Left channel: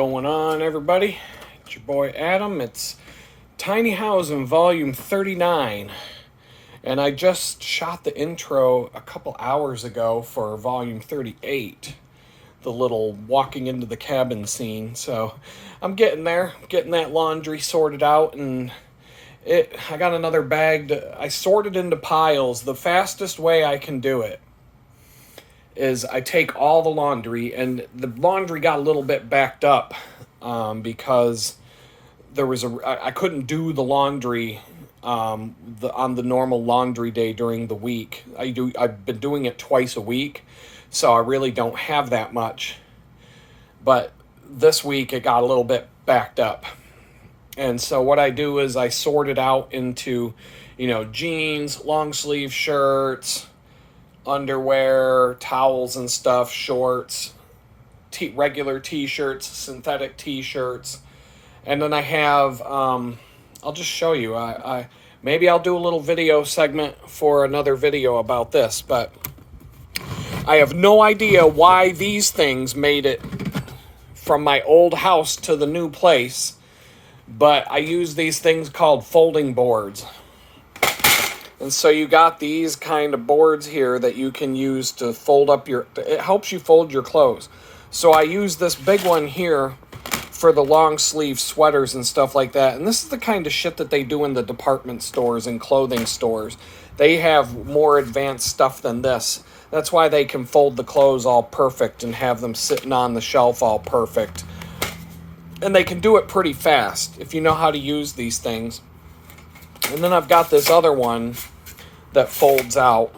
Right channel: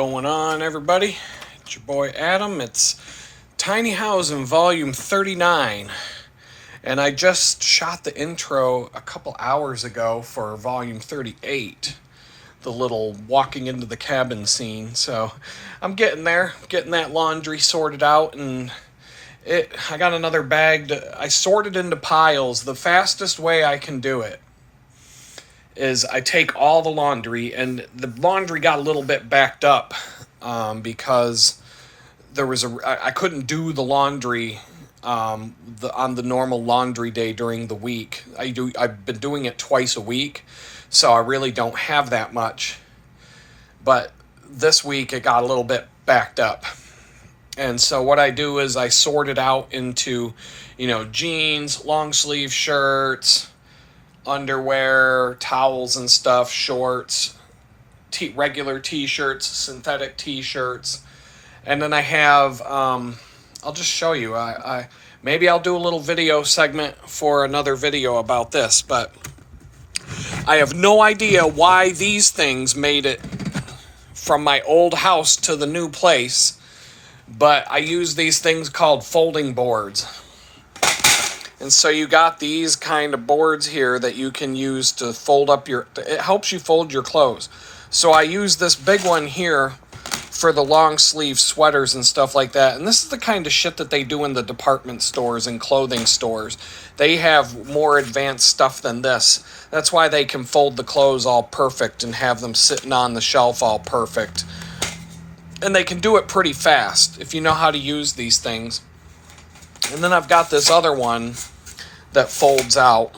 going on, everybody? It's your boy Adam. It's Tiny Housin Volume 39. And I just shot the intro a couple hours ago for Volume 38, the little walking into the cabin scene. So I'm getting there, getting that laundry sorted out, and I got another bag. I sorted into piles. The fastest way I can do it is I take all the laundry, and the laundry got a little bit backed up because I couldn't do the laundry on the normal laundry day during the week. I've been doing it twice a week, so I really don't have that much. But this week it got a little bit backed up. And so what I do is I sort it out into, jeans, long sleeve shirts, underwear, towels and stuff, shorts, regular t-shirts, synthetic t-shirts. And then I have, I'll just show you. Maybe I'll do a little video segment for another video about this, but I have no idea why these things made it from my old house to the new place, but I use these things called folding boards. And so you got these kind of boards here that you can use to fold up it helps you fold your clothes. So I use this big one here for the long sleeve sweaters and stuff like that. And this is the kind of shit that they do in the department stores and clothing stores. They have more advanced stuff than this. That's why they can fold the clothes all perfect and have them sitting on the shelf all perfect. And they can do it pretty fast if you know how to use these things. And then I've got this other one that folds out.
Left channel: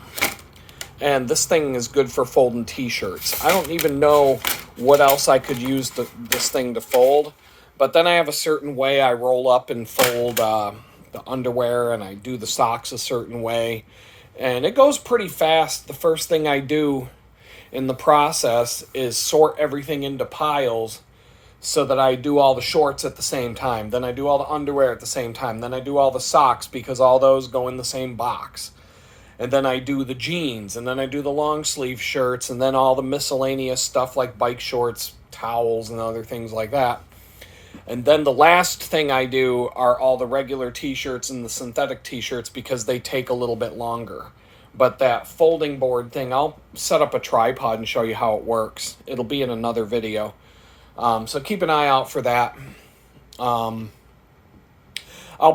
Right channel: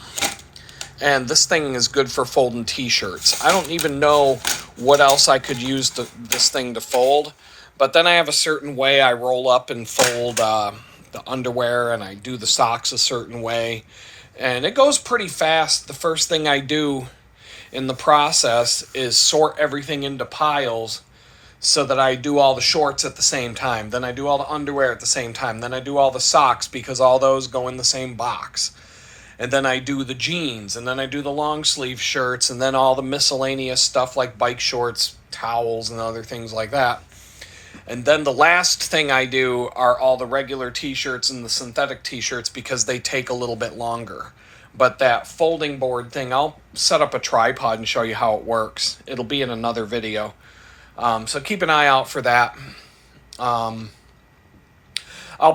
And this thing is good for folding t-shirts. I don't even know what else I could use this thing to fold. But then I have a certain way I roll up and fold the underwear, and I do the socks a certain way. And it goes pretty fast. The first thing I do in the process is sort everything into piles so that I do all the shorts at the same time. Then I do all the underwear at the same time. Then I do all the socks because all those go in the same box. And then I do the jeans, and then I do the long sleeve shirts, and then all the miscellaneous stuff like bike shorts, towels, and other things like that. And then the last thing I do are all the regular t-shirts and the synthetic t-shirts because they take a little bit longer. But that folding board thing, I'll set up a tripod and show you how it works. It'll be in another video. So keep an eye out for that. I'll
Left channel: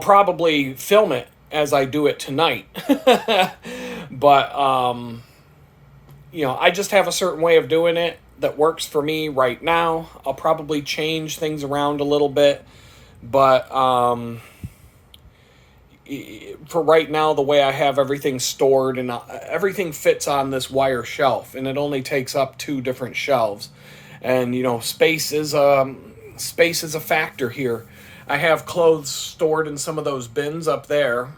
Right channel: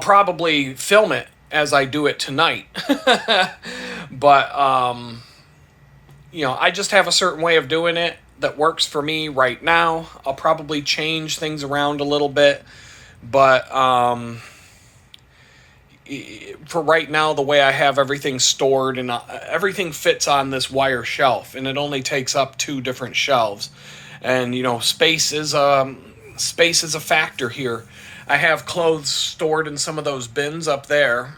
probably film it as I do it tonight. But, I just have a certain way of doing it that works for me right now. I'll probably change things around a little bit. But for right now, the way I have everything stored, and everything fits on this wire shelf, and it only takes up 2 different shelves. And, space is a factor here. I have clothes stored in some of those bins up there,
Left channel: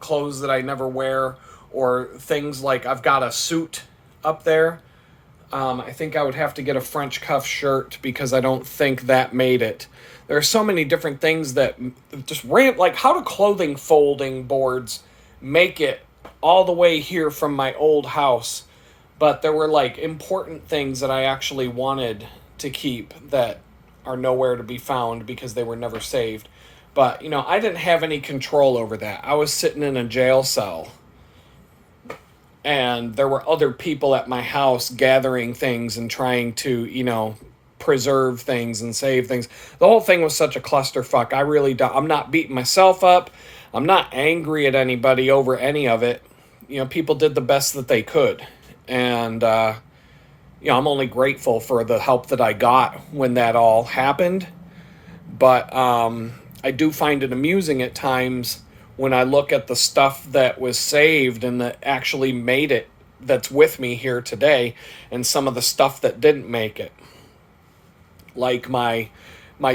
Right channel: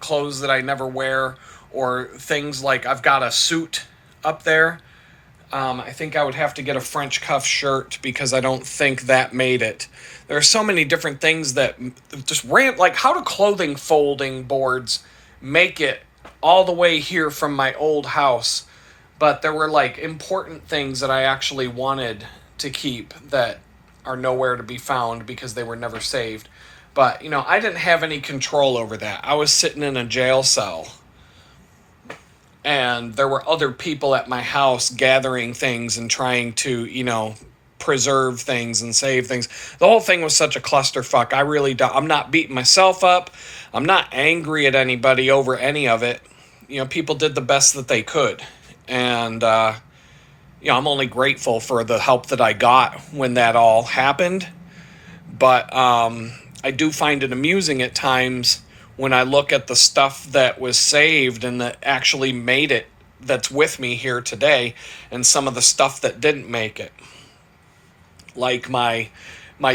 clothes that I never wear, or things like I've got a suit up there. I think I would have to get a French cuff shirt because I don't think that made it. There are so many different things that just like how do clothing folding boards make it all the way here from my old house? But there were like important things that I actually wanted to keep that are nowhere to be found because they were never saved. But, I didn't have any control over that. I was sitting in a jail cell. And there were other people at my house gathering things and trying to, preserve things and save things. The whole thing was such a clusterfuck. I'm not beating myself up. I'm not angry at anybody over any of it. People did the best that they could. And, I'm only grateful for the help that I got when that all happened. But I do find it amusing at times when I look at the stuff that was saved and that actually made it, that's with me here today, and some of the stuff that didn't make it. Like my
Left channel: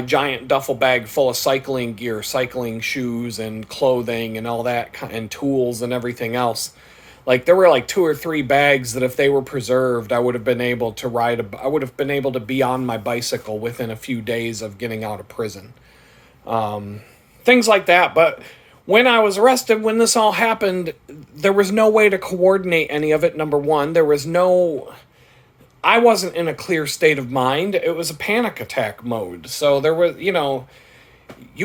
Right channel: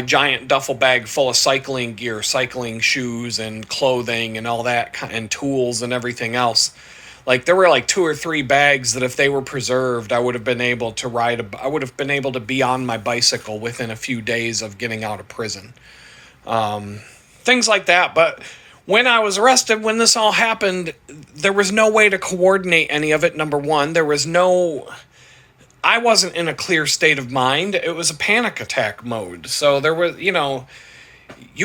giant duffel bag full of cycling gear, cycling shoes and clothing and all that, and tools and everything else. Like there were like 2 or 3 bags that if they were preserved, I would have been able to be on my bicycle within a few days of getting out of prison. Things like that. But when I was arrested, when this all happened, there was no way to coordinate any of it. Number one, I wasn't in a clear state of mind. It was a panic attack mode. So there was, you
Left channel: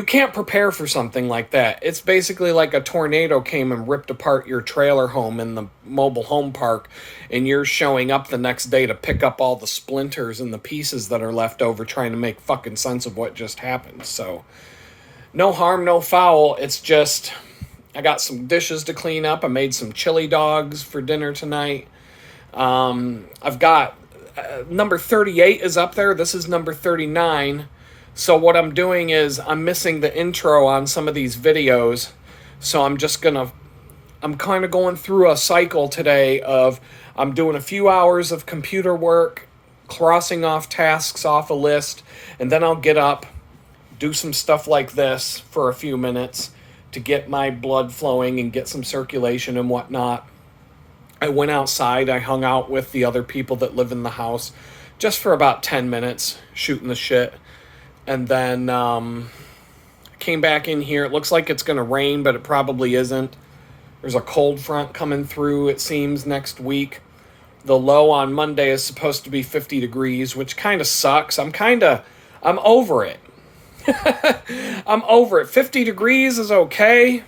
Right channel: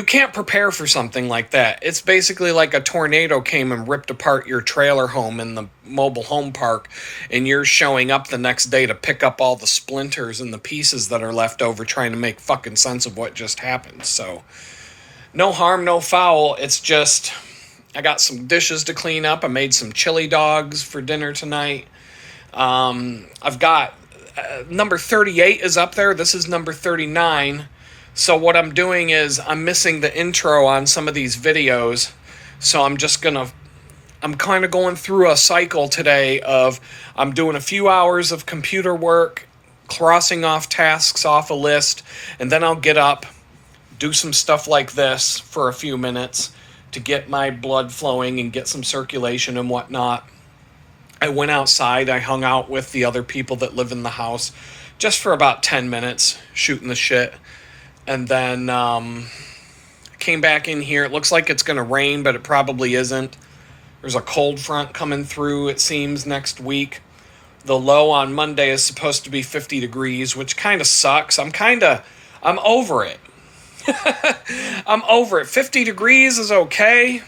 can't prepare for something like that. It's basically like a tornado came and ripped apart your trailer home in the mobile home park, and you're showing up the next day to pick up all the splinters and the pieces that are left over, trying to make fucking sense of what just happened. So no harm, no foul. It's just I got some dishes to clean up. I made some chili dogs for dinner tonight. I've got number 38 is up there. This is number 39. So what I'm doing is I'm missing the intro on some of these videos. So I'm kind of going through a cycle today of I'm doing a few hours of computer work, crossing off tasks off a list, and then I'll get up, do some stuff like this for a few minutes to get my blood flowing and get some circulation and whatnot. I went outside. I hung out with the other people that live in the house just for about 10 minutes, shooting the shit. And then came back in here. It looks like it's going to rain, but it probably isn't. There's a cold front coming through, it seems, next week. The low on Monday is supposed to be 50 degrees, which kind of sucks. I'm over it. I'm over it. 50 degrees is okay.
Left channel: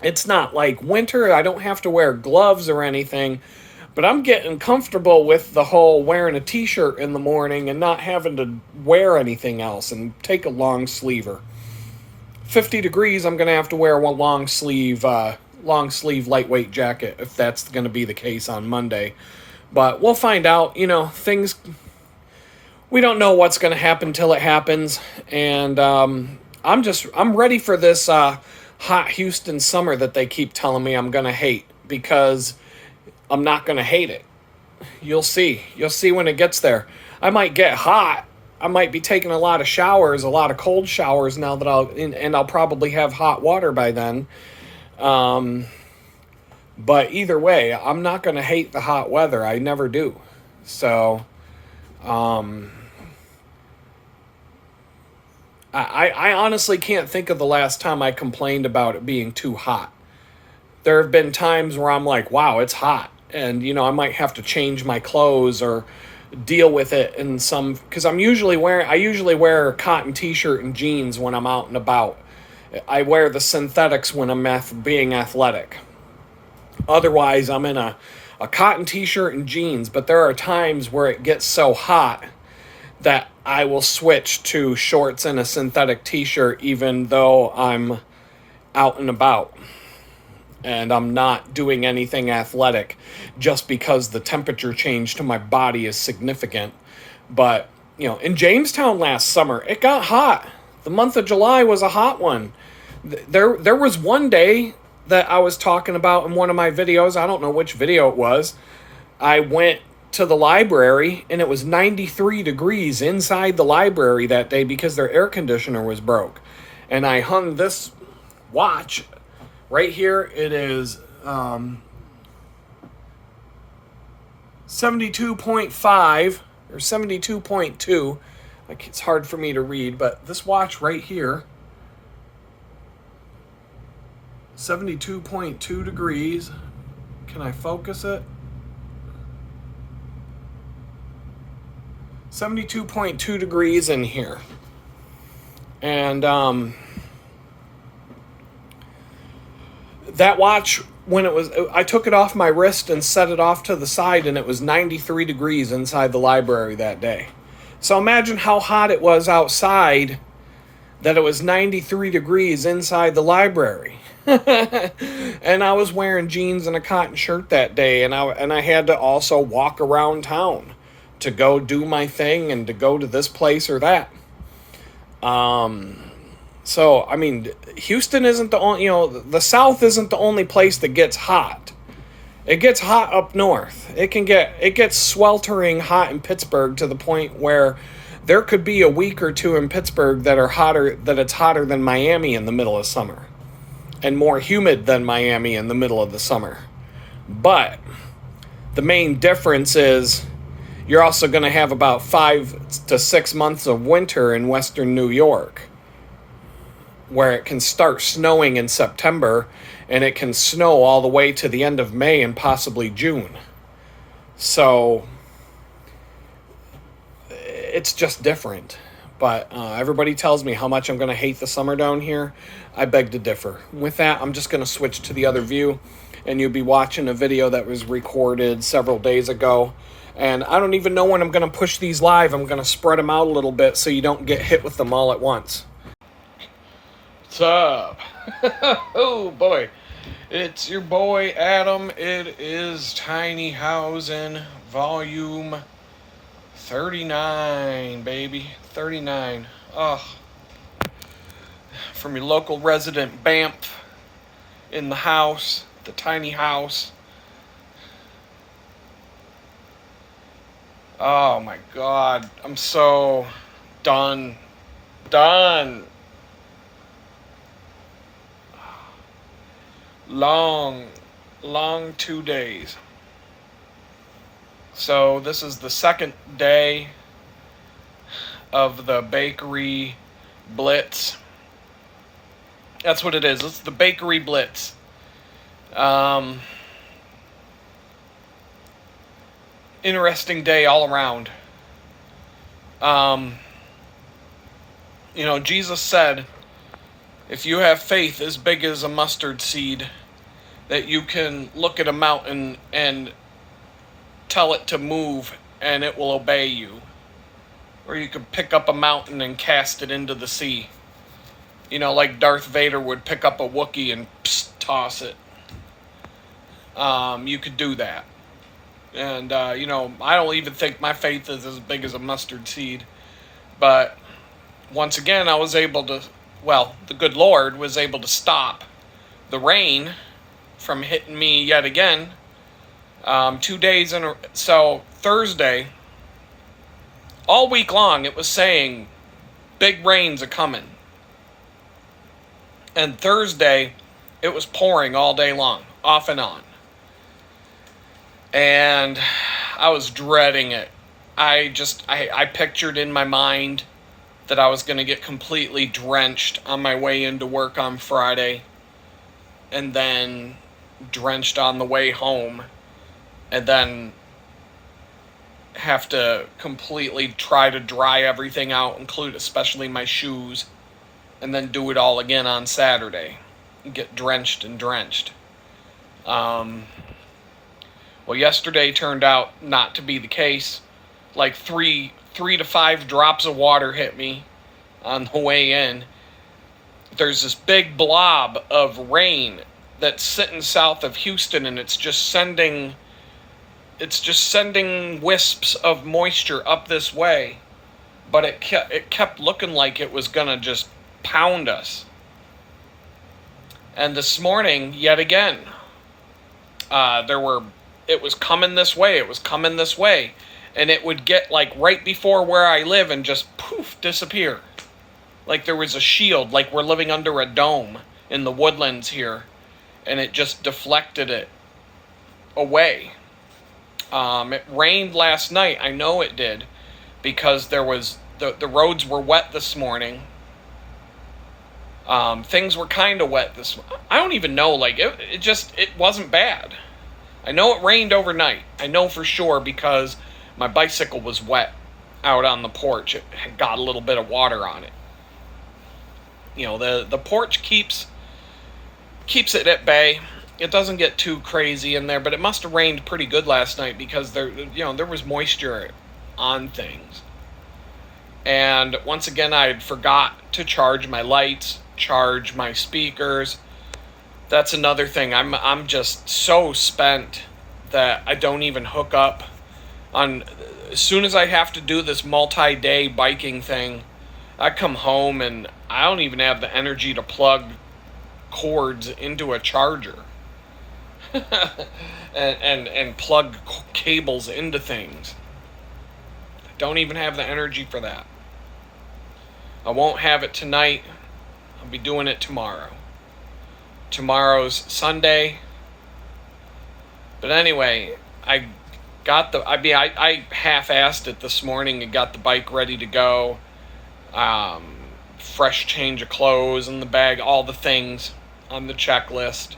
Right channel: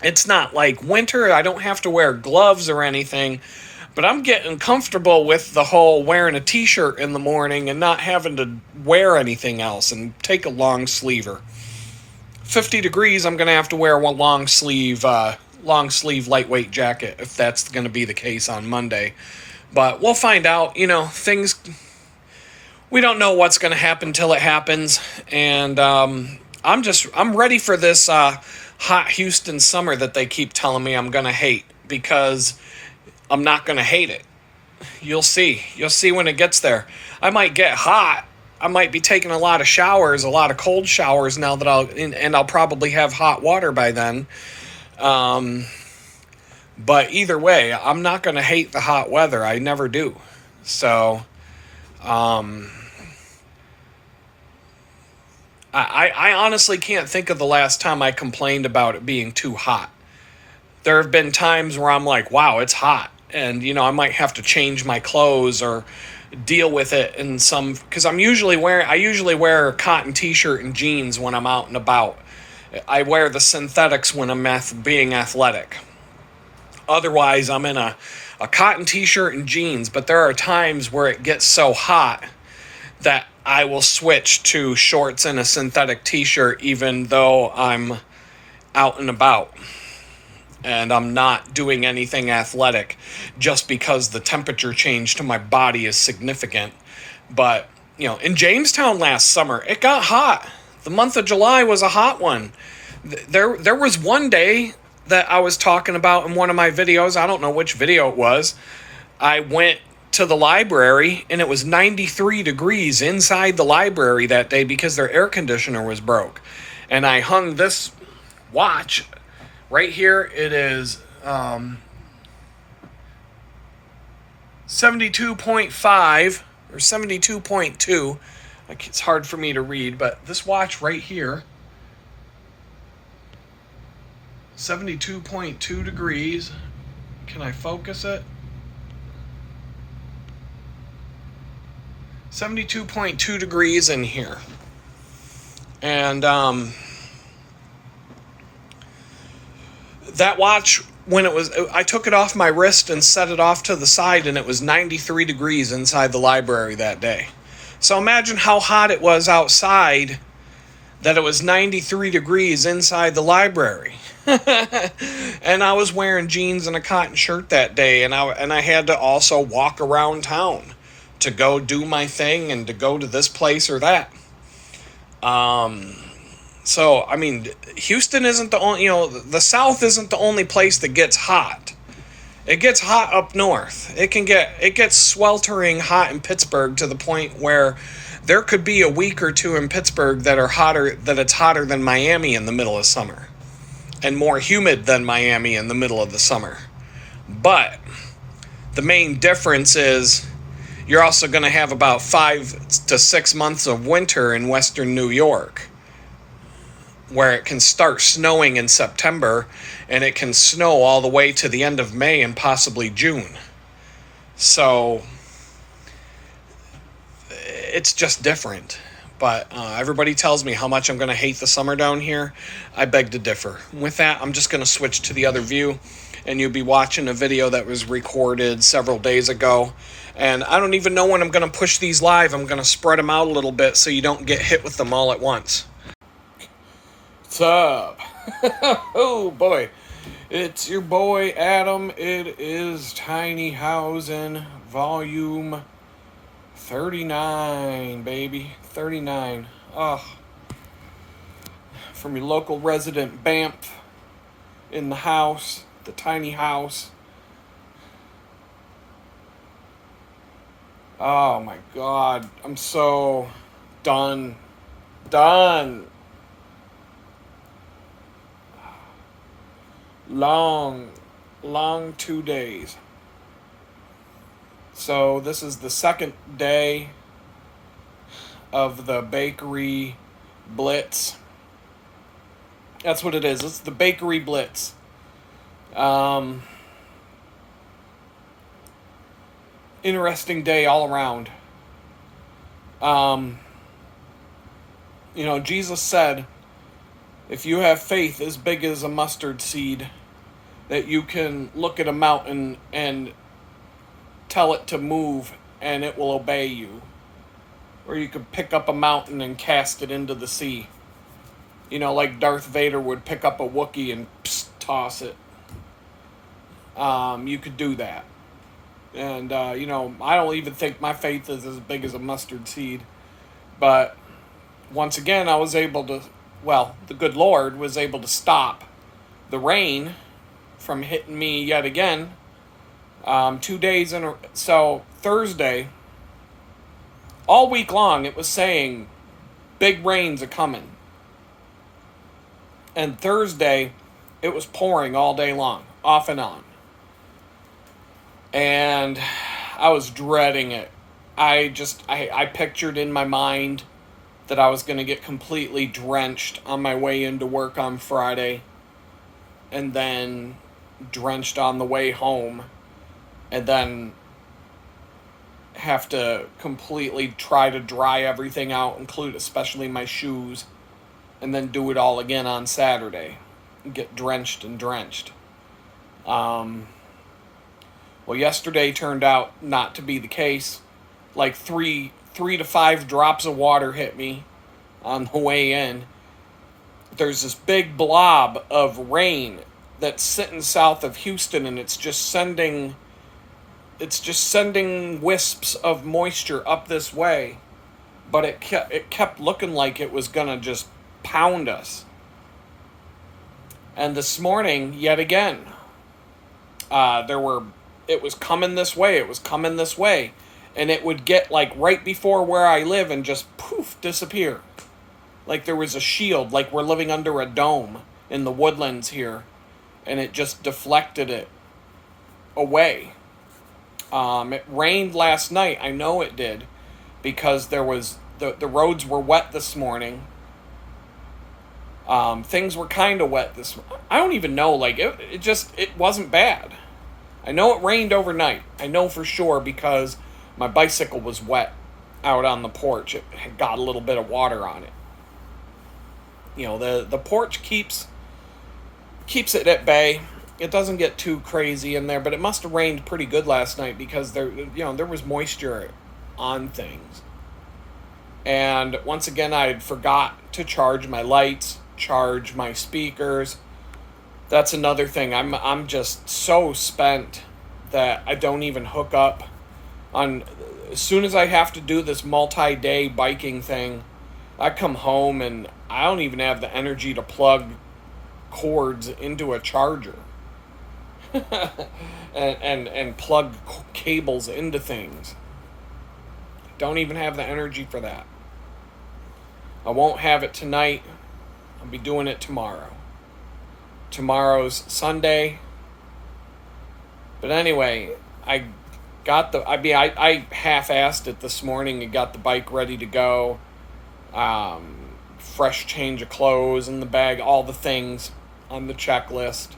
It's not like winter. I don't have to wear gloves or anything. But I'm getting comfortable with the whole wearing a t-shirt in the morning and not having to wear anything else and take a long sleever. 50 degrees, I'm going to have to wear one long sleeve lightweight jacket if that's going to be the case on Monday. But we'll find out. Things, we don't know what's going to happen till it happens. And I'm ready for this hot Houston summer that they keep telling me I'm going to hate, because I'm not going to hate it. You'll see. You'll see when it gets there. I might get hot. I might be taking a lot of showers, a lot of cold showers now that I'll probably have hot water by then. But either way, I'm not going to hate the hot weather. I never do. So, I honestly can't think of the last time I complained about it being too hot. There have been times where I'm like, wow, it's hot. And, I might have to change my clothes or deal with it in some, because I usually wear a cotton t-shirt and jeans when I'm out and about. I wear the synthetics when I'm being athletic. Otherwise, I'm in a cotton t-shirt and jeans, but there are times where it gets so hot that I will switch to shorts and a synthetic t-shirt even though I'm out and about and I'm not doing anything athletic, just because the temperature change to my body is significant. But, in Jamestown last summer, it got hot. The month of July was a hot one. There was one day that I was talking about in one of my videos. I don't know which video it was. I went to the library and it was 93 degrees inside the library that day because their air conditioner was broke. And I hung this watch right here. It is 72.5 or 72.2. Like, it's hard for me to read, but this watch right here, 72.2 degrees. Can I focus it? 72.2 degrees in here. And that watch, I took it off my wrist and set it off to the side, and it was 93 degrees inside the library that day. So imagine how hot it was outside that it was 93 degrees inside the library. And I was wearing jeans and a cotton shirt that day, and I had to also walk around town to go do my thing and to go to this place or that. So, I mean, Houston isn't the only, the South isn't the only place that gets hot. It gets hot up north. It gets sweltering hot in Pittsburgh to the point where there could be a week or two in Pittsburgh that it's hotter than Miami in the middle of summer and more humid than Miami in the middle of the summer. But the main difference is you're also going to have about 5 to 6 months of winter in western New York, where it can start snowing in September and it can snow all the way to the end of May and possibly June. So it's just different. But everybody tells me how much I'm going to hate the summer down here. I beg to differ. With that, I'm just going to switch to the other view, and you'll be watching a video that was recorded several days ago. And I don't even know when I'm going to push these live. I'm going to spread them out a little bit so you don't get hit with them all at once. What's up? Oh, boy. It's your boy, Adam. It is Tiny Housin, volume 39, baby. 39. Oh. From your local resident Banff in the house, the tiny house. Oh my God. I'm so done. Long 2 days. So this is the second day of the bakery blitz. That's what it is. It's the bakery blitz. Interesting day all around. Jesus said, if you have faith as big as a mustard seed, that you can look at a mountain and tell it to move and it will obey you. Or you could pick up a mountain and cast it into the sea. Like Darth Vader would pick up a Wookiee and toss it. You could do that. And, I don't even think my faith is as big as a mustard seed. But once again, I was able to, the good Lord was able to stop the rain from hitting me yet again. 2 days so Thursday, all week long, it was saying big rains are coming. And Thursday, it was pouring all day long, off and on. And I was dreading it. I pictured in my mind that I was going to get completely drenched on my way into work on Friday, and then drenched on the way home, and then have to completely try to dry everything out, include especially my shoes, and then do it all again on Saturday. Get drenched. Yesterday turned out not to be the case. Like three to 5 drops of water hit me on the way in. There's this big blob of rain that's sitting south of Houston, and it's just sending wisps of moisture up this way. But it kept looking like it was gonna just pound us. And this morning, yet again, it was coming this way, and it would get like right before where I live and just poof, disappear. Like there was a shield, like we're living under a dome in the woodlands here, and it just deflected it away. It rained last night. I know it did, because there was the roads were wet this morning. Things were kind of wet I don't even know, like it wasn't bad. I know it rained overnight. I know for sure because my bicycle was wet out on the porch. It had got a little bit of water on it. The porch keeps it at bay. It doesn't get too crazy in there, but it must have rained pretty good last night because there was moisture on things. And once again, I had forgot to charge my lights, charge my speakers. That's another thing. I'm just so spent that I don't even hook up on. As soon as I have to do this multi-day biking thing, I come home and I don't even have the energy to plug cords into a charger and plug cables into things. Don't even have the energy for that. I won't have it tonight. I'll be doing it tomorrow. Tomorrow's Sunday. But anyway, I half-assed it this morning and got the bike ready to go. Fresh change of clothes in the bag, all the things on the checklist.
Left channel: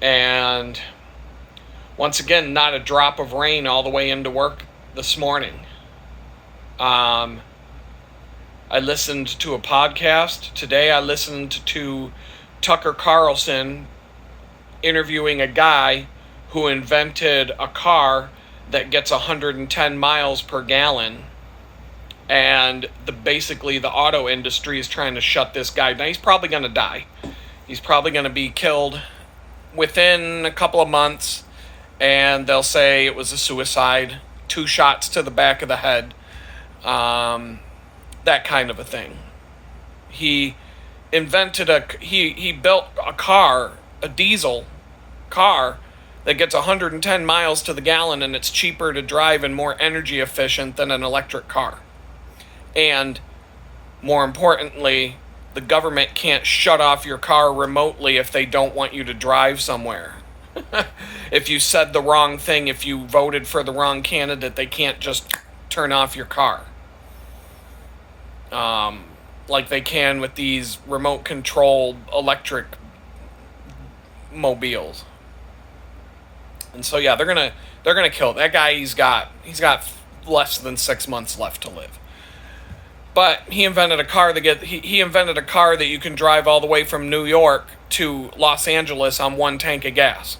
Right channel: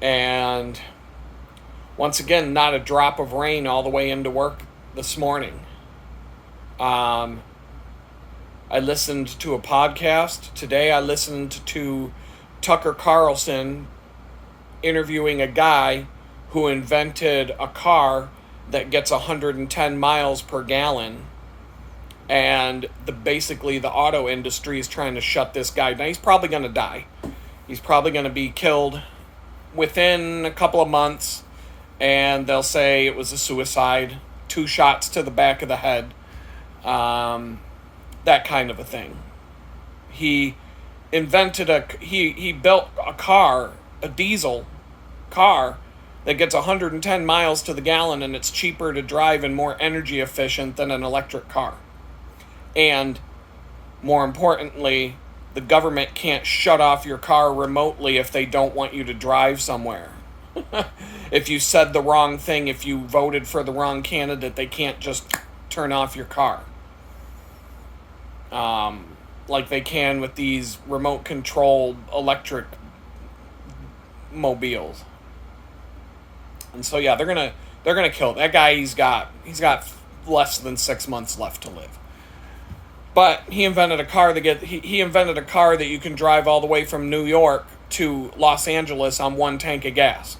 And once again, not a drop of rain all the way into work this morning. I listened to a podcast. Today I listened to Tucker Carlson interviewing a guy who invented a car that gets 110 miles per gallon. And basically the auto industry is trying to shut this guy down. He's probably going to die. He's probably going to be killed within a couple of months. And they'll say it was a suicide. 2 shots to the back of the head. That kind of a thing. He built a car, a diesel car, that gets 110 miles to the gallon, and it's cheaper to drive and more energy efficient than an electric car. And more importantly, the government can't shut off your car remotely if they don't want you to drive somewhere. If you said the wrong thing, if you voted for the wrong candidate, they can't just turn off your car. Like they can with these remote controlled electric mobiles. And so yeah, they're gonna kill that guy. He's got less than 6 months left to live. But he invented a car he invented a car that you can drive all the way from New York to Los Angeles on 1 tank of gas.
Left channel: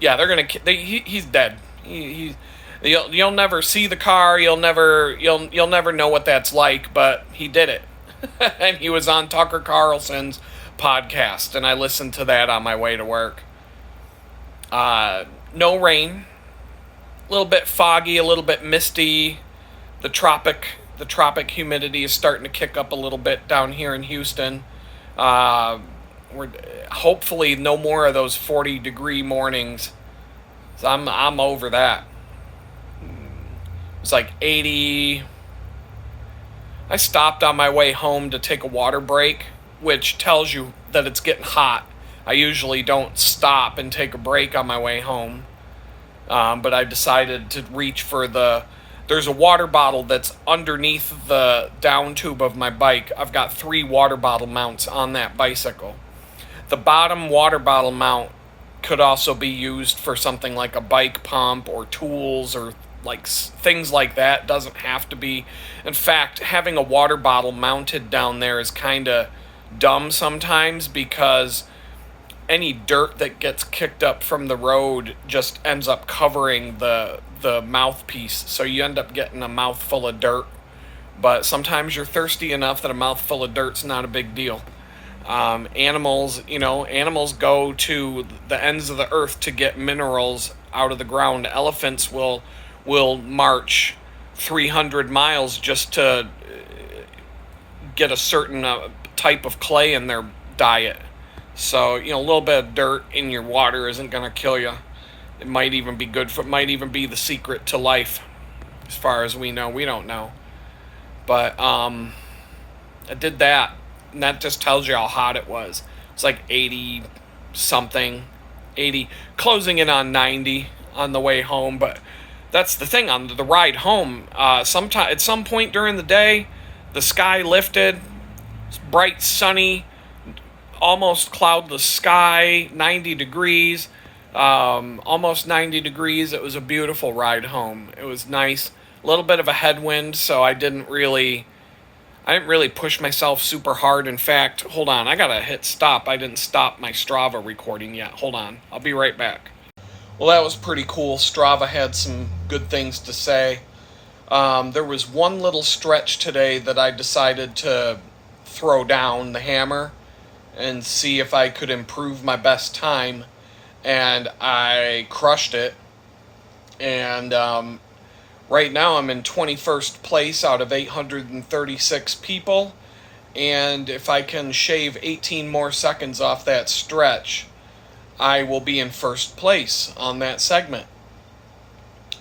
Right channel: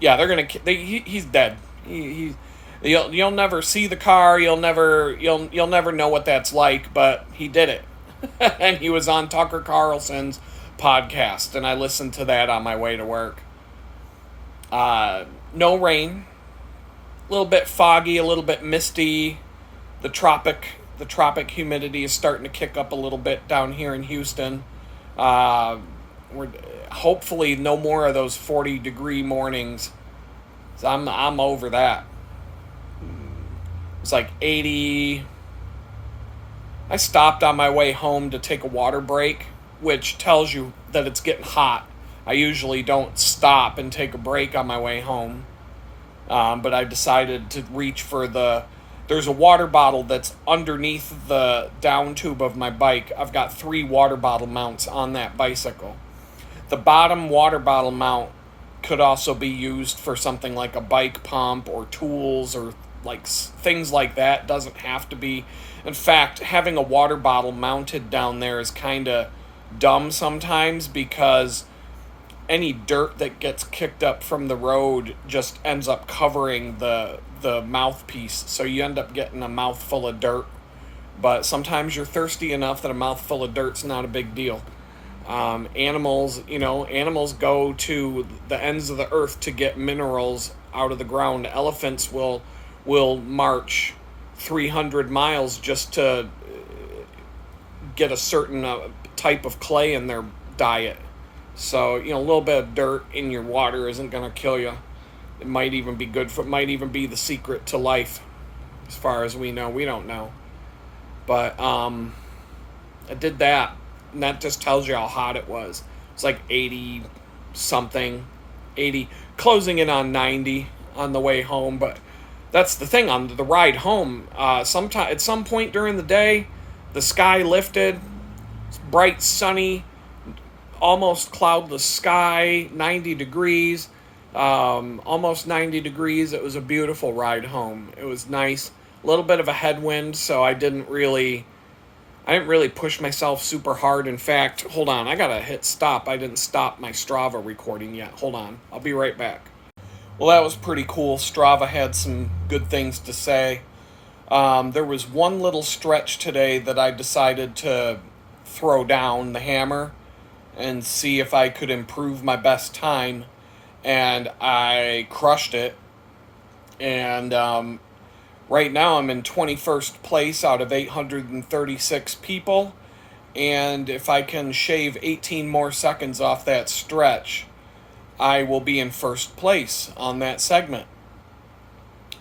Yeah, he's dead. You'll never see the car. You'll never know what that's like. But he did it, and he was on Tucker Carlson's podcast, and I listened to that on my way to work. No rain, a little bit foggy, a little bit misty. The tropic humidity is starting to kick up a little bit down here in Houston. We're hopefully no more of those 40-degree mornings. So I'm over that. It's like 80. I stopped on my way home to take a water break, which tells you that it's getting hot. I usually don't stop and take a break on my way home. But I decided to reach for there's a water bottle that's underneath the down tube of my bike. I've got 3 water bottle mounts on that bicycle. The bottom water bottle mount could also be used for something like a bike pump or tools or like things like that. Doesn't have to be. In fact, having a water bottle mounted down there is kind of dumb sometimes, because any dirt that gets kicked up from the road just ends up covering the mouthpiece, so you end up getting a mouthful of dirt. But sometimes you're thirsty enough that a mouthful of dirt's not a big deal. Animals go to the ends of the earth to get minerals out of the ground. Elephants will march 300 miles just to get a certain type of clay in their diet. So, a little bit of dirt in your water isn't going to kill you. It might even be good for, might even be the secret to life. As far as we know, we don't know. But, I did that, and that just tells you how hot it was. It's like 80 something, 80, closing in on 90 on the way home. But that's the thing, on the ride home, at some point during the day, the sky lifted, it's bright, sunny, almost cloudless sky, 90 degrees, almost 90 degrees. It was a beautiful ride home. It was nice. A little bit of a headwind, so I didn't really push myself super hard. In fact, hold on, I gotta hit stop. I didn't stop my Strava recording yet. Hold on, I'll be right back. Well, that was pretty cool. Strava had some good things to say. There was one little stretch today that I decided to throw down the hammer and see if I could improve my best time, and I crushed it. And right now I'm in 21st place out of 836 people, and if I can shave 18 more seconds off that stretch, I will be in first place on that segment.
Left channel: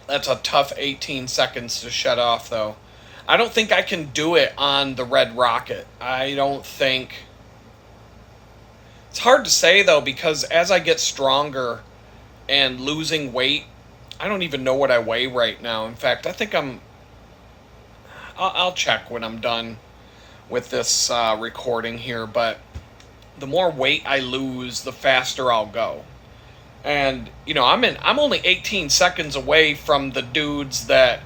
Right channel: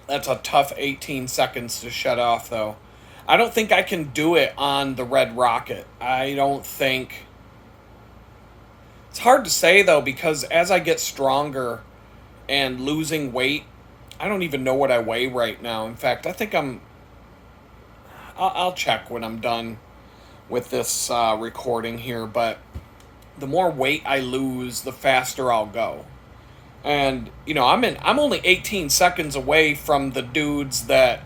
That's a tough 18 seconds to shut off, though. I don't think I can do it on the Red Rocket. It's hard to say, though, because as I get stronger and losing weight, I don't even know what I weigh right now. In fact, I think I'll check when I'm done with this recording here, but the more weight I lose, the faster I'll go. And I'm only 18 seconds away from the dudes that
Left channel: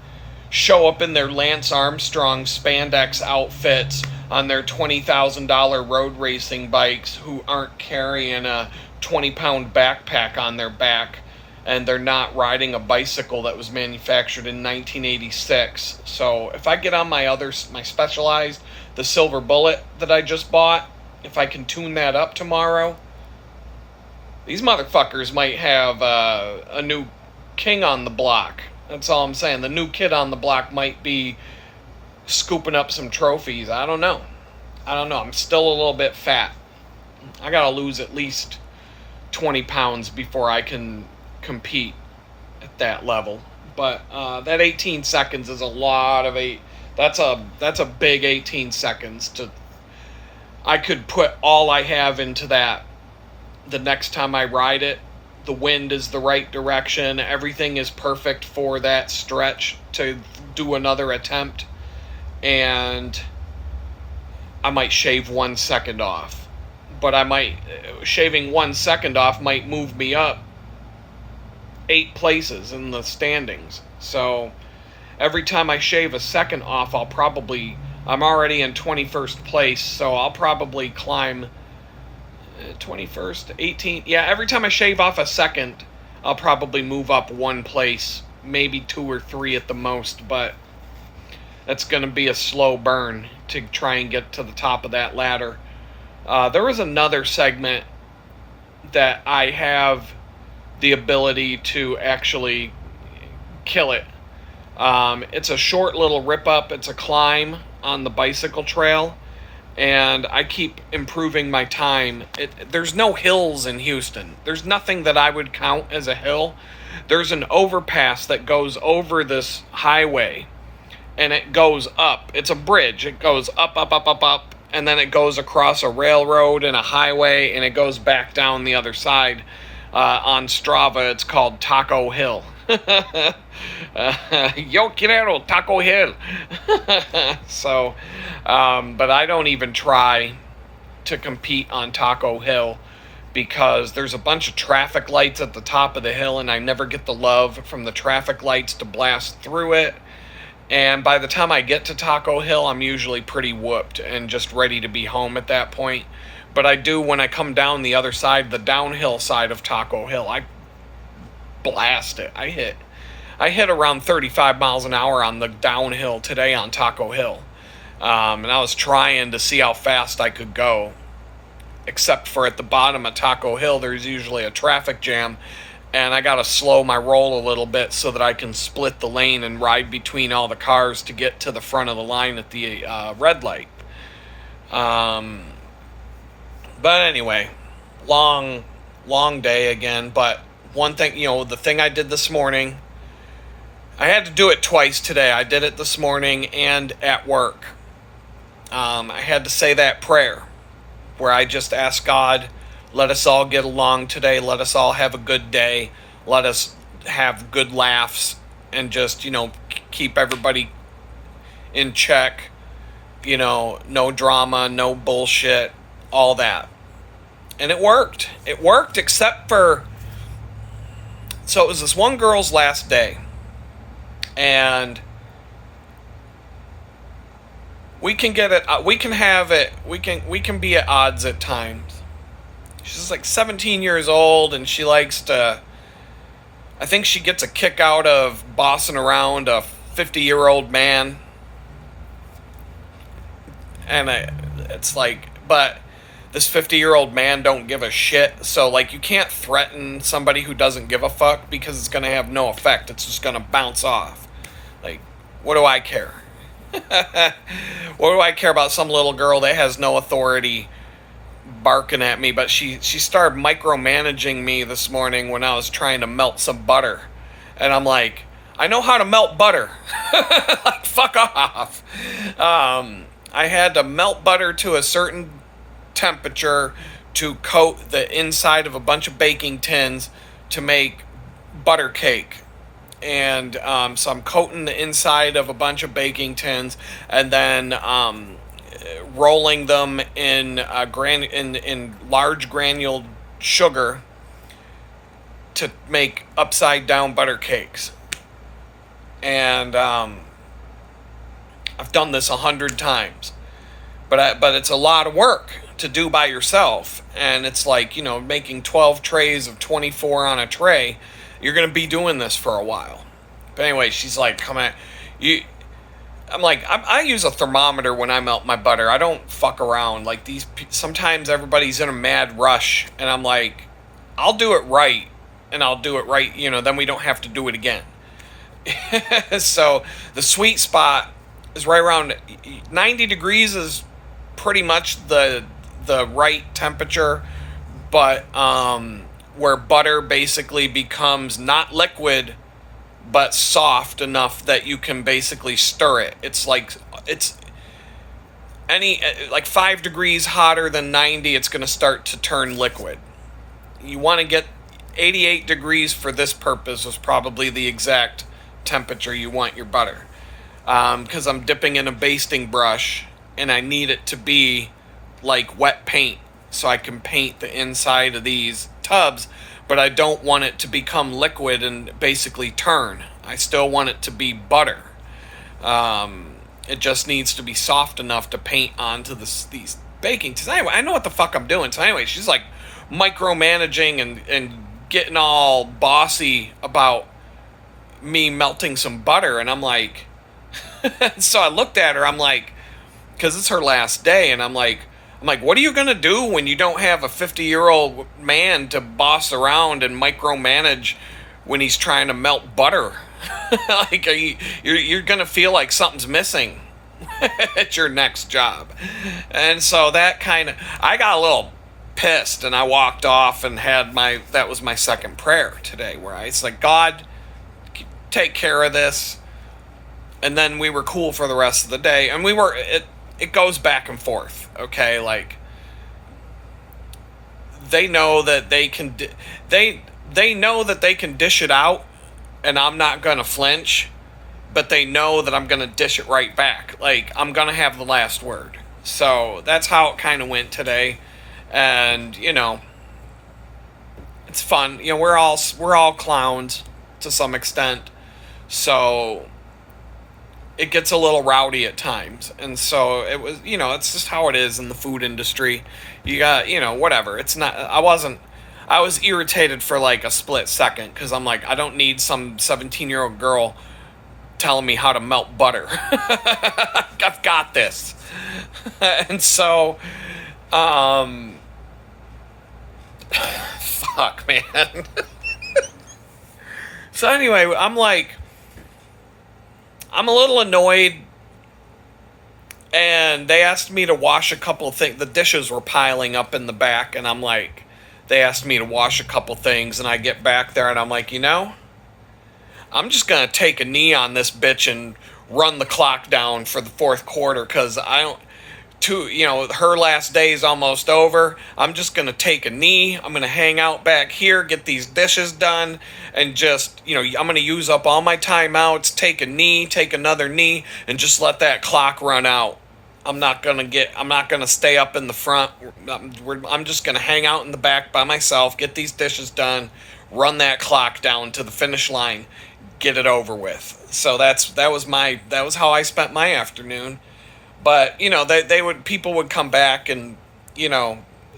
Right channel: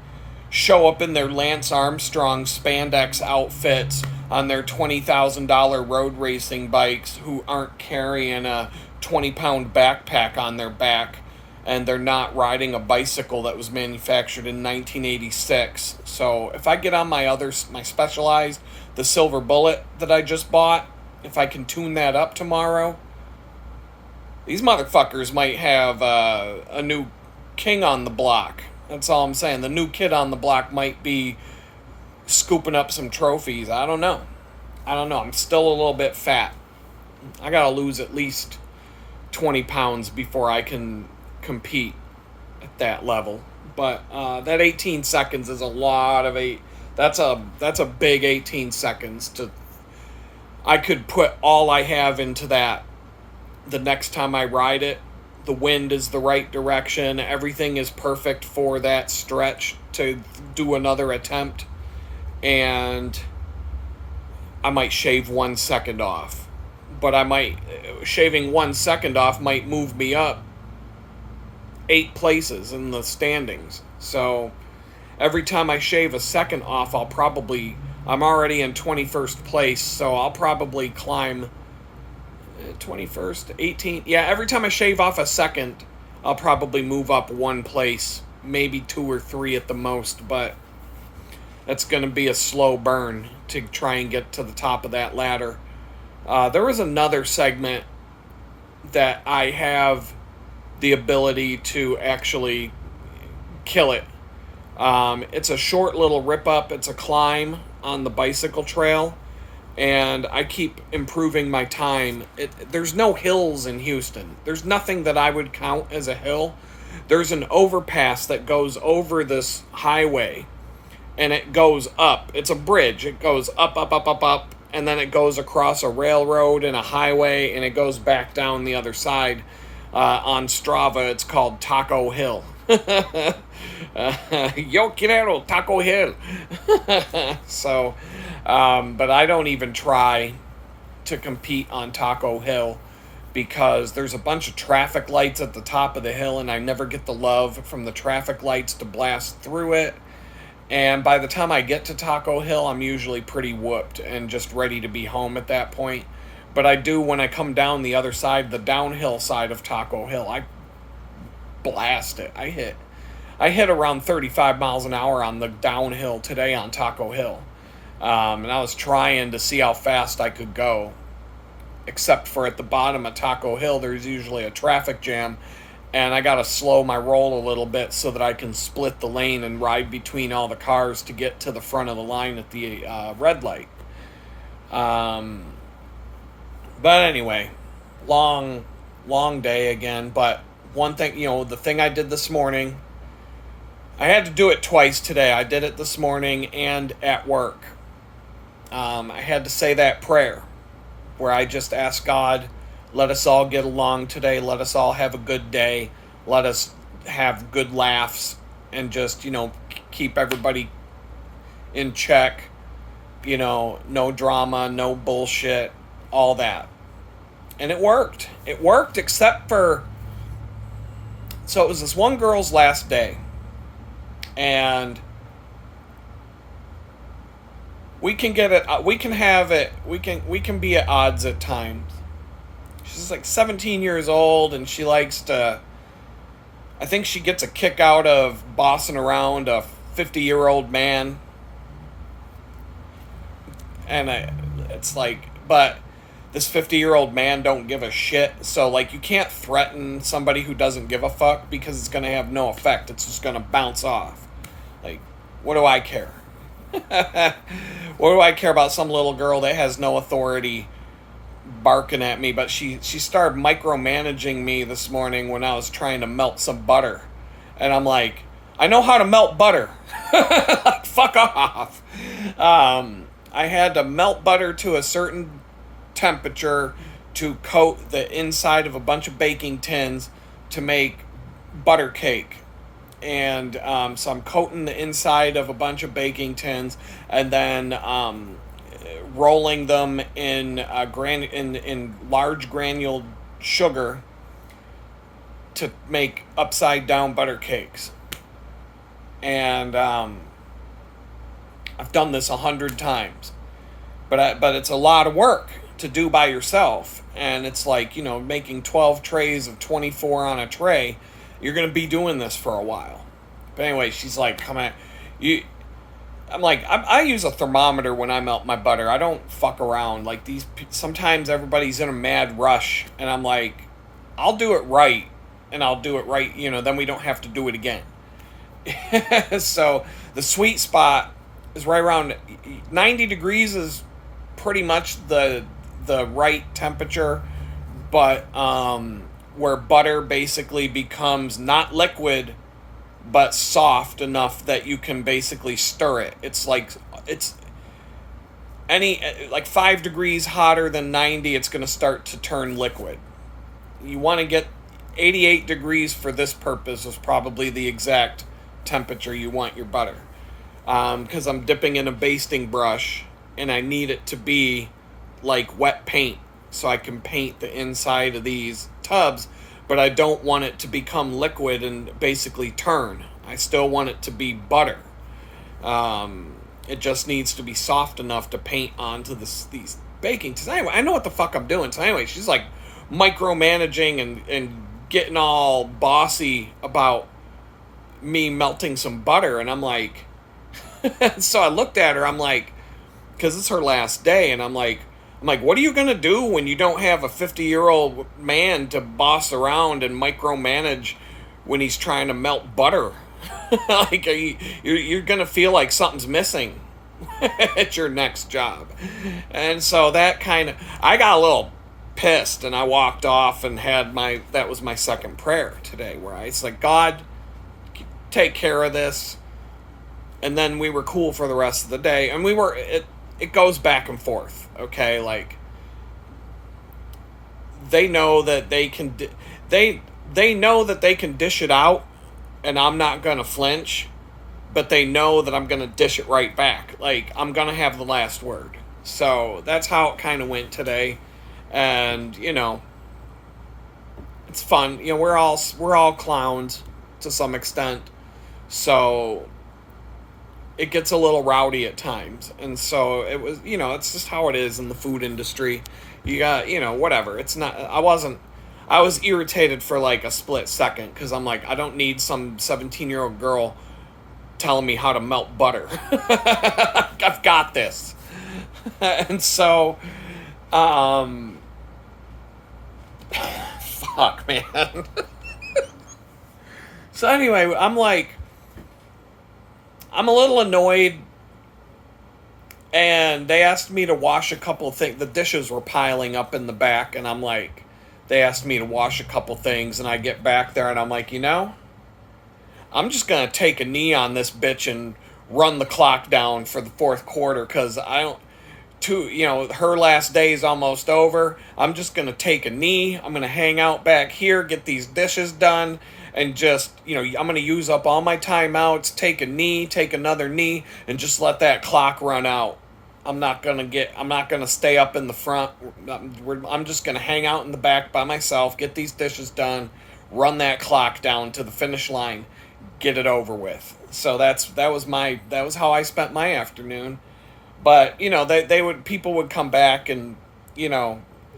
show up in their Lance Armstrong spandex outfits on their $20,000 road racing bikes, who aren't carrying a 20-pound backpack on their back, and they're not riding a bicycle that was manufactured in 1986. So if I get on my Specialized, the Silver Bullet that I just bought, if I can tune that up tomorrow, these motherfuckers might have a new king on the block. That's all I'm saying. The new kid on the block might be scooping up some trophies. I don't know. I'm still a little bit fat. I gotta lose at least 20 pounds before I can compete at that level. But that 18 seconds is a lot of eight. That's a big 18 seconds. I could put all I have into that the next time I ride it. The wind is the right direction. Everything is perfect for that stretch to do another attempt. And I might shave 1 second off. But shaving 1 second off might move me up 8 places in the standings. So every time I shave a second off, I'm already in 21st place. So I'll probably climb 21st, 18th. Yeah, every time I shave off a second, I'll probably move up 1 place, maybe 2 or 3 at the most, but that's going to be a slow burn to try and get to the top of that ladder. There was another segment that I have the ability to actually kill it. It's a short little rip up. It's a climb on the bicycle trail. And I keep improving my time. There's no hills in Houston. There's nothing that I would count as a hill. There's an overpass that goes over this highway, and it goes up. It's a bridge. It goes up, up, up, up, up, and then it goes across a railroad and a highway, and it goes back down the other side. On Strava, it's called Taco Hill. Yo quiero Taco Hill. So, but I don't even try to compete on Taco Hill because there's a bunch of traffic lights at the top of the hill, and I never get the love from the traffic lights to blast through it. And by the time I get to Taco Hill, I'm usually pretty whooped and just ready to be home at that point. But I do, when I come down the other side, the downhill side of Taco Hill, I blast it. I hit around 35 miles an hour on the downhill today on Taco Hill. And I was trying to see how fast I could go. Except for at the bottom of Taco Hill, there's usually a traffic jam. And I got to slow my roll a little bit so that I can split the lane and ride between all the cars to get to the front of the line at the red light. But anyway, long day again. But one thing, the thing I did this morning, I had to do it twice today. I did it this morning and at work. I had to say that prayer where I just asked God, let us all get along today. Let us all have a good day. Let us have good laughs and just, keep everybody in check. No drama, no bullshit, all that. And it worked. It worked except for, so it was this one girl's last day. And we can get it, we can have it, we can be at odds at times. She's like 17 years old, and she likes to, I think she gets a kick out of bossing around a 50-year-old man. And it's like, but this 50-year-old man don't give a shit. So, like, you can't threaten somebody who doesn't give a fuck because it's going to have no effect. It's just going to bounce off. Like, what do I care? What do I care about some little girl that has no authority barking at me? But she started micromanaging me this morning when I was trying to melt some butter. And I'm like, I know how to melt butter. Like, fuck off. I had to melt butter to a certain temperature to coat the inside of a bunch of baking tins to make butter cake. And so I'm coating the inside of a bunch of baking tins and then rolling them in large granuled sugar to make upside down butter cakes. And I've done this 100 times, but it's a lot of work to do by yourself. And it's like, making 12 trays of 24 on a tray. You're gonna be doing this for a while. But anyway, she's like, "Come on, you." I'm like, I use a thermometer when I melt my butter. I don't fuck around. Like sometimes everybody's in a mad rush, and I'm like, I'll do it right, and I'll do it right. Then we don't have to do it again. So the sweet spot is right around 90 degrees is pretty much the right temperature, but where butter basically becomes not liquid but soft enough that you can basically stir it. It's like 5 degrees hotter than 90, it's going to start to turn liquid. You want to get 88 degrees for this purpose is probably the exact temperature you want your butter. Because I'm dipping in a basting brush and I need it to be like wet paint so I can paint the inside of these tubs, but I don't want it to become liquid and basically turn. I still want it to be butter. It just needs to be soft enough to paint onto these baking. So anyway, I know what the fuck I'm doing. So anyway, she's like micromanaging and getting all bossy about me melting some butter, and I'm like, so I looked at her, I'm like, because it's her last day, and I'm like, what are you going to do when you don't have a 50-year-old man to boss around and micromanage when he's trying to melt butter? Like, you're going to feel like something's missing at your next job. And so I got a little pissed, and I walked off and that was my second prayer today, where it's like, God, take care of this. And then we were cool for the rest of the day, and it goes back and forth, okay? Like, they know that they can they know that they can dish it out, and I'm not gonna flinch, but they know that I'm gonna dish it right back. Like, I'm gonna have the last word. So that's how it kind of went today, and it's fun. We're all clowns to some extent, so it gets a little rowdy at times. And so it was, it's just how it is in the food industry. You got, whatever. It's not, I was irritated for like a split second, because I'm like, I don't need some 17-year-old girl telling me how to melt butter. I've got this. And so, fuck, man. So anyway, I'm a little annoyed, and they asked me to wash a couple of things. The dishes were piling up in the back, and I'm like, they asked me to wash a couple things, and I get back there, and I'm like, I'm just going to take a knee on this bitch and run the clock down for the fourth quarter, because her last day is almost over. I'm just going to take a knee. I'm going to hang out back here, get these dishes done, and just, I'm going to use up all my timeouts, take a knee, take another knee, and just let that clock run out. I'm not going to stay up in the front. I'm just going to hang out in the back by myself, get these dishes done, run that clock down to the finish line, get it over with. So that was how I spent my afternoon. But, people would come back and,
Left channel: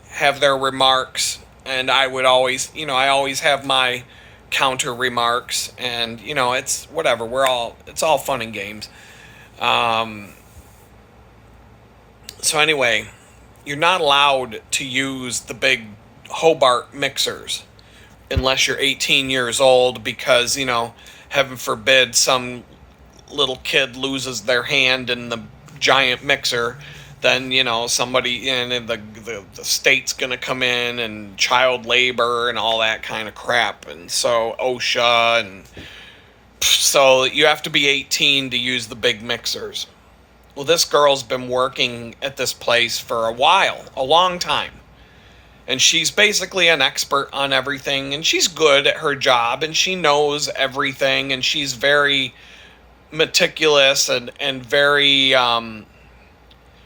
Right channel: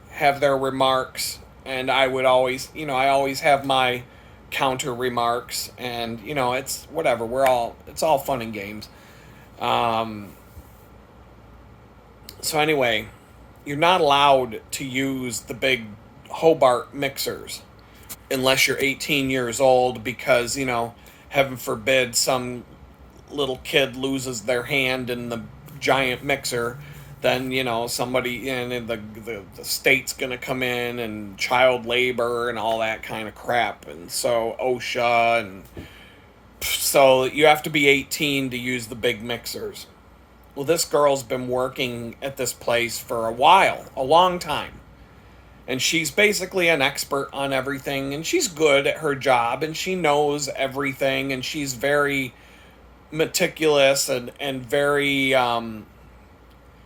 have their remarks, and I would always, I always have my counter remarks, and, it's whatever. It's all fun and games. So anyway, you're not allowed to use the big Hobart mixers unless you're 18 years old, because, heaven forbid some little kid loses their hand in the giant mixer, then somebody in the state's gonna come in, and child labor and all that kind of crap, and so OSHA, and so you have to be 18 to use the big mixers. Well, this girl's been working at this place for a long time, and she's basically an expert on everything, and she's good at her job, and she knows everything, and she's very meticulous and very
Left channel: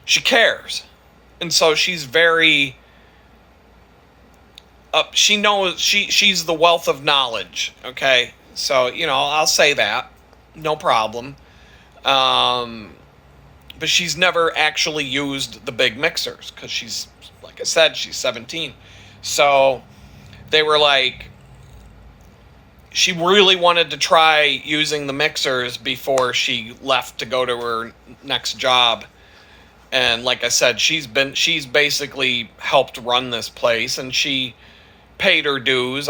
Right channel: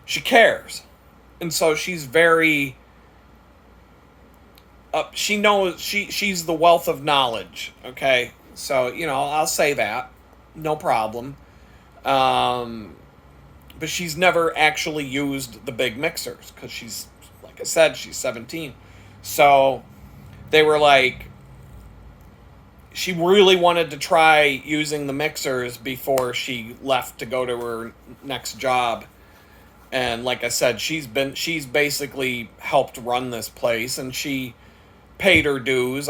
she cares. And so she's very She knows she's the wealth of knowledge. Okay, so I'll say that, no problem. Um, but she's never actually used the big mixers because she's, like I said, she's 17. So they were like, she really wanted to try using the mixers before she left to go to her next job. And like I said, she's basically helped run this place, and she paid her dues.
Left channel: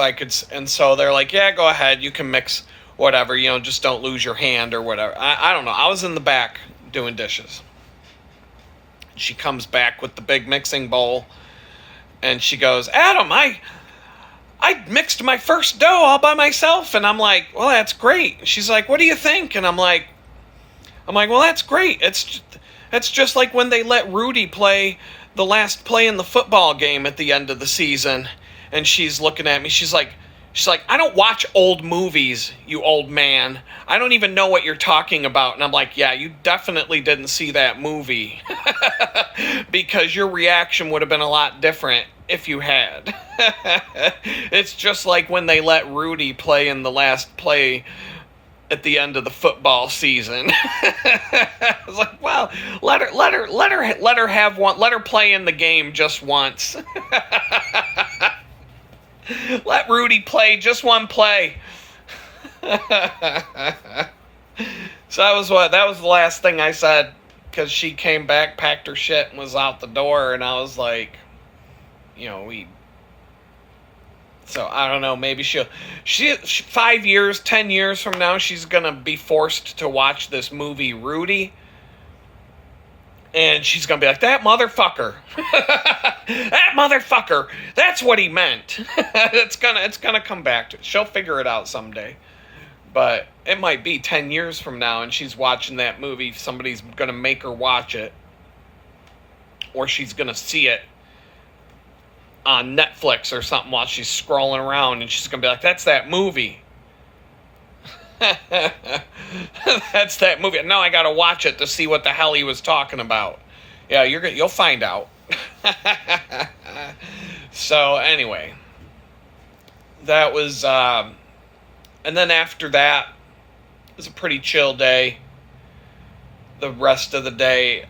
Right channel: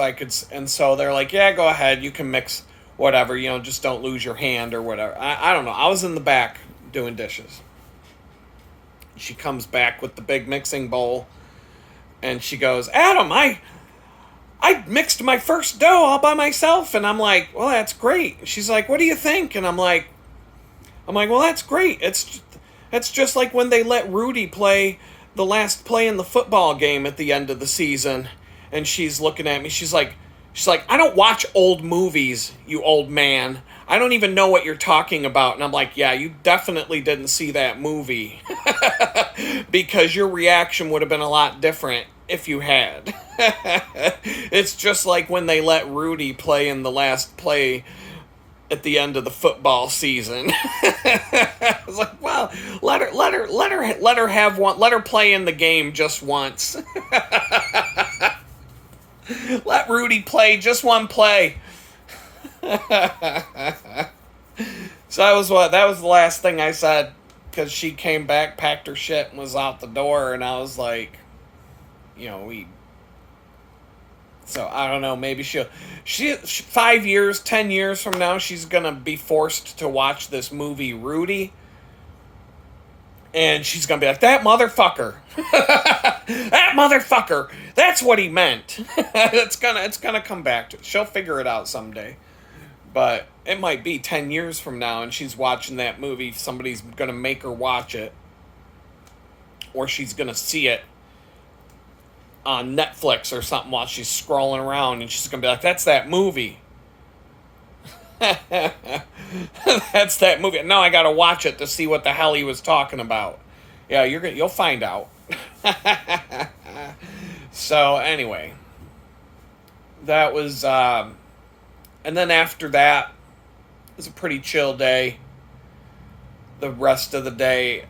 And so they're like, yeah, go ahead, you can mix whatever, just don't lose your hand or whatever. I don't know. I was in the back doing dishes. She comes back with the big mixing bowl, and she goes, Adam, I mixed my first dough all by myself. And I'm like, well, that's great. She's like, what do you think? And I'm like, well, that's great. It's just like when they let Rudy play the last play in the football game at the end of the season. And she's looking at me. She's like, I don't watch old movies, you old man. I don't even know what you're talking about. And I'm like, yeah, you definitely didn't see that movie. Because your reaction would have been a lot different if you had. It's just like when they let Rudy play in the last play at the end of the football season. I was like, well, let her have one. Let her play in the game just once. Let Rudy play just one play. So that was the last thing I said, because she came back, packed her shit, and was out the door, and I was like, so I don't know, maybe she 5 years, 10 years from now, she's gonna be forced to watch this movie Rudy, and she's gonna be like, that motherfucker. That motherfucker, that's what he meant. It's gonna come back to it. She'll figure it out someday. But it might be 10 years from now, and she's watching that movie. Somebody's gonna make her watch it, or she's gonna see it on Netflix or something while she's scrolling around, and she's gonna be like, that's that movie. That's that movie. Now I gotta watch it to see what the hell he was talking about. Yeah, you'll find out. So anyway, that was and then after that, it was a pretty chill day. The rest of the day,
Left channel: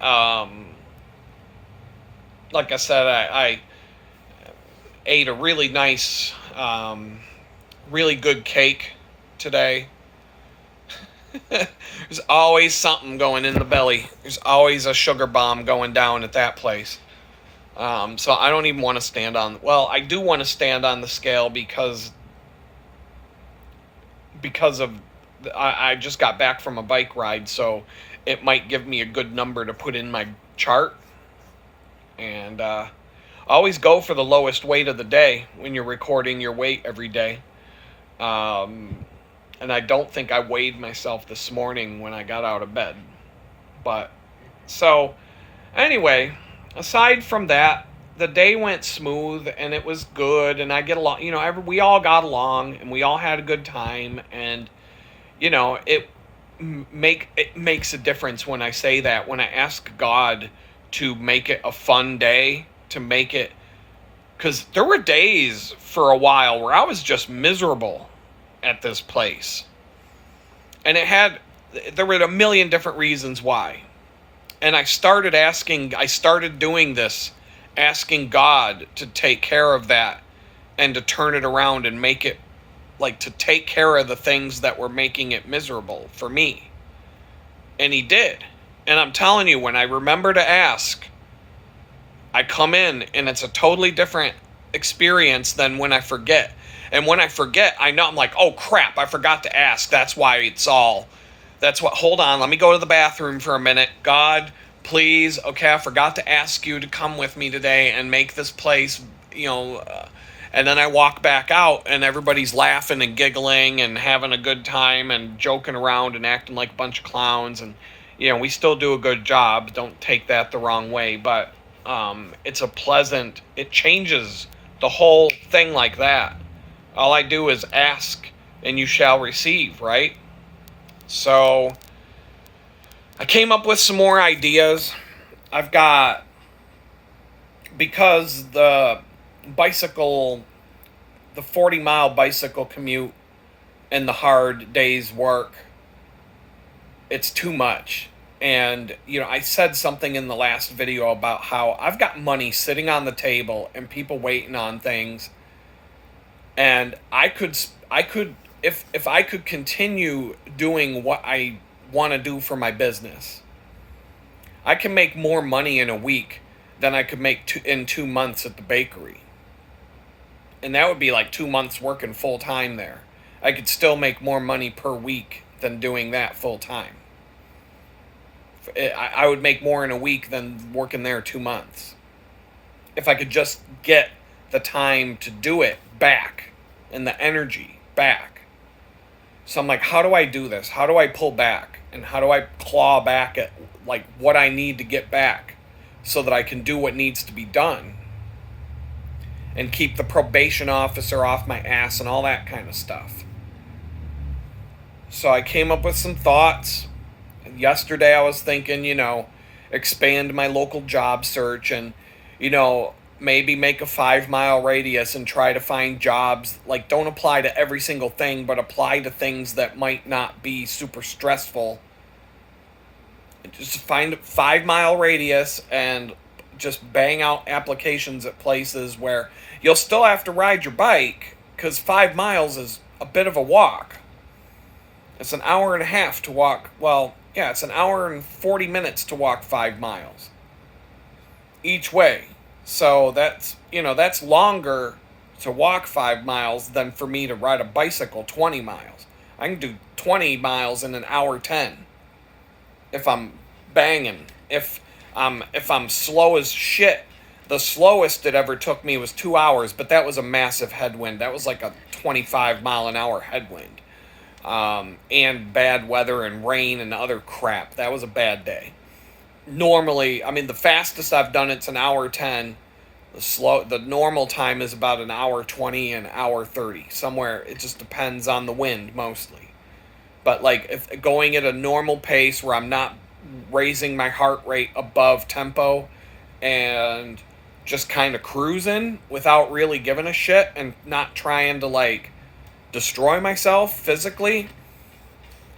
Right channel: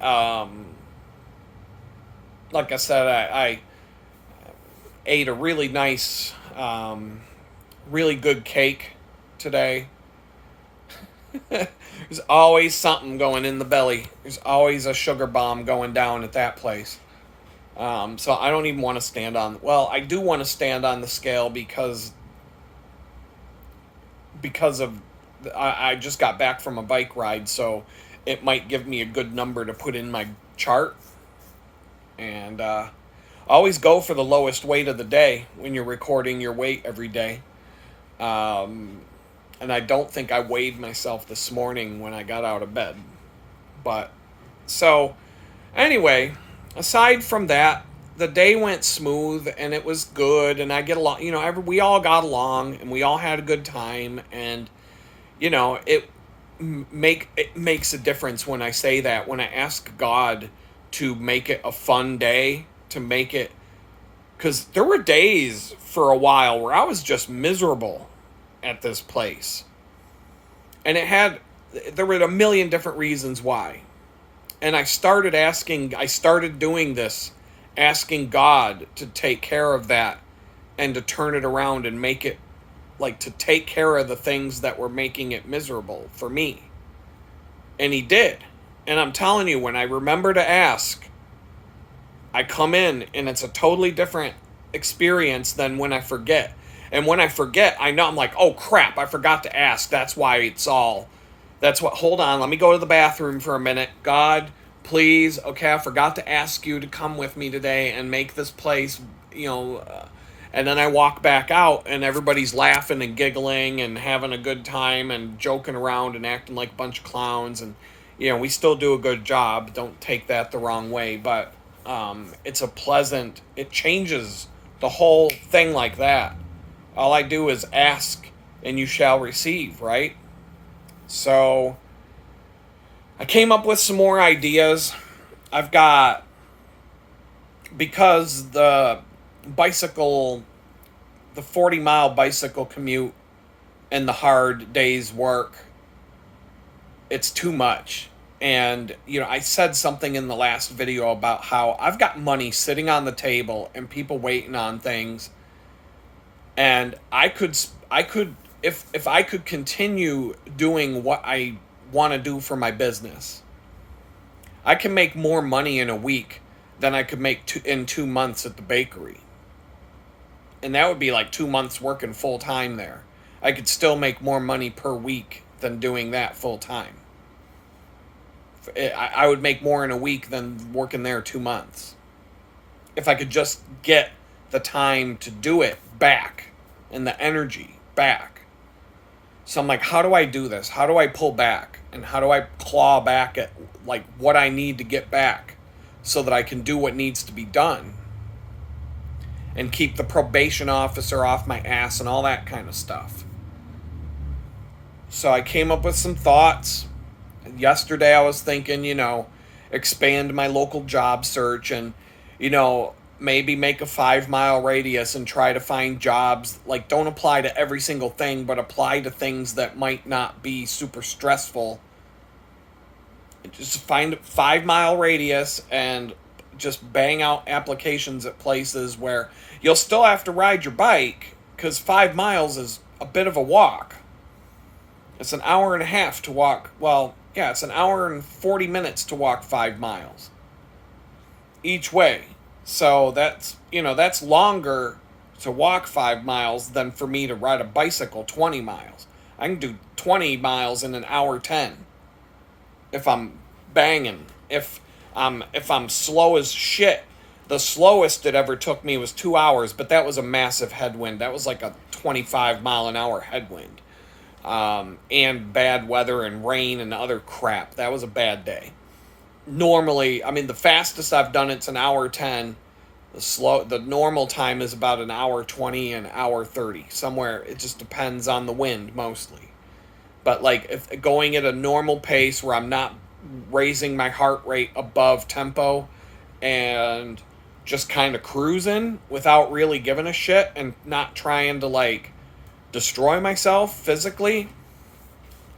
like I said, I ate a really nice, really good cake today. There's always something going in the belly. There's always a sugar bomb going down at that place. So I don't even want to stand on... Well, I do want to stand on the scale because of... I just got back from a bike ride, so it might give me a good number to put in my chart. And always go for the lowest weight of the day when you're recording your weight every day. And I don't think I weighed myself this morning when I got out of bed. But, so, anyway, aside from that, the day went smooth and it was good, and I get along, we all got along and we all had a good time, and, it makes a difference when I say that, when I ask God to make it a fun day, to make it, because there were days for a while where I was just miserable at this place. And there were a million different reasons why. And I started doing this, asking God to take care of that and to turn it around and make it, to take care of the things that were making it miserable for me. And he did. And I'm telling you, when I remember to ask, I come in and it's a totally different experience than when I forget. And when I forget, I know, I'm like, oh crap, I forgot to ask. Hold on, let me go to the bathroom for a minute. God, please, okay, I forgot to ask you to come with me today and make this place, and then I walk back out and everybody's laughing and giggling and having a good time and joking around and acting like a bunch of clowns. And, we still do a good job. Don't take that the wrong way, but it changes the whole thing like that. All I do is ask and you shall receive, right? So I came up with some more ideas. Because the bicycle the 40-mile bicycle commute and the hard days work, it's too much. And, I said something in the last video about how I've got money sitting on the table and people waiting on things. And if I could continue doing what I want to do for my business, I can make more money in a week than I could make in 2 months at the bakery. And that would be like 2 months working full time there. I could still make more money per week than doing that full time. I would make more in a week than working there 2 months. If I could just get the time to do it back and the energy back. So I'm like, how do I do this? How do I pull back? And how do I claw back at like what I need to get back so that I can do what needs to be done and keep the probation officer off my ass and all that kind of stuff. So I came up with some thoughts. Yesterday I was thinking, expand my local job search and, maybe make a 5-mile radius and try to find jobs. Like, don't apply to every single thing, but apply to things that might not be super stressful. Just find a 5-mile radius and just bang out applications at places where you'll still have to ride your bike because 5 miles is a bit of a walk. It's an hour and a half to walk. Well, yeah, it's an hour and 40 minutes to walk 5 miles each way. So that's longer to walk 5 miles than for me to ride a bicycle 20 miles. I can do 20 miles in an hour 10 if I'm banging. If I'm slow as shit. The slowest it ever took me was 2 hours, but that was a massive headwind. That was like a 25 mile an hour headwind. And bad weather and rain and other crap. That was a bad day. Normally, the fastest I've done it's an hour 10. The normal time is about an hour 20 and hour 30. Somewhere, it just depends on the wind mostly. But like if going at a normal pace where I'm not raising my heart rate above tempo and just kind of cruising without really giving a shit and not trying to like destroy myself physically,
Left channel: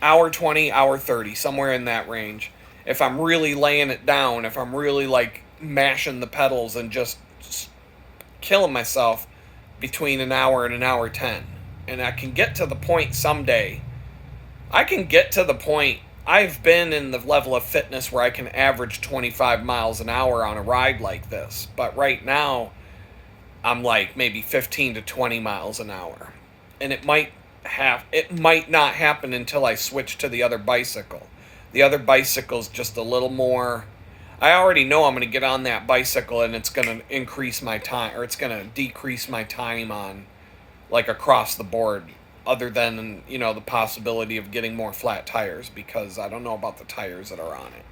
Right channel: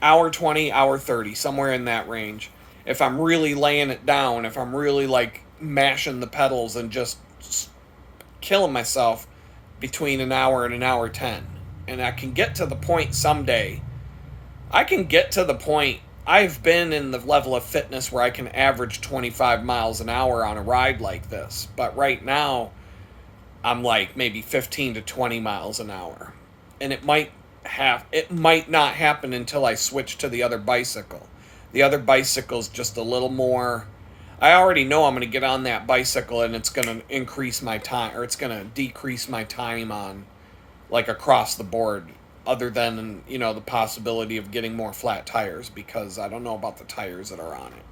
hour 20, hour 30, somewhere in that range. If I'm really laying it down, if I'm really like mashing the pedals and just killing myself, between an hour and an hour 10. And I can get to the point someday. I can get to the point. I've been in the level of fitness where I can average 25 miles an hour on a ride like this. But right now, I'm like maybe 15 to 20 miles an hour. And it might not happen until I switch to the other bicycle. The other bicycle's just a little more. I already know I'm going to get on that bicycle and it's going to increase my time, or it's going to decrease my time on, like, across the board, other than, the possibility of getting more flat tires, because I don't know about the tires that are on it.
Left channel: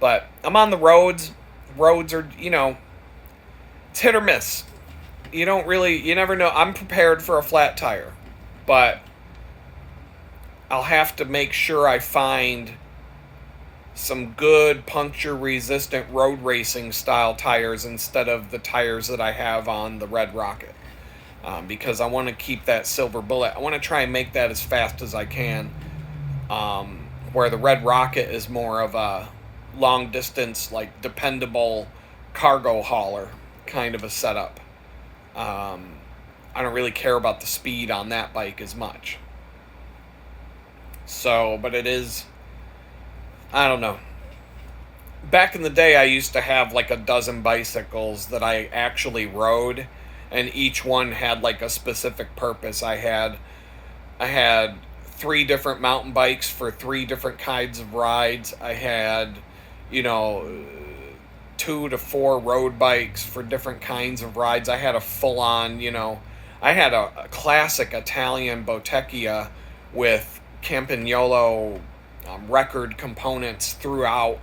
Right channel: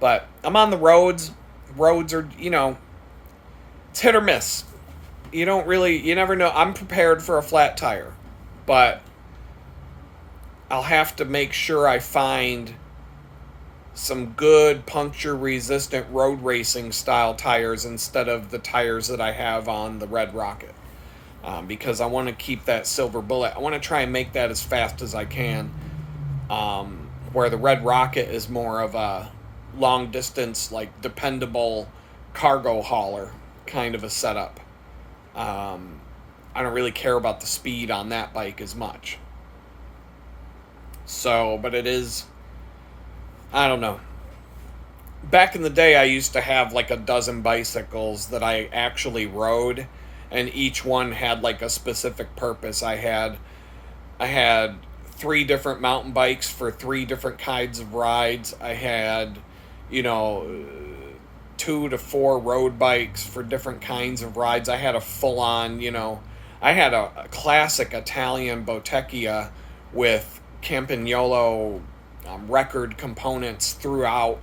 But I'm on the roads. Roads are, it's hit or miss. You never know. I'm prepared for a flat tire, but I'll have to make sure I find some good puncture-resistant road racing style tires instead of the tires that I have on the Red Rocket, because I want to keep that silver bullet. I want to try and make that as fast as I can, where the Red Rocket is more of a long-distance, like, dependable cargo hauler kind of a setup. I don't really care about the speed on that bike as much. So, but it is, I don't know. Back in the day, I used to have like a dozen bicycles that I actually rode, and each one had like a specific purpose. I had 3 different mountain bikes for 3 different kinds of rides. I had, 2 to 4 road bikes for different kinds of rides. I had a full-on, I had a classic Italian Bottecchia with Campagnolo record components throughout.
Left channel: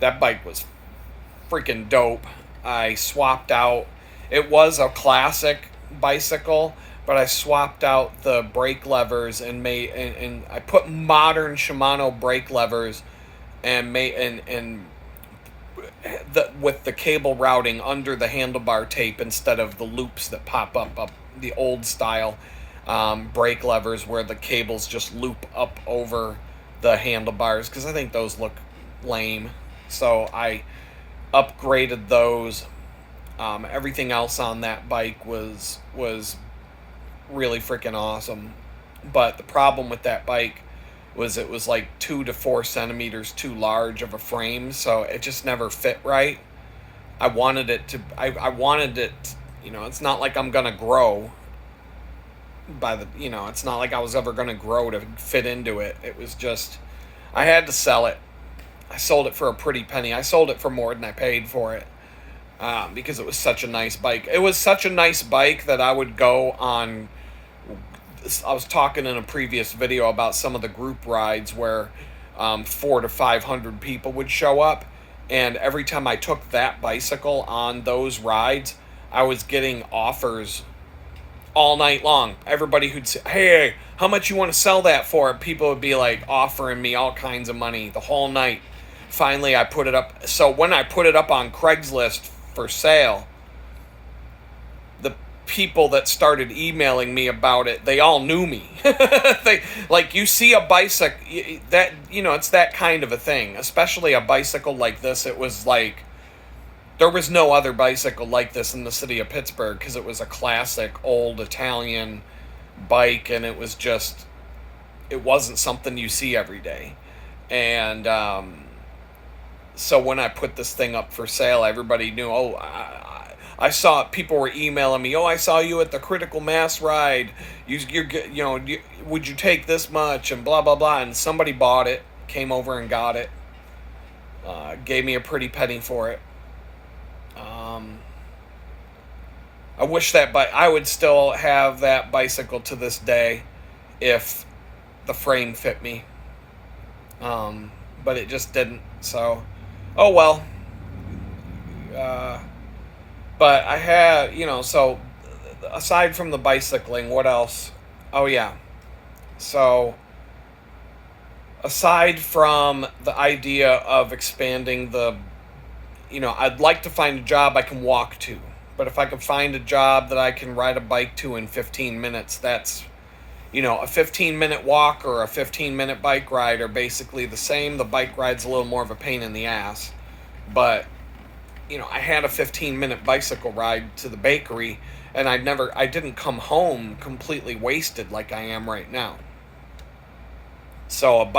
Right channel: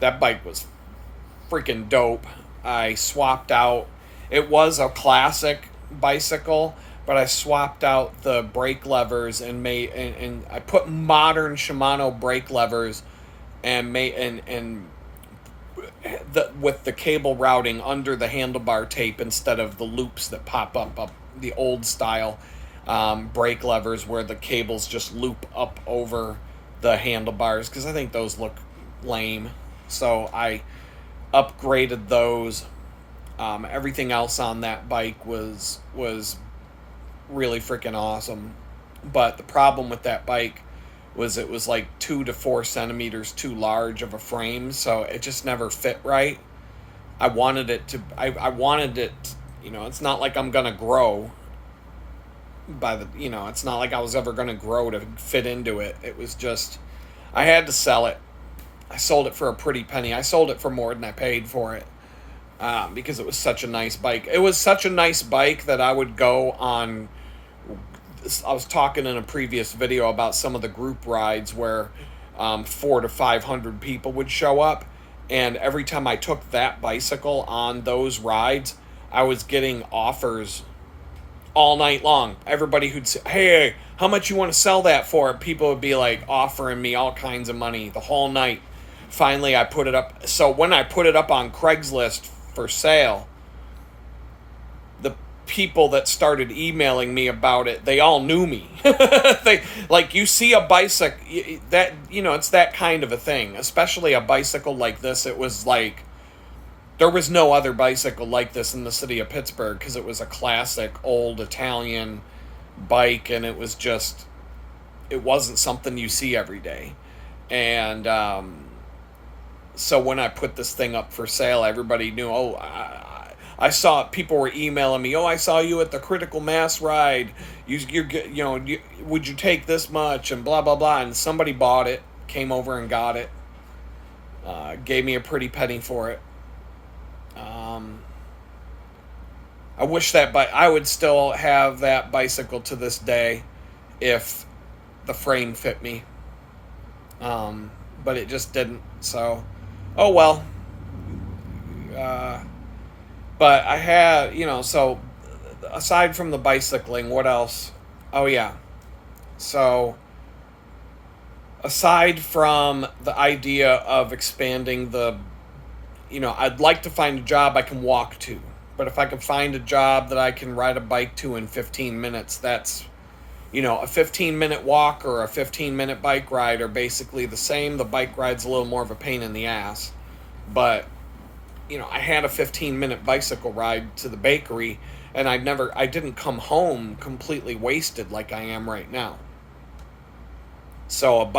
That bike was freaking dope. I swapped out. It was a classic bicycle, but I swapped out the brake levers and I put modern Shimano brake levers and with the cable routing under the handlebar tape instead of the loops that pop up the old style brake levers where the cables just loop up over the handlebars, because I think those look lame. So I upgraded those. Everything else on that bike was really freaking awesome. But the problem with that bike was it was like 2 to 4 centimeters too large of a frame, so it just never fit right. I wanted it, it's not like I'm gonna grow it's not like I was ever gonna grow to fit into it. It was just, I had to sell it. I sold it for a pretty penny. I sold it for more than I paid for it, because it was such a nice bike. It was such a nice bike that I would go on. I was talking in a previous video about some of the group rides where 400 to 500 people would show up. And every time I took that bicycle on those rides, I was getting offers all night long. Everybody who'd say, hey, how much you want to sell that for? People would be like offering me all kinds of money the whole night. Finally, I put it up. So when I put it up on Craigslist for sale, the people that started emailing me about it, they all knew me. They, like, you see a bicycle, that, it's that kind of a thing, especially a bicycle like this. It was like, there was no other bicycle like this in the city of Pittsburgh, because it was a classic old Italian bike, and it wasn't something you see every day. And so when I put this thing up for sale, everybody knew, I saw it. People were emailing me, I saw you at the Critical Mass ride. Would you take this much? And blah, blah, blah. And somebody bought it, came over and got it, gave me a pretty penny for it. I wish that I would still have that bicycle to this day if the frame fit me. But it just didn't. So, oh well. But I had, so aside from the bicycling, what else? Oh yeah. So aside from the idea of expanding I'd like to find a job I can walk to. But if I can find a job that I can ride a bike to in 15 minutes, that's, a 15-minute walk or a 15-minute bike ride are basically the same. The bike ride's a little more of a pain in the ass. But, I had a 15-minute bicycle ride to the bakery, and I didn't come home completely wasted like I am right now. So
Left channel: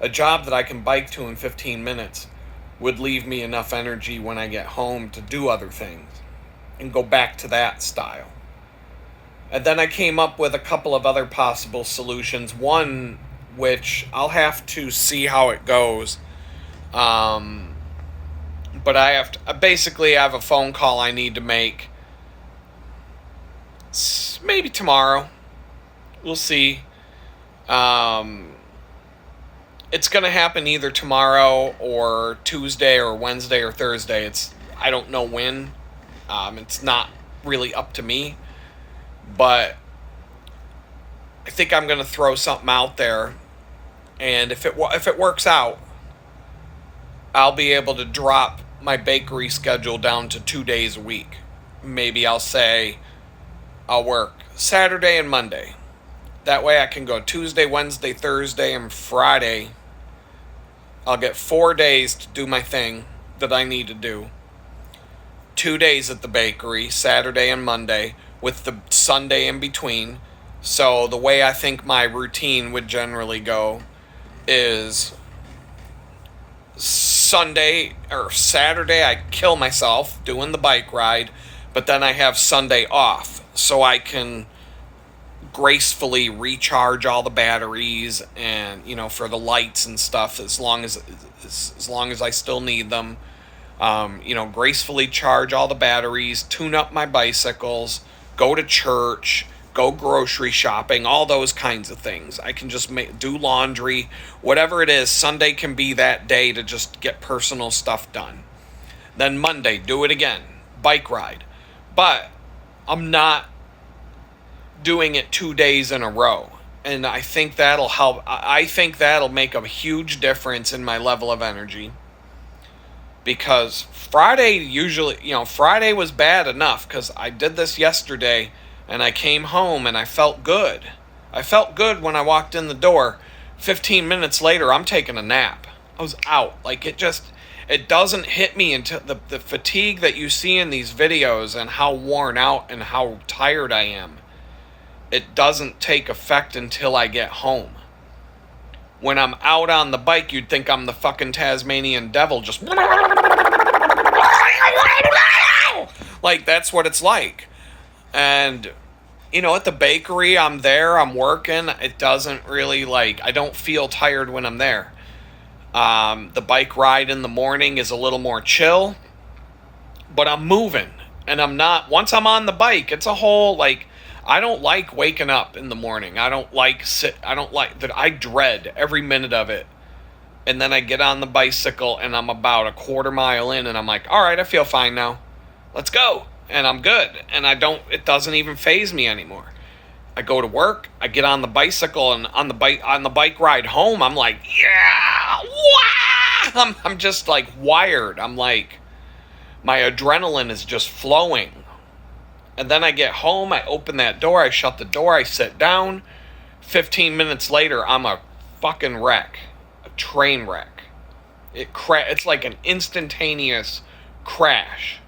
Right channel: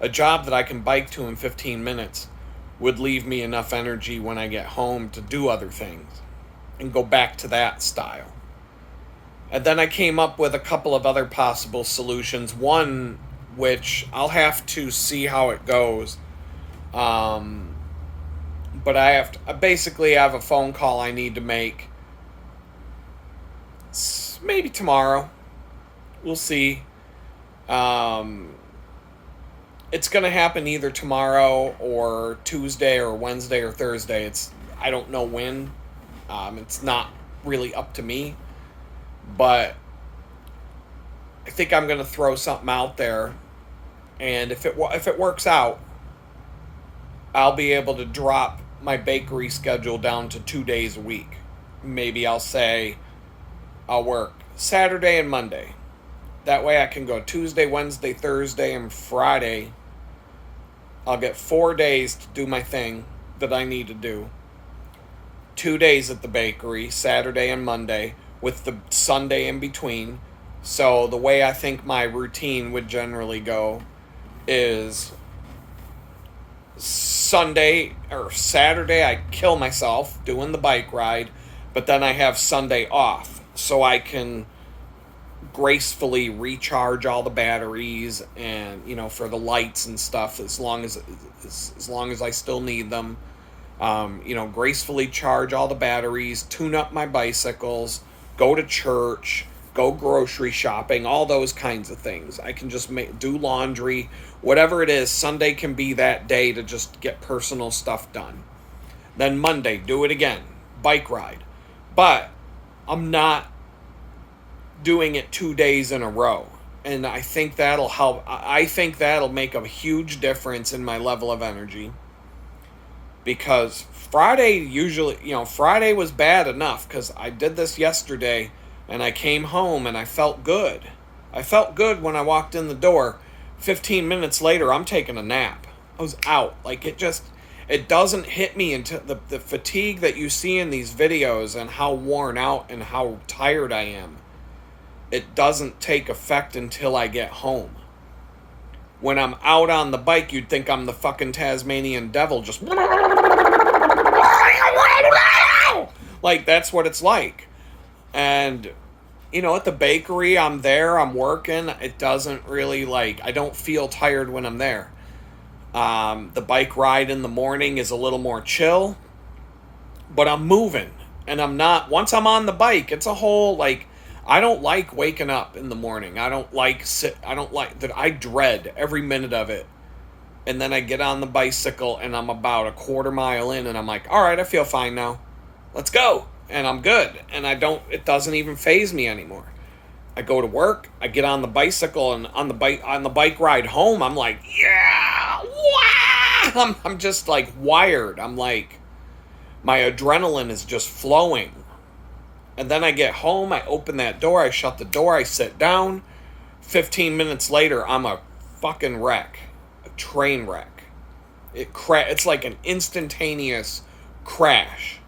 a job that I can bike to in 15 minutes would leave me enough energy when I get home to do other things and go back to that style. And then I came up with a couple of other possible solutions. One, which I'll have to see how it goes. But I have a phone call I need to make. Maybe tomorrow. We'll see. It's going to happen either tomorrow or Tuesday or Wednesday or Thursday. I don't know when. It's not really up to me. But I think I'm going to throw something out there. And if it works out, I'll be able to drop my bakery schedule down to 2 days a week. Maybe I'll say I'll work Saturday and Monday. That way I can go Tuesday, Wednesday, Thursday, and Friday. I'll get 4 days to do my thing that I need to do. 2 days at the bakery, Saturday and Monday, with the Sunday in between. So the way I think my routine would generally go is Sunday or Saturday I kill myself doing the bike ride, but then I have Sunday off so I can gracefully recharge all the batteries and for the lights and stuff as long as I still need them. Gracefully charge all the batteries, tune up my bicycles, go to church, go grocery shopping, all those kinds of things. I can just do laundry, whatever it is. Sunday can be that day to just get personal stuff done. Then Monday, do it again, bike ride. But I'm not doing it 2 days in a row. And I think that'll help. I think that'll make a huge difference in my level of energy. Because Friday Friday was bad enough because I did this yesterday And I came home and I felt good. I felt good when I walked in the door. 15 minutes later, I'm taking a nap. I was out. Like, it doesn't hit me until the fatigue that you see in these videos and how worn out and how tired I am. It doesn't take effect until I get home. When I'm out on the bike, you'd think I'm the fucking Tasmanian devil, just like, that's what it's like. And, at the bakery, I'm there, I'm working. It doesn't really, I don't feel tired when I'm there. The bike ride in the morning is a little more chill, but I'm moving. And once I'm on the bike, it's a whole, I don't like waking up in the morning. I don't like that. I dread every minute of it. And then I get on the bicycle and I'm about a quarter mile in and I'm like, all right, I feel fine now. Let's go. And I'm good. And it doesn't even faze me anymore. I go to work, I get on the bicycle, and on the bike ride home, I'm like, yeah, wow! I'm just wired. I'm like, my adrenaline is just flowing. And then I get home, I open that door, I shut the door, I sit down. 15 minutes later, I'm a fucking wreck. A train wreck. It's like an instantaneous crash.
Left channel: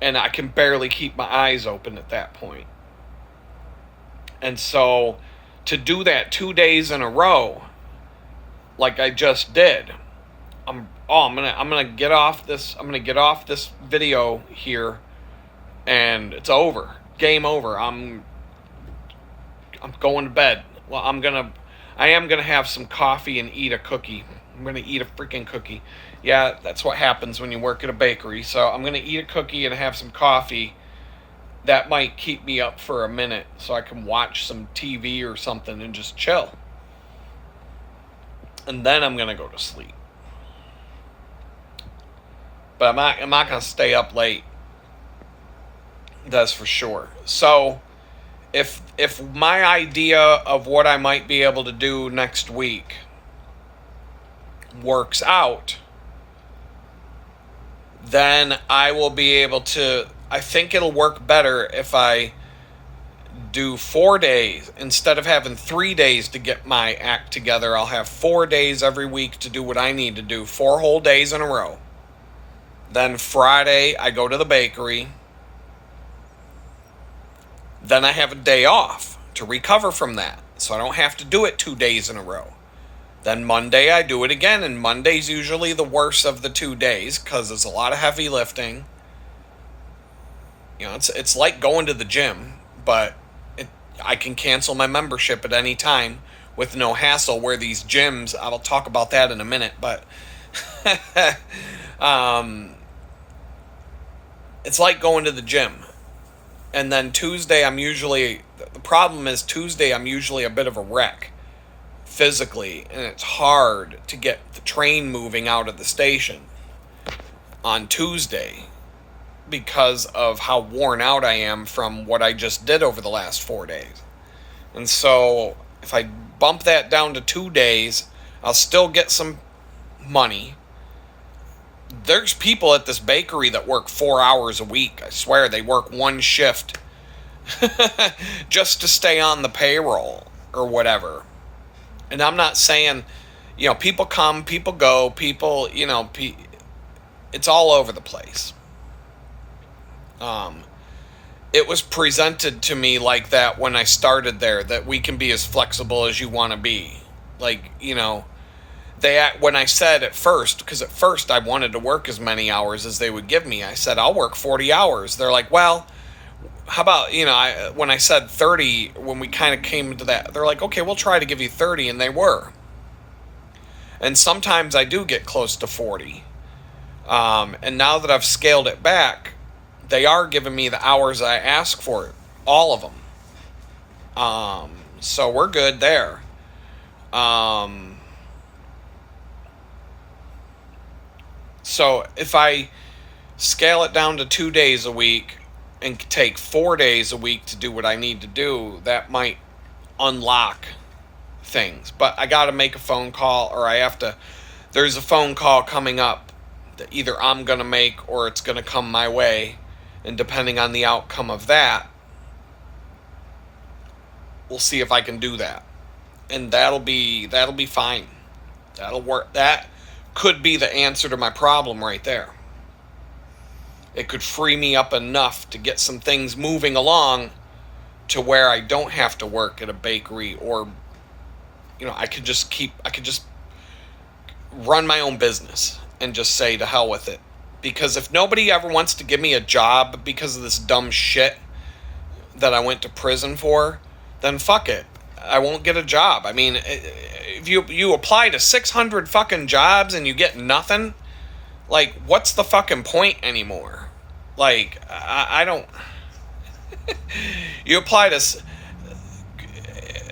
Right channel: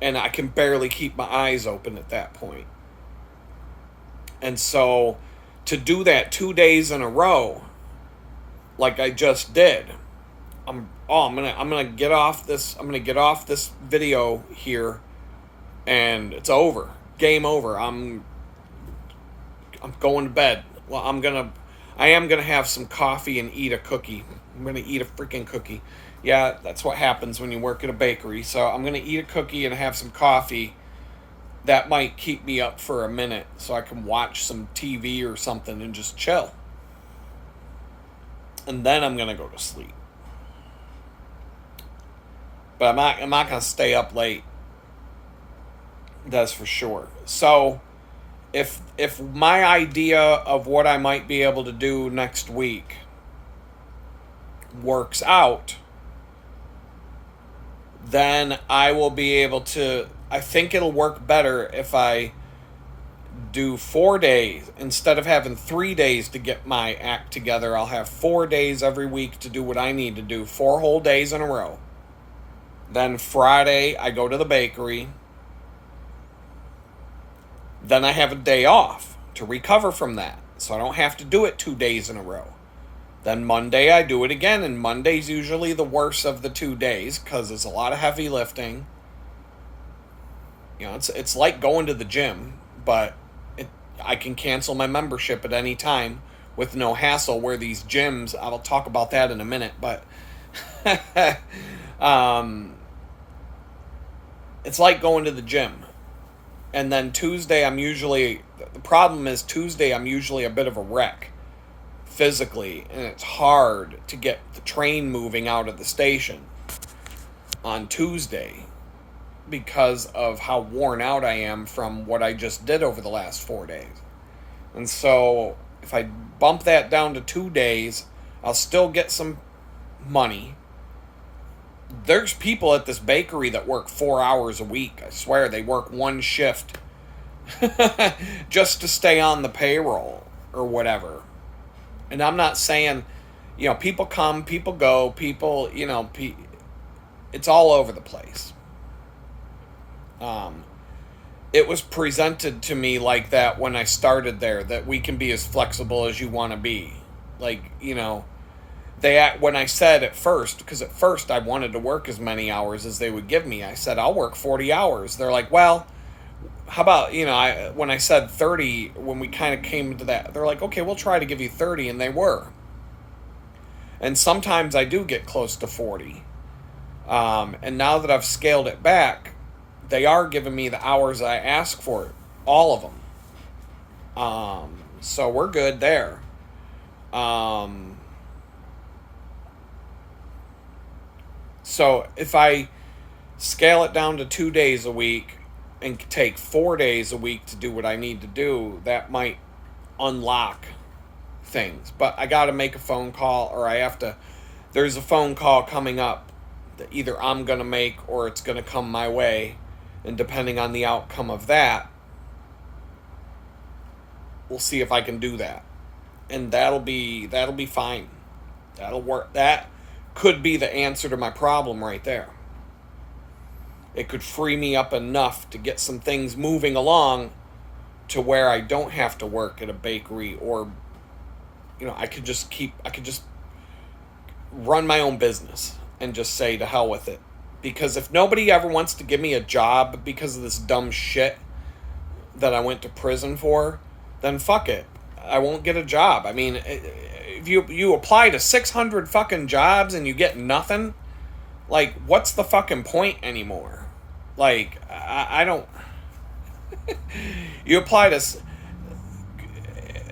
And I can barely keep my eyes open at that point. And so, to do that 2 days in a row, like I just did, I'm gonna get off this video here, and it's over. Game over. I'm going to bed. Well, I am gonna have some coffee and eat a cookie. I'm gonna eat a freaking cookie. Yeah, that's what happens when you work at a bakery. So I'm gonna eat a cookie and have some coffee. That might keep me up for a minute so I can watch some TV or something and just chill. And then I'm going to go to sleep. But I'm not going to stay up late. That's for sure. So if my idea of what I might be able to do next week works out, then I will be able to... I think it'll work better if I do 4 days. Instead of having 3 days to get my act together, I'll have 4 days every week to do what I need to do. 4 whole days in a row. Then Friday, I go to the bakery. Then I have a day off to recover from that, so I don't have to do it 2 days in a row. Then Monday, I do it again, and Monday's usually the worst of the 2 days because there's a lot of heavy lifting. It's like going to the gym, but I can cancel my membership at any time with no hassle, where these gyms, I'll talk about that in a minute, but it's like going to the gym. And then Tuesday, the problem is Tuesday, I'm usually a bit of a wreck physically, and it's hard to get the train moving out of the station on Tuesday, because of how worn out I am from what I just did over the last 4 days. And so if I bump that down to 2 days, I'll still get some money. There's people at this bakery that work 4 hours a week. I swear, they work one shift just to stay on the payroll or whatever. And I'm not saying, people come, people go, it's all over the place. It was presented to me like that when I started there, that we can be as flexible as you want to be. When I said at first, because at first I wanted to work as many hours as they would give me, I said, I'll work 40 hours. They're like, well, how about, when I said 30, when we kind of came to that, they're like, okay, we'll try to give you 30, and they were. And sometimes I do get close to 40. And now that I've scaled it back, they are giving me the hours I ask for, all of them. So we're good there. So if I scale it down to 2 days a week and take 4 days a week to do what I need to do, that might unlock things. But I got to make a phone call, or there's a phone call coming up that either I'm going to make or it's going to come my way. And depending on the outcome of that, we'll see if I can do that. And that'll be fine. That'll work. That could be the answer to my problem right there. It could free me up enough to get some things moving along to where I don't have to work at a bakery, or I could just run my own business and just say to hell with it. Because if nobody ever wants to give me a job because of this dumb shit that I went to prison for, then fuck it. I won't get a job. I mean, if you apply to 600 fucking jobs and you get nothing, like, what's the fucking point anymore? Like, I don't...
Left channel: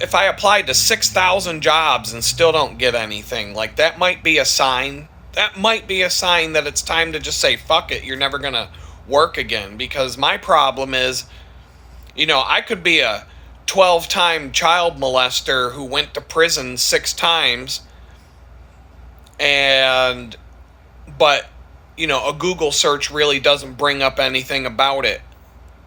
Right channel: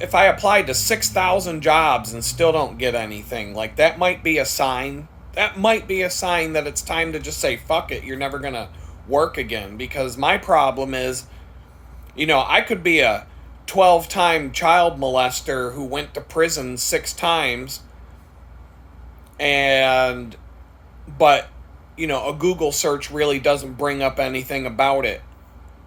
If I applied to 6,000 jobs and still don't get anything, like, that might be a sign. That might be a sign that it's time to just say, fuck it, you're never gonna work again. Because my problem is, I could be a 12-time child molester who went to prison 6 times, but a Google search really doesn't bring up anything about it,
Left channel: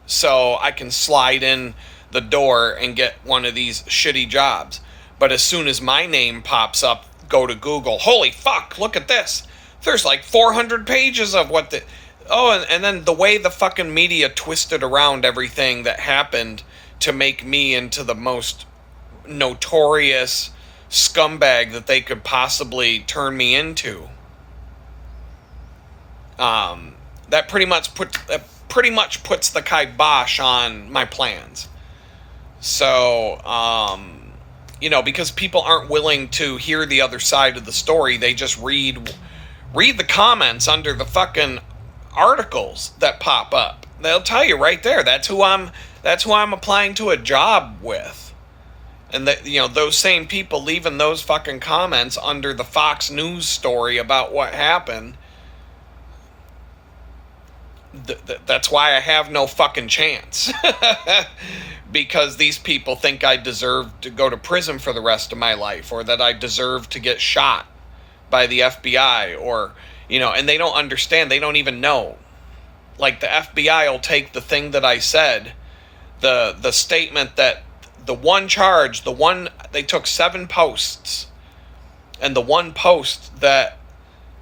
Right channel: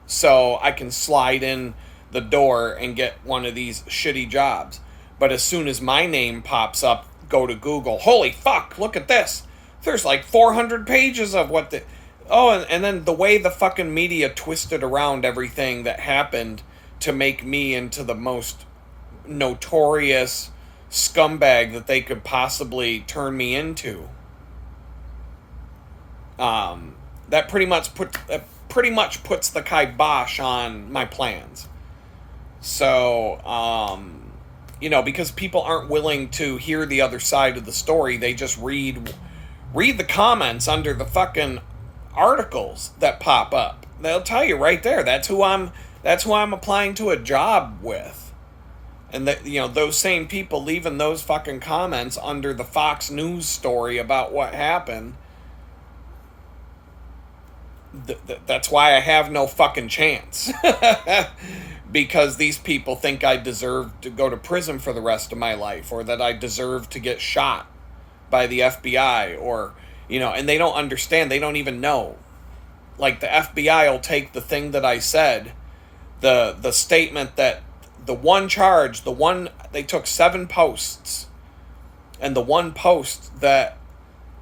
so I can slide in the door and get one of these shitty jobs. But as soon as my name pops up, go to Google, holy fuck, look at this, there's like 400 pages of what the... and then the way the fucking media twisted around everything that happened to make me into the most notorious scumbag that they could possibly turn me into. That pretty much puts the kibosh on my plans. So, because people aren't willing to hear the other side of the story, they just read the comments under the fucking articles that pop up. They'll tell you right there, that's who I'm applying to a job with. And that, those same people leaving those fucking comments under the Fox News story about what happened, that's why I have no fucking chance. Because these people think I deserve to go to prison for the rest of my life, or that I deserve to get shot by the FBI, or, and they don't understand. They don't even know. Like, the FBI will take the thing that I said, the statement that they took 7 posts, and the one post that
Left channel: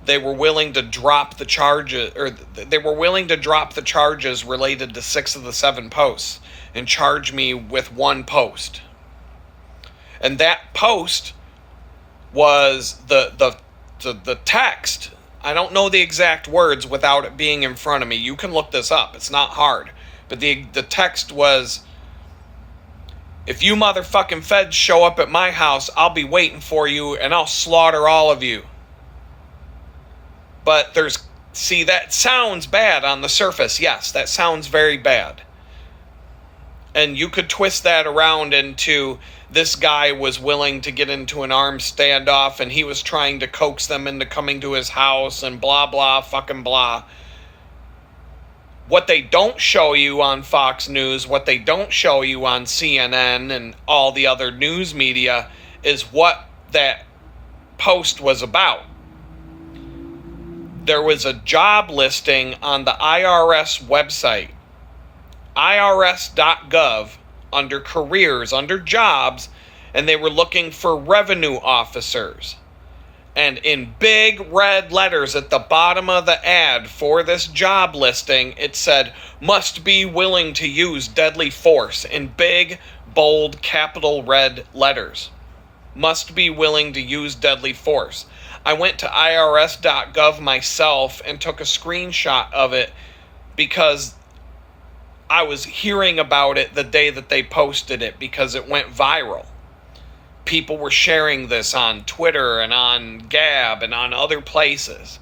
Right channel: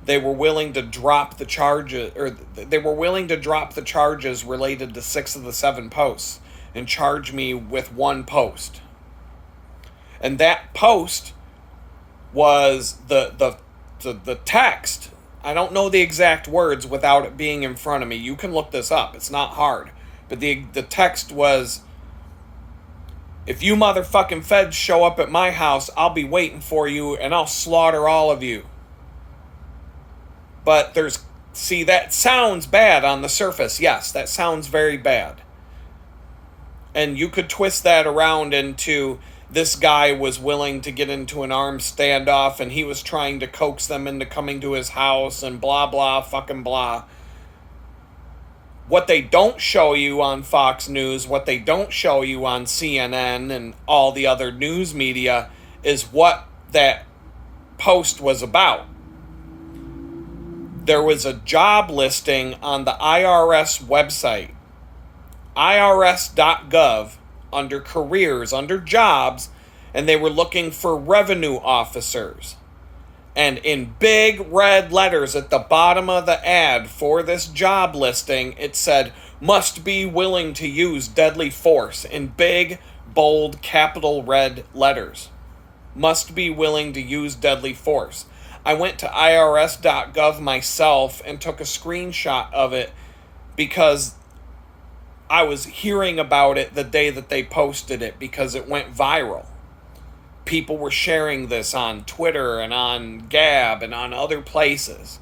they were willing to drop the charges, or they were willing to drop the charges related to 6 of the 7 posts and charge me with 1 post. And that post was the text. I don't know the exact words without it being in front of me. You can look this up. It's not hard. But the text was, if you motherfucking feds show up at my house, I'll be waiting for you and I'll slaughter all of you. But that sounds bad on the surface. Yes, that sounds very bad. And you could twist that around into, this guy was willing to get into an armed standoff and he was trying to coax them into coming to his house and blah, blah, fucking blah. What they don't show you on Fox News, what they don't show you on CNN and all the other news media, is what that post was about. There was a job listing on the IRS website, irs.gov, under careers, under jobs, and they were looking for revenue officers. And in big red letters at the bottom of the ad for this job listing, it said, must be willing to use deadly force, in big, bold, capital red letters. Must be willing to use deadly force. I went to irs.gov myself and took a screenshot of it because I was hearing about it the day that they posted it, because it went viral. People were sharing this on Twitter and on Gab and on other places.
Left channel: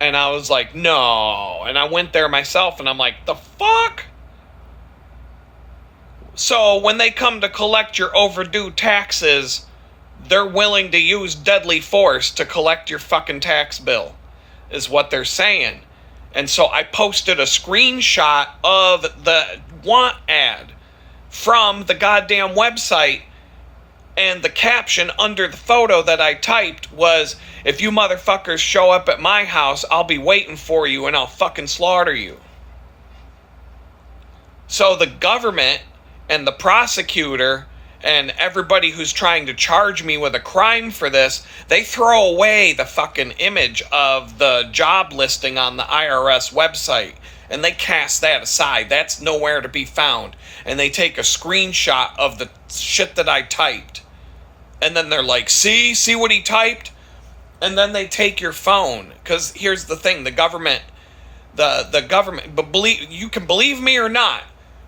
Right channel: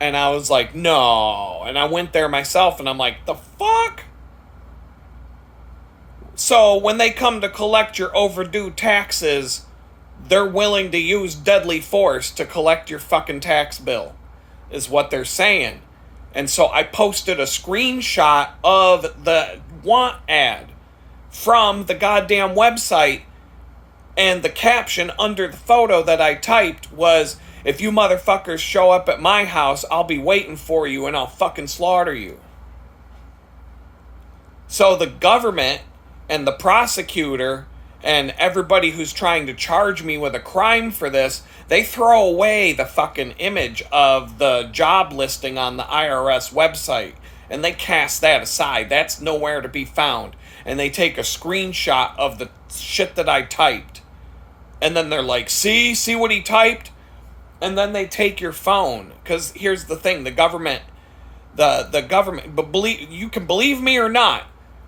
And I was like, no. And I went there myself and I'm like, the fuck? So when they come to collect your overdue taxes, they're willing to use deadly force to collect your fucking tax bill, is what they're saying. And so I posted a screenshot of the want ad from the goddamn website, and the caption under the photo that I typed was, if you motherfuckers show up at my house, I'll be waiting for you and I'll fucking slaughter you. So the government And the prosecutor and everybody who's trying to charge me with a crime for this, they throw away the fucking image of the job listing on the IRS website. And they cast that aside. That's nowhere to be found. And they take a screenshot of the shit that I typed. And then they're like, see what he typed? And then they take your phone. Because here's the thing, the government, but you can believe me or not,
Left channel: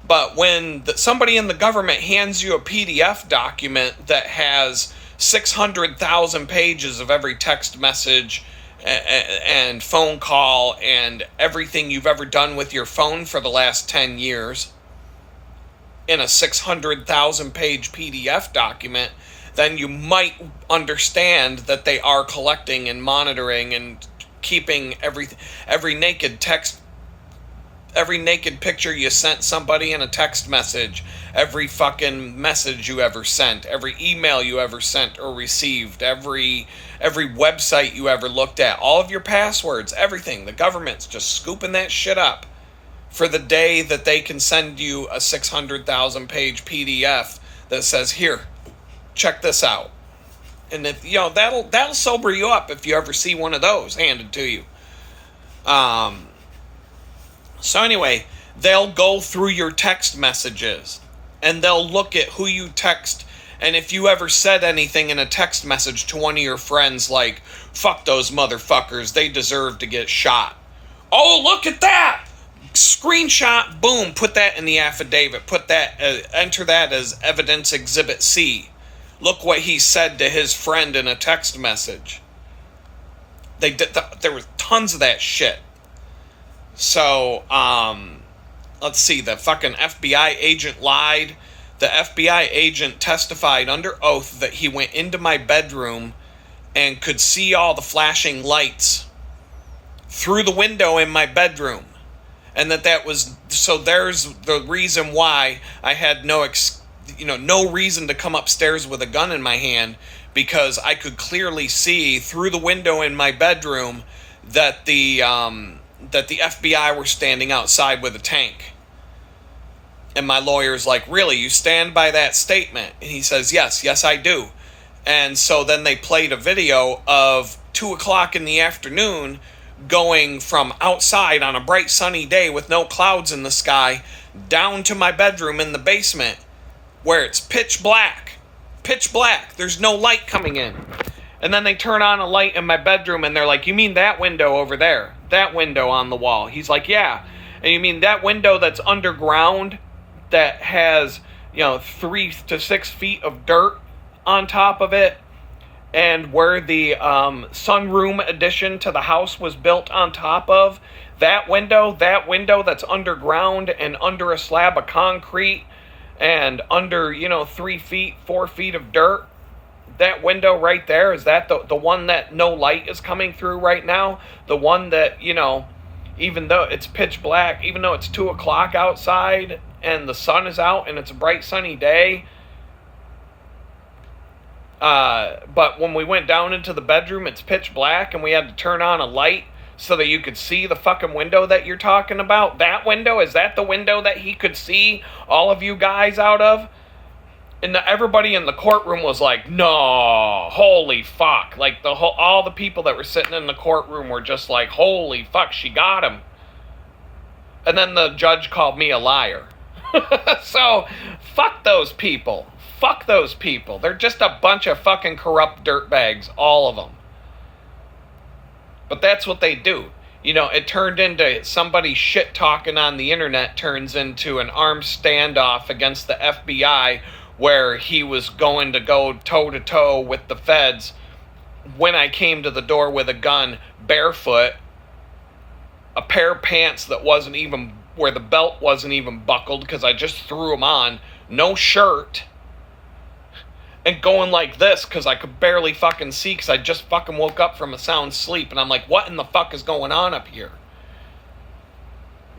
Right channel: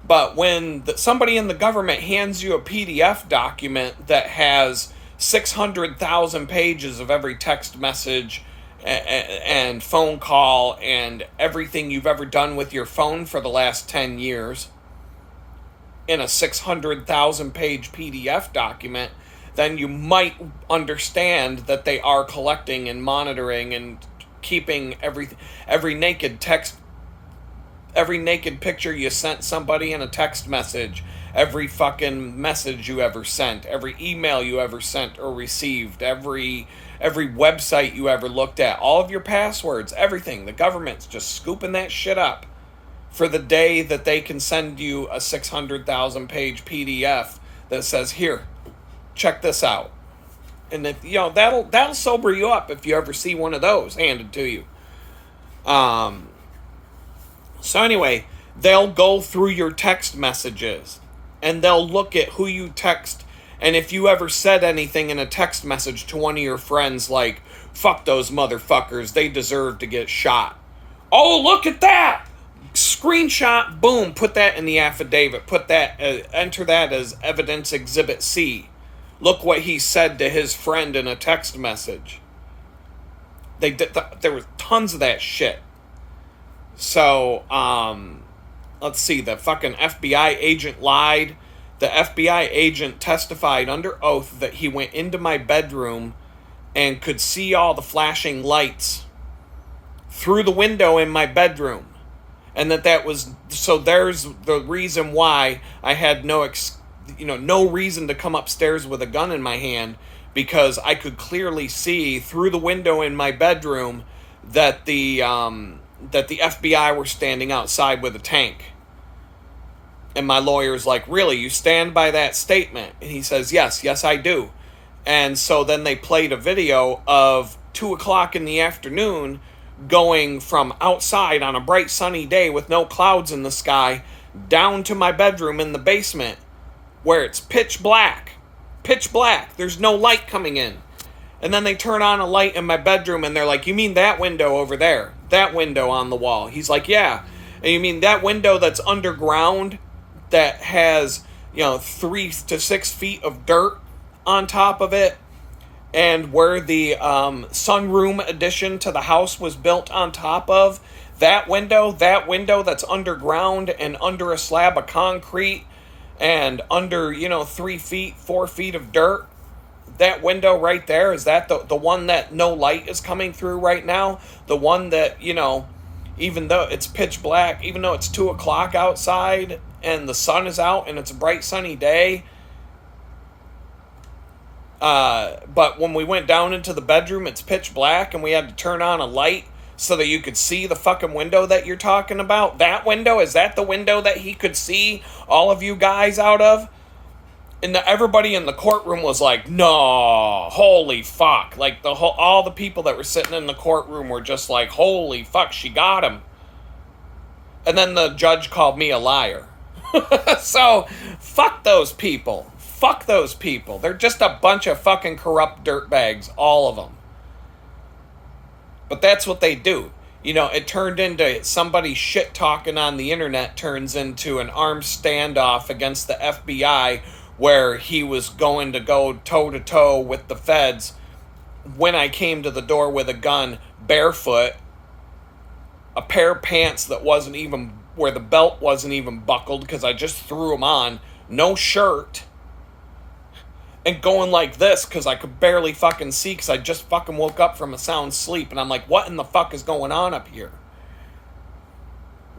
but when somebody in the government hands you a PDF document that has 600,000 pages of every text message and phone call and everything you've ever done with your phone for the last 10 years in a 600,000 page PDF document, then you might understand that they are collecting and monitoring and keeping every naked picture you sent somebody in a text message, every fucking message you ever sent, every email you ever sent or received, every website you ever looked at, all of your passwords, everything. The government's just scooping that shit up for the day that they can send you a 600,000 page PDF that says, here, check this out. And if, that'll sober you up if you ever see one of those handed to you. So anyway, they'll go through your text messages and they'll look at who you text. And if you ever said anything in a text message to one of your friends like, fuck those motherfuckers, they deserve to get shot. Oh, look at that! Screenshot, boom, put that in the affidavit. Enter that as evidence exhibit C. Look what he said to his friend in a text message. There was tons of that shit. So, let's see, the fucking FBI agent lied. The FBI agent testified under oath that he went into my bedroom and could see all the flashing lights through the window in my bedroom. And so there's the reason why I had no reason to come upstairs with a gun in my hand, because I could clearly see through the window in my bedroom that the FBI were standing outside with a tank. And my lawyer's like, really, you stand by that statement? And he says, yes, I do. And so then they played a video of 2 o'clock in the afternoon going from outside on a bright sunny day with no clouds in the sky down to my bedroom in the basement where it's pitch black. There's no light coming in. And then they turn on a light in my bedroom and they're like, you mean that window over there? That window on the wall? He's like, yeah. And you mean that window that's underground that has, 3 to 6 feet of dirt on top of it? And where the sunroom addition to the house was built on top of? That window that's underground and under a slab of concrete and under, 3 feet, 4 feet of dirt? That window right there, is that the one that no light is coming through right now? The one that, even though it's pitch black, even though it's 2 o'clock outside and the sun is out and it's a bright sunny day. But when we went down into the bedroom, it's pitch black and we had to turn on a light so that you could see the fucking window that you're talking about. That window, is that the window that he could see all of you guys out of? And everybody in the courtroom was like, no, holy fuck. Like all the people that were sitting in the courtroom were just like, holy fuck, she got him. And then the judge called me a liar. So, fuck those people. Fuck those people. They're just a bunch of fucking corrupt dirtbags, all of them. But that's what they do. It turned into somebody shit talking on the internet turns into an armed standoff against the FBI, where he was going to go toe-to-toe with the feds when I came to the door with a gun, barefoot, a pair of pants that wasn't even, where the belt wasn't even buckled because I just threw them on, no shirt, and going like this because I could barely fucking see because I just fucking woke up from a sound sleep, and I'm like, what in the fuck is going on up here?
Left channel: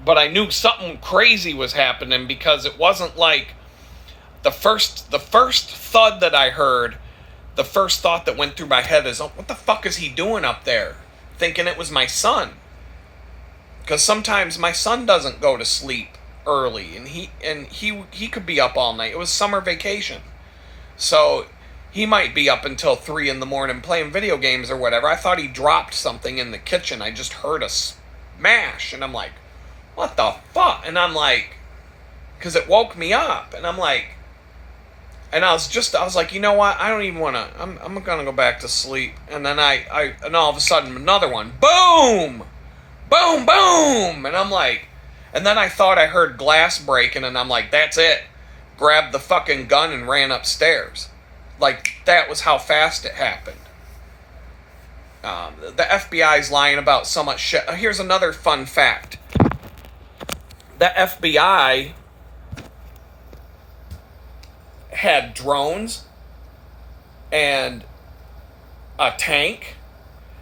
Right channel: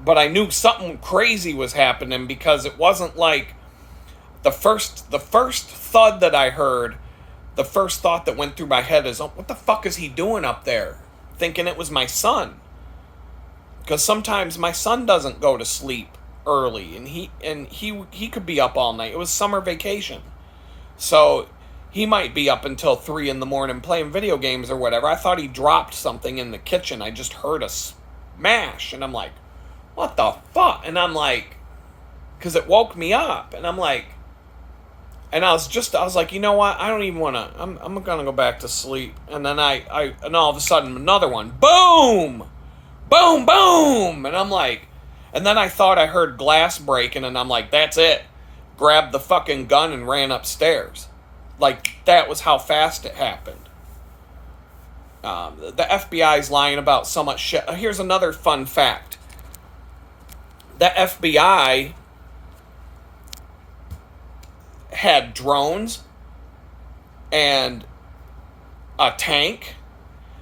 But I knew something crazy was happening because it wasn't like the first thud that I heard, the first thought that went through my head is, oh, what the fuck is he doing up there? Thinking it was my son. Because sometimes my son doesn't go to sleep early, and he could be up all night. It was summer vacation, so he might be up until 3 in the morning playing video games or whatever. I thought he dropped something in the kitchen. I just heard a smash, and I'm like, what the fuck? And I'm like, because it woke me up, and I'm like, and I was like, you know what? I don't even want to. I'm gonna go back to sleep. And then and all of a sudden another one, boom, boom, boom, and I'm like, and then I thought I heard glass breaking, and I'm like, that's it. Grabbed the fucking gun and ran upstairs. Like, that was how fast it happened. The FBI's lying about so much shit. Here's another fun fact. The FBI had drones and a tank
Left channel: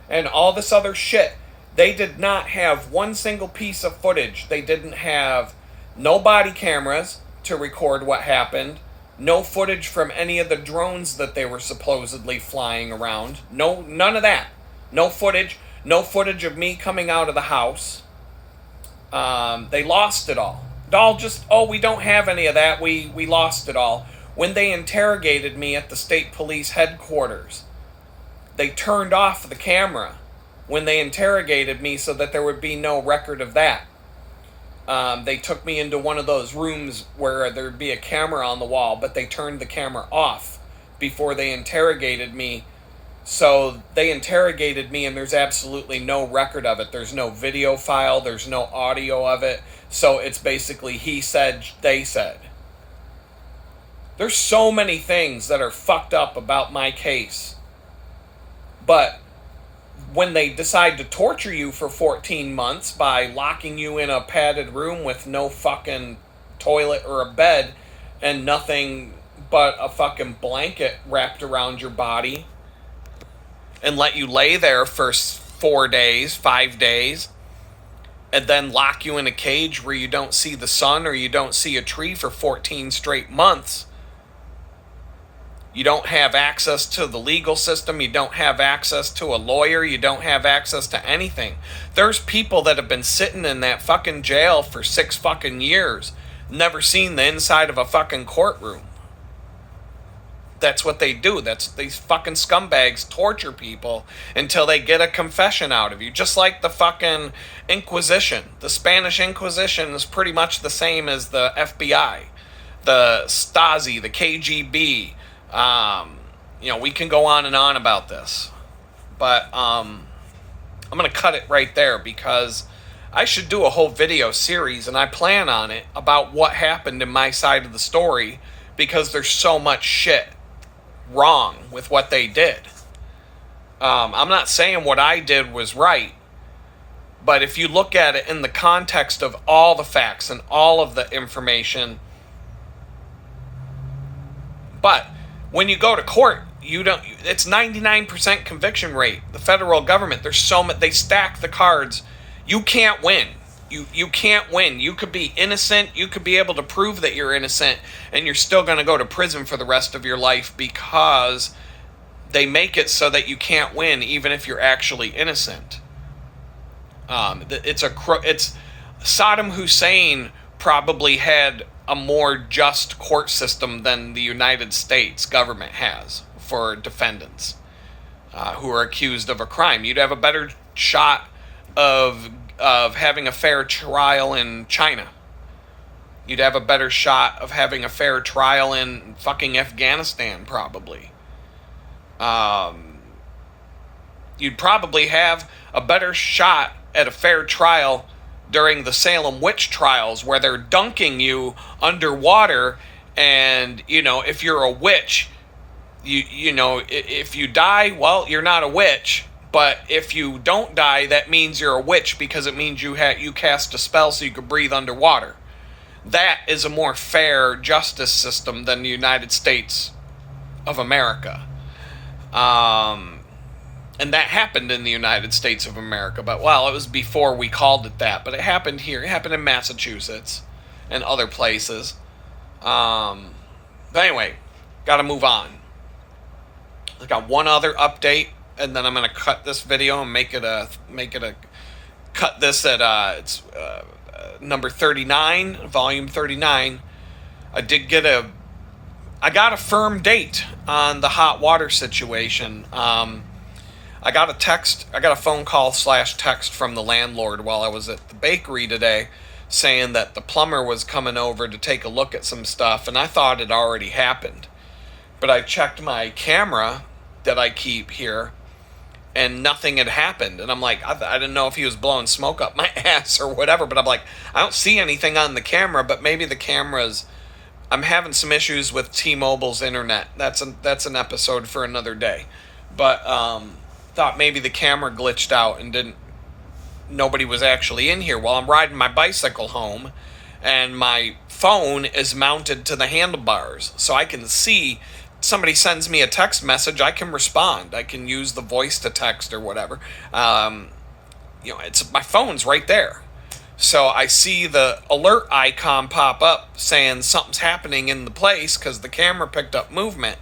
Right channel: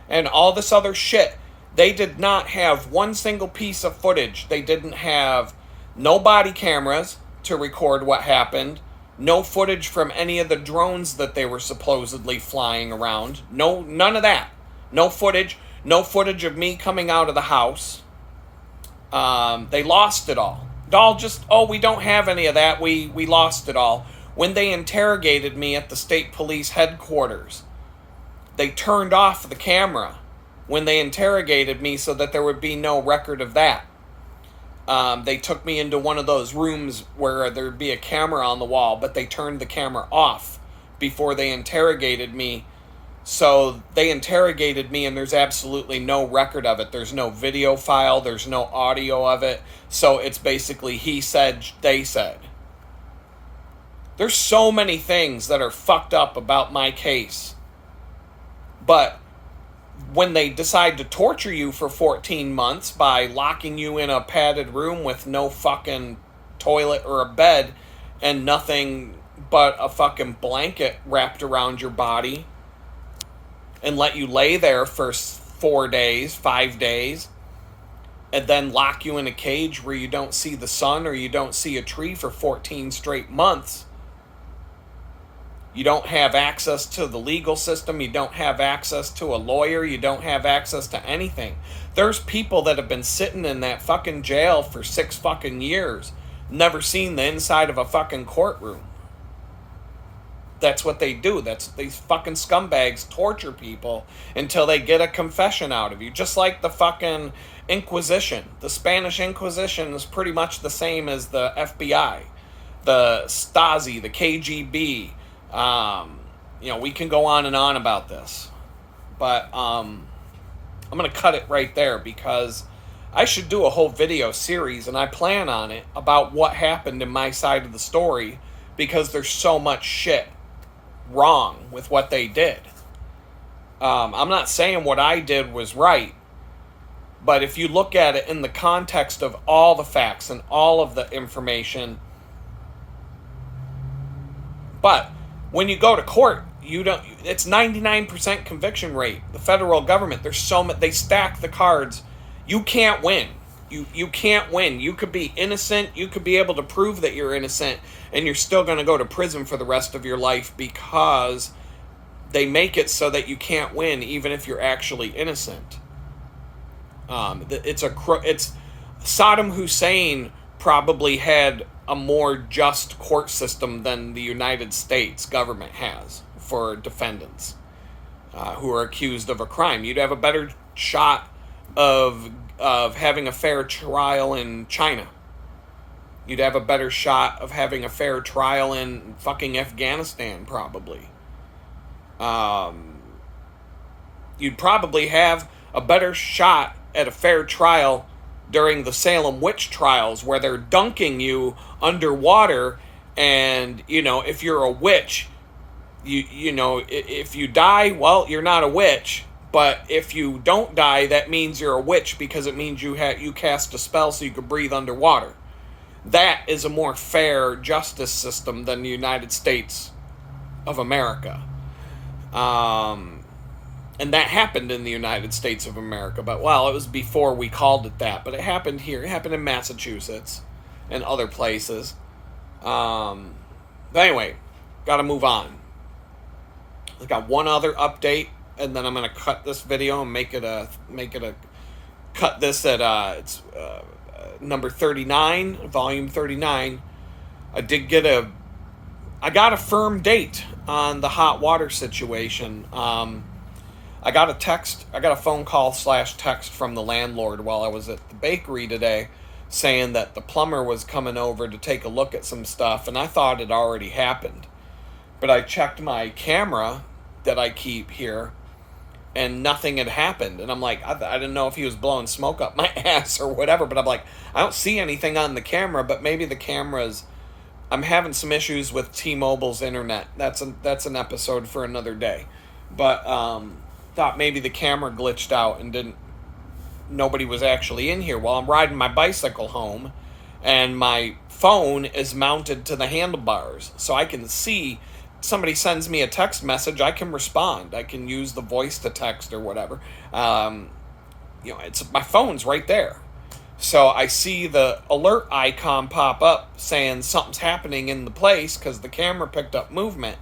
and all this other shit. They did not have one single piece of footage. They didn't have no body cameras to record what happened, no footage from any of the drones that they were supposedly flying around. No, none of that. No footage of me coming out of the house. They lost it all. We don't have any of that. We lost it all. When they interrogated me at the state police headquarters, they turned off the camera when they interrogated me so that there would be no record of that. They took me into one of those rooms where there'd be a camera on the wall, but they turned the camera off before they interrogated me. So they interrogated me, and there's absolutely no record of it. There's no video file. There's no audio of it. So it's basically he said, they said. There's so many things that are fucked up about my case. But when they decide to torture you for 14 months by locking you in a padded room with no fucking toilet or a bed and nothing but a fucking blanket wrapped around your body and let you lay there for 4 days, 5 days, and then lock you in a cage where you don't see the sun or you don't see a tree for 14 straight months. You don't have access to the legal system. You don't have access to a lawyer. You don't have access to anything. There's people that have been sitting in that fucking jail for 6 fucking years, never seen the inside of a fucking courtroom. That's what they do. These fucking scumbags torture people until they get a confession out of you. Just like the fucking Inquisition. The Spanish Inquisition is pretty much the same as the FBI, the Stasi, the KGB. We can go on and on about this, but I'm going to cut it right there because I should do a whole video series, and I plan on it, about what happened in my side of the story, because there's so much shit wrong with what they did. I'm not saying what I did was right, but if you look at it in the context of all the facts and all of the information, but when you go to court, it's 99% conviction rate. The federal government, they stack the cards. You can't win. You can't win. You could be innocent. You could be able to prove that you're innocent, and you're still going to go to prison for the rest of your life because they make it so that you can't win, even if you're actually innocent. It's Saddam Hussein probably had a more just court system than the United States government has for defendants who are accused of a crime. You'd have a better shot of having a fair trial in China. You'd have a better shot of having a fair trial in fucking Afghanistan, probably. You'd probably have a better shot at a fair trial during the Salem witch trials, where they're dunking you underwater, and if you're a witch, if you die, well, you're not a witch. But if you don't die, that means you're a witch, because it means you cast a spell so you could breathe underwater. That is a more fair justice system than the United States of America. And that happened in the United States of America. But, well, it was before we called it that. But it happened here. It happened in Massachusetts and other places. But anyway, got to move on. I got one other update, and then I'm going to cut this video and make it a cut this at number 39, volume 39. I got a firm date on the hot water situation. I got a phone call / text from the landlord while I was at the bakery today saying that the plumber was coming over to take a look at some stuff, and I thought it already happened. But I checked my camera that I keep here, and nothing had happened. And I'm like, I didn't know if he was blowing smoke up my ass or whatever, but I'm like, I don't see anything on the camera, but maybe the camera's. I'm having some issues with T-Mobile's internet. That's an episode for another day. But thought maybe the camera glitched out and nobody was actually in here. While I'm riding my bicycle home, and my phone is mounted to the handlebars, so I can see. Somebody sends me a text message, I can respond. I can use the voice to text or whatever. It's my phone's right there. So I see the alert icon pop up saying something's happening in the place because the camera picked up movement.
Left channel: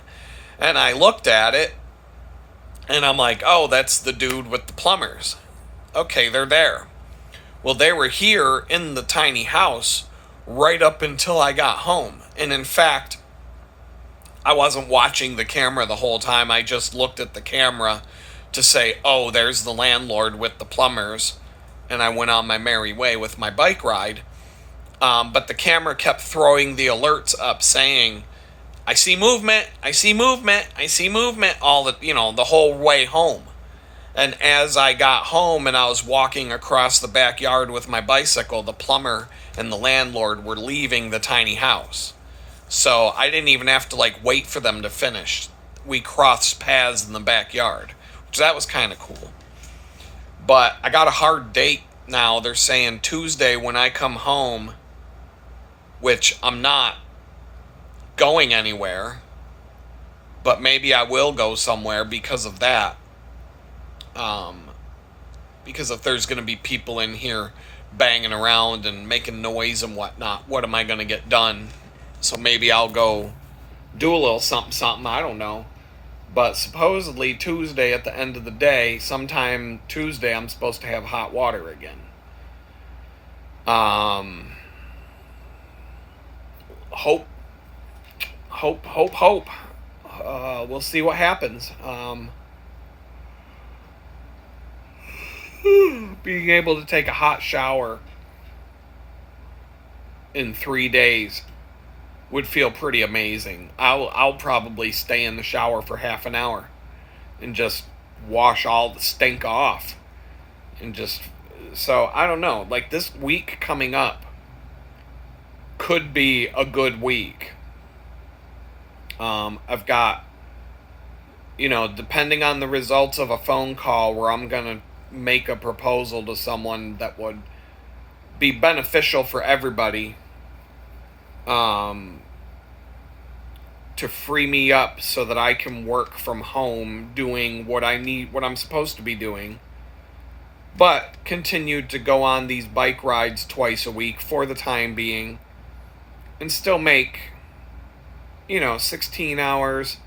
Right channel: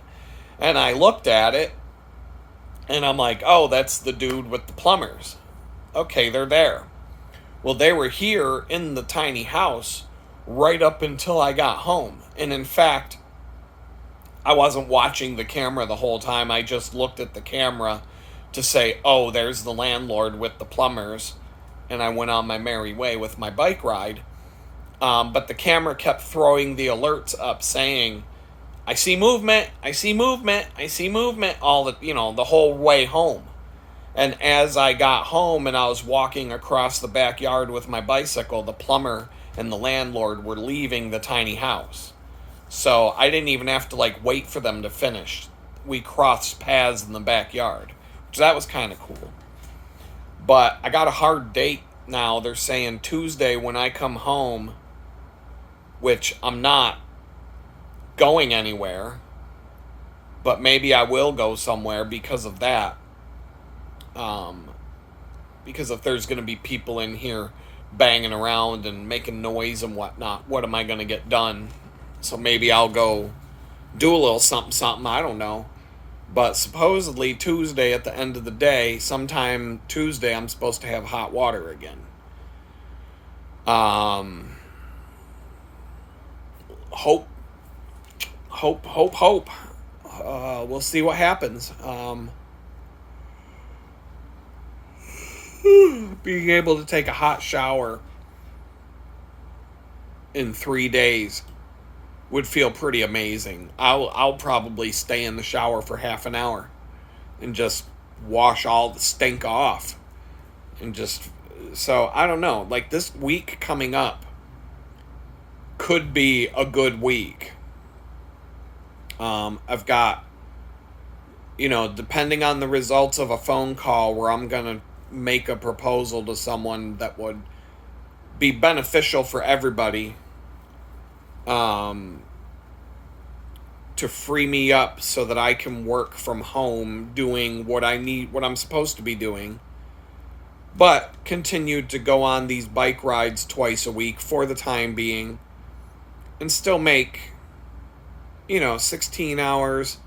And I looked at it, and I'm like, oh, that's the dude with the plumbers. Okay, they're there. Well, they were here in the tiny house right up until I got home. And in fact, I wasn't watching the camera the whole time. I just looked at the camera to say, oh, there's the landlord with the plumbers. And I went on my merry way with my bike ride. But the camera kept throwing the alerts up saying, I see movement, I see movement, I see movement, the whole way home. And as I got home and I was walking across the backyard with my bicycle, the plumber and the landlord were leaving the tiny house. So I didn't even have to wait for them to finish. We crossed paths in the backyard, which that was kind of cool. But I got a hard date now. They're saying Tuesday when I come home, which I'm not going anywhere, but maybe I will go somewhere because of that. Because if there's going to be people in here banging around and making noise and whatnot, what am I going to get done? So maybe I'll go do a little something, I don't know. But supposedly Tuesday at the end of the day, sometime Tuesday, I'm supposed to have hot water again. Hope. We'll see what happens. Being able to take a hot shower in 3 days would feel pretty amazing. I'll probably stay in the shower for half an hour and just wash all the stink off. So I don't know, this week coming up could be a good week. I've got, depending on the results of a phone call where I'm going to make a proposal to someone that would be beneficial for everybody, to free me up so that I can work from home doing what I'm supposed to be doing, but continued to go on these bike rides twice a week for the time being and still make, 16 hours,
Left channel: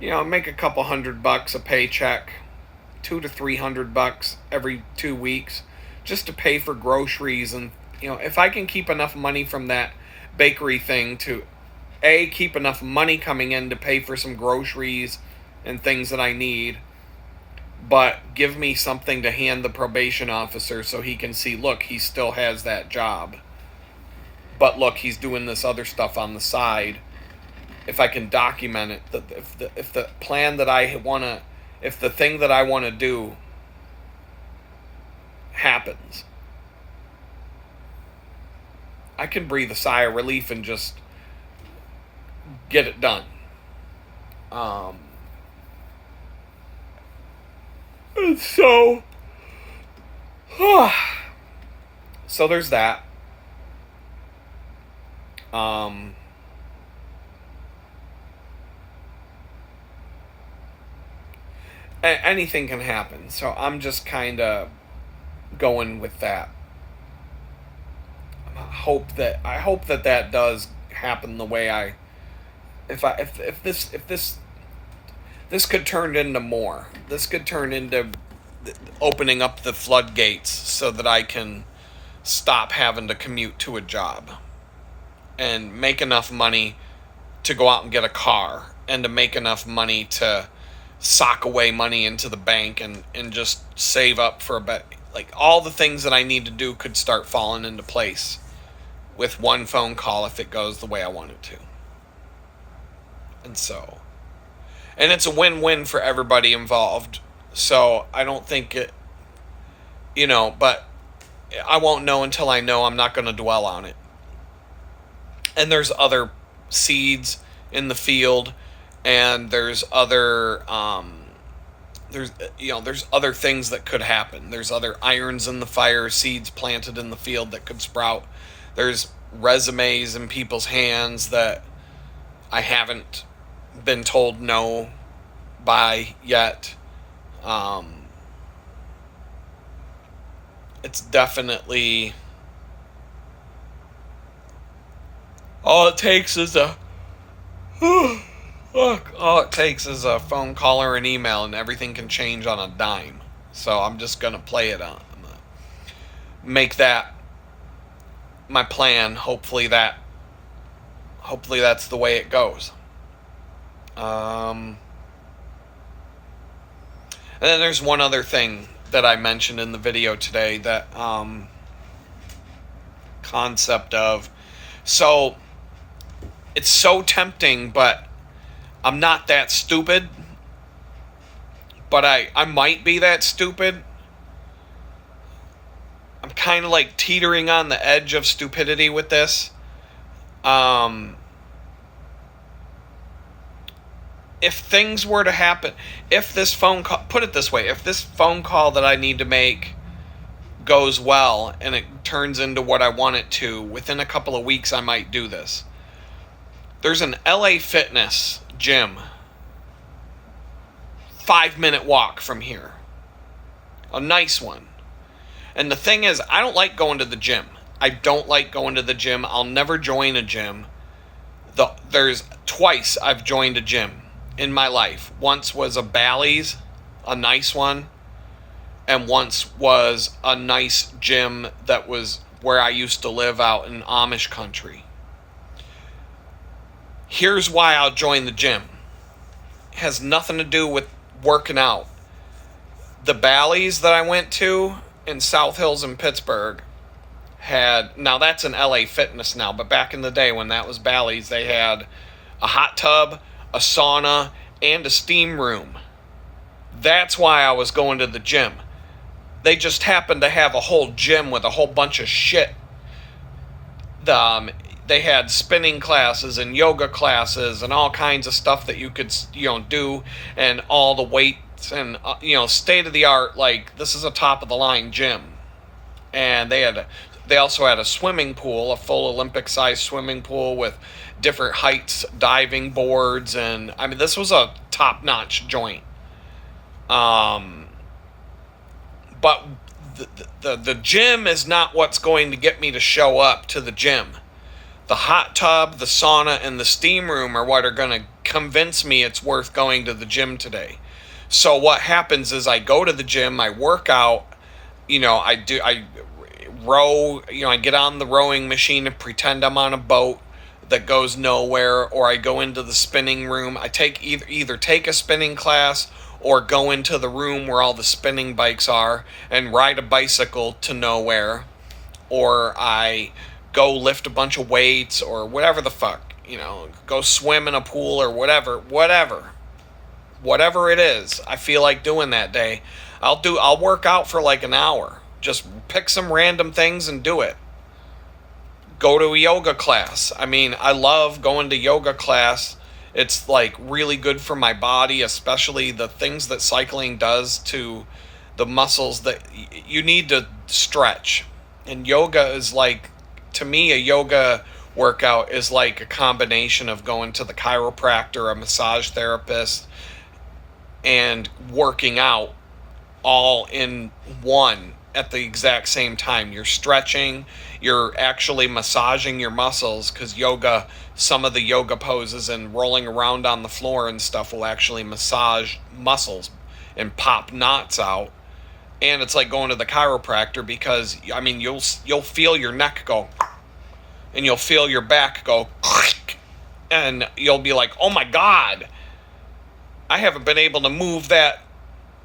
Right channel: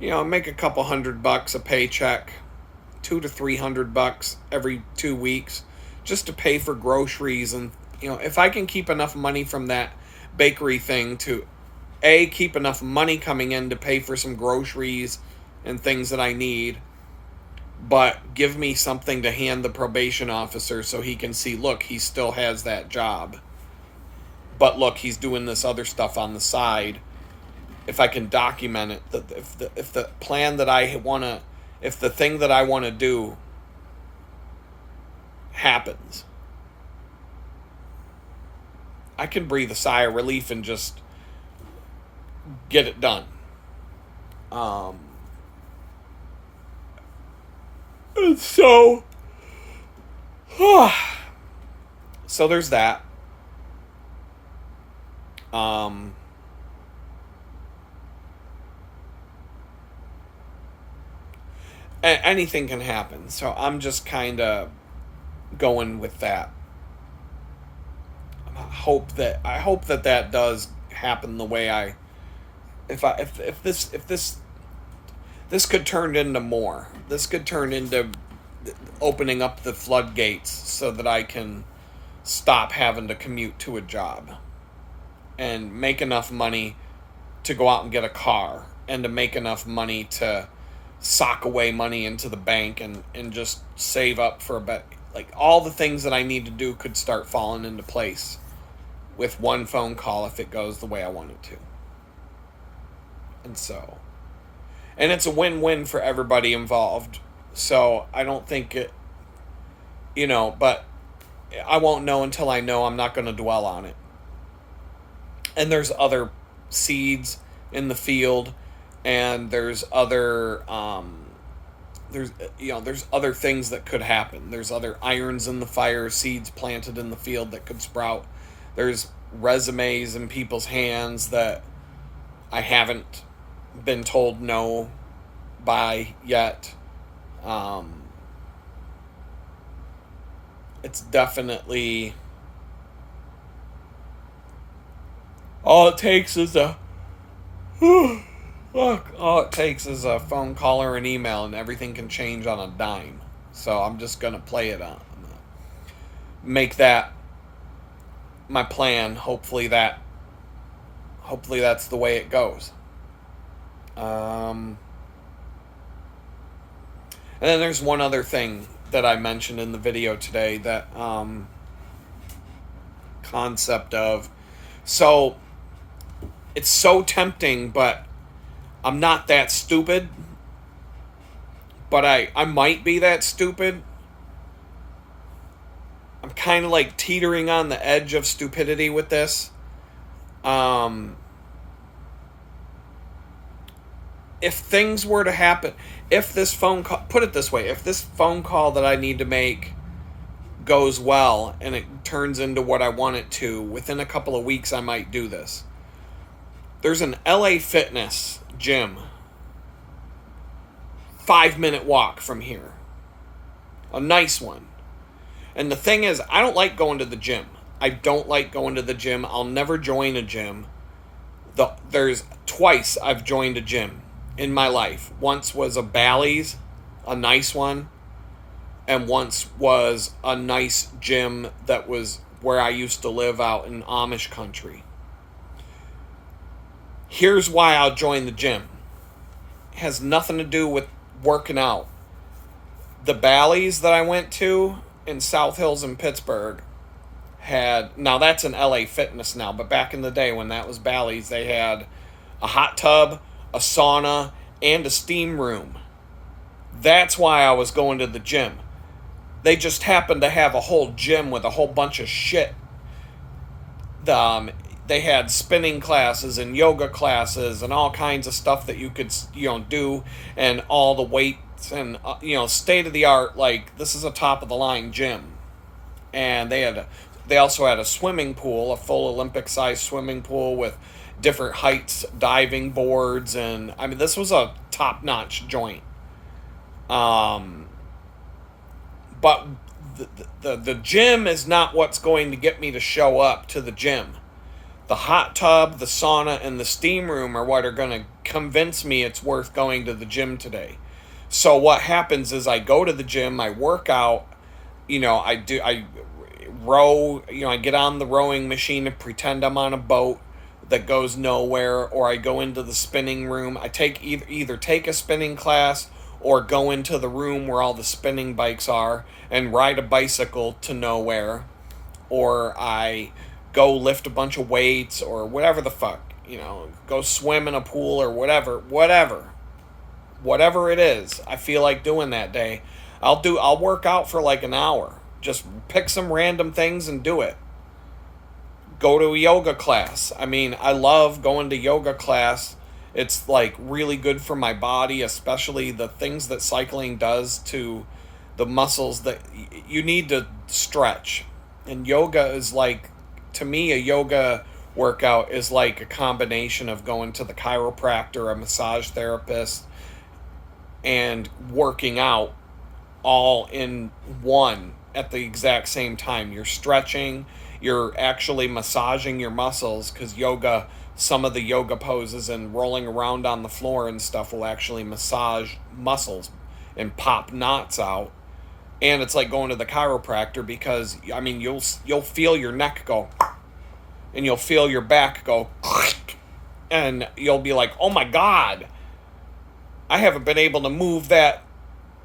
make a couple $100 a paycheck, $200 to $300 every 2 weeks just to pay for groceries. And, if I can keep enough money from that bakery thing to keep enough money coming in to pay for some groceries and things that I need, but give me something to hand the probation officer so he can see, look, he still has that job, but look, he's doing this other stuff on the side. If I can document it, if the plan that I want to, if the thing that I want to do happens, I can breathe a sigh of relief and just get it done. And so there's that. Anything can happen, so I'm just kind of going with that. I hope that does happen the way if this could turn into more. This could turn into opening up the floodgates so that I can stop having to commute to a job and make enough money to go out and get a car, and to make enough money to sock away money into the bank and just save up for a bit. Like, all the things that I need to do could start falling into place with one phone call if it goes the way I want it to. And it's a win-win for everybody involved. So I don't think it, but I won't know until I know. I'm not going to dwell on it. And there's other seeds in the field, and there's other there's other things that could happen. There's other irons in the fire, seeds planted in the field that could sprout. There's resumes in people's hands that I haven't been told no by yet. It's definitely, all it takes is a phone call or an email, and everything can change on a dime. So I'm just gonna play it on, make that my plan. Hopefully that's the way it goes. And then there's one other thing that I mentioned in the video today, that concept of, so it's so tempting, but I'm not that stupid, but I might be that stupid. I'm kind of like teetering on the edge of stupidity with this. If things were to happen, if this phone call, put it this way, if this phone call that I need to make goes well and it turns into what I want it to, within a couple of weeks I might do this. There's an LA Fitness gym, 5-minute walk from here. A nice one. And the thing is, I don't like going to the gym. I'll never join a gym. There's twice I've joined a gym in my life. Once was a Bally's, a nice one, and once was a nice gym that was where I used to live out in Amish country. Here's why I'll join the gym. It has nothing to do with working out. The Bally's that I went to in South Hills in Pittsburgh now that's an LA Fitness now, but back in the day when that was Bally's, they had a hot tub, a sauna, and a steam room. That's why I was going to the gym. They just happened to have a whole gym with a whole bunch of shit. They had spinning classes and yoga classes and all kinds of stuff that you could, do, and all the weights and, state of the art. Like, this is a top of the line gym. And they also had a swimming pool, a full Olympic sized swimming pool with different heights, diving boards, and I mean, this was a top notch joint. But the gym is not what's going to get me to show up to the gym. The hot tub, the sauna, and the steam room are what are going to convince me it's worth going to the gym today. So what happens is I go to the gym, I work out, I row, I get on the rowing machine and pretend I'm on a boat that goes nowhere, or I go into the spinning room. I take either take a spinning class or go into the room where all the spinning bikes are and ride a bicycle to nowhere, or I go lift a bunch of weights or whatever the fuck, go swim in a pool or whatever it is I feel like doing that day. I'll work out for like an hour. Just pick some random things and do it. Go to a yoga class. I mean, I love going to yoga class. It's like really good for my body, especially the things that cycling does to the muscles that you need to stretch. And yoga is like, to me, a yoga workout is like a combination of going to the chiropractor, a massage therapist, and working out all in one at the exact same time. You're stretching, you're actually massaging your muscles, because yoga, some of the yoga poses and rolling around on the floor and stuff will actually massage muscles and pop knots out. And it's like going to the chiropractor because, I mean, you'll feel your neck go, and you'll feel your back go, and you'll be like, oh my God, I haven't been able to move that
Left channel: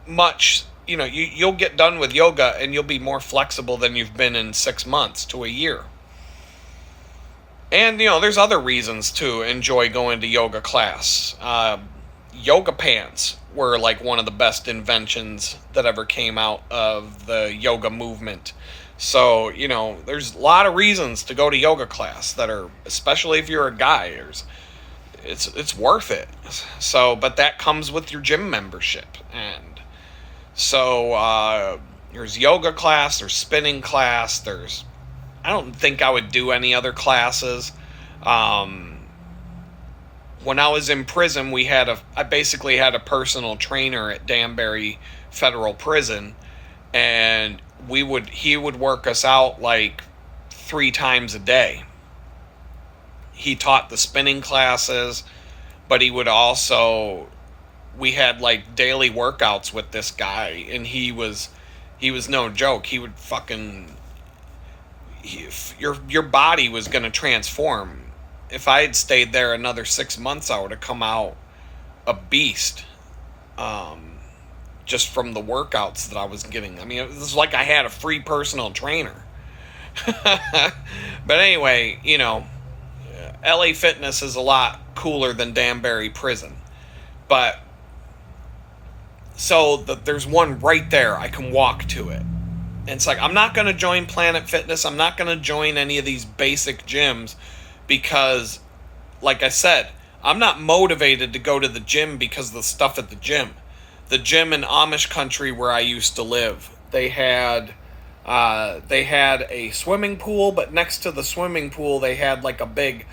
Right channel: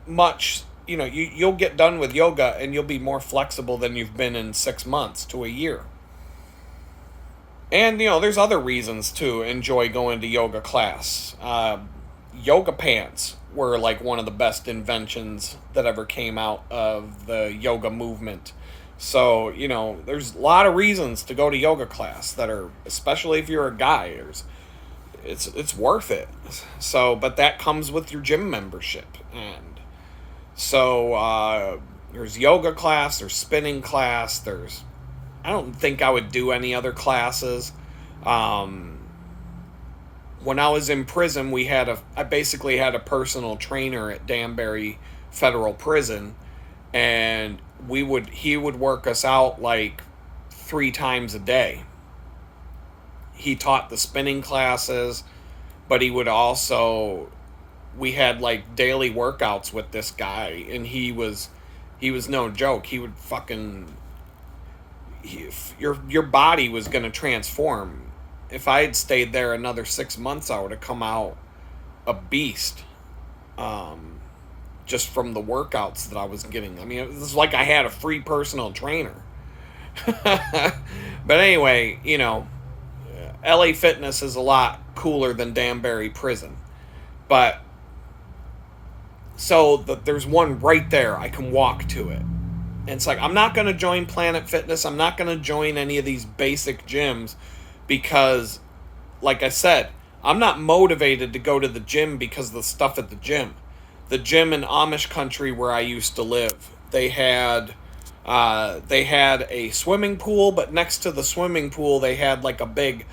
much. You know, you'll get done with yoga and you'll be more flexible than you've been in 6 months to a year. And, you know, there's other reasons to enjoy going to yoga class. Yoga pants were like one of the best inventions that ever came out of the yoga movement. So, you know, there's a lot of reasons to go to yoga class that are, especially if you're a guy, it's worth it. So, but that comes with your gym membership. And so there's yoga class, there's spinning class, I don't think I would do any other classes. When I was in prison, I basically had a personal trainer at Danbury Federal Prison, and he would work us out like 3 times a day. He taught the spinning classes, but we had like daily workouts with this guy, and he was no joke. He would your body was going to transform. If I had stayed there another 6 months, I would have come out a beast, just from the workouts that I was getting. I mean, it was like I had a free personal trainer. But anyway, you know, LA Fitness is a lot cooler than Danbury Prison. But so there's one right there. I can walk to it. And it's like, I'm not going to join Planet Fitness. I'm not going to join any of these basic gyms because, like I said, I'm not motivated to go to the gym because of the stuff at the gym. The gym in Amish country where I used to live, they had a swimming pool, but next to the swimming pool, they had like a big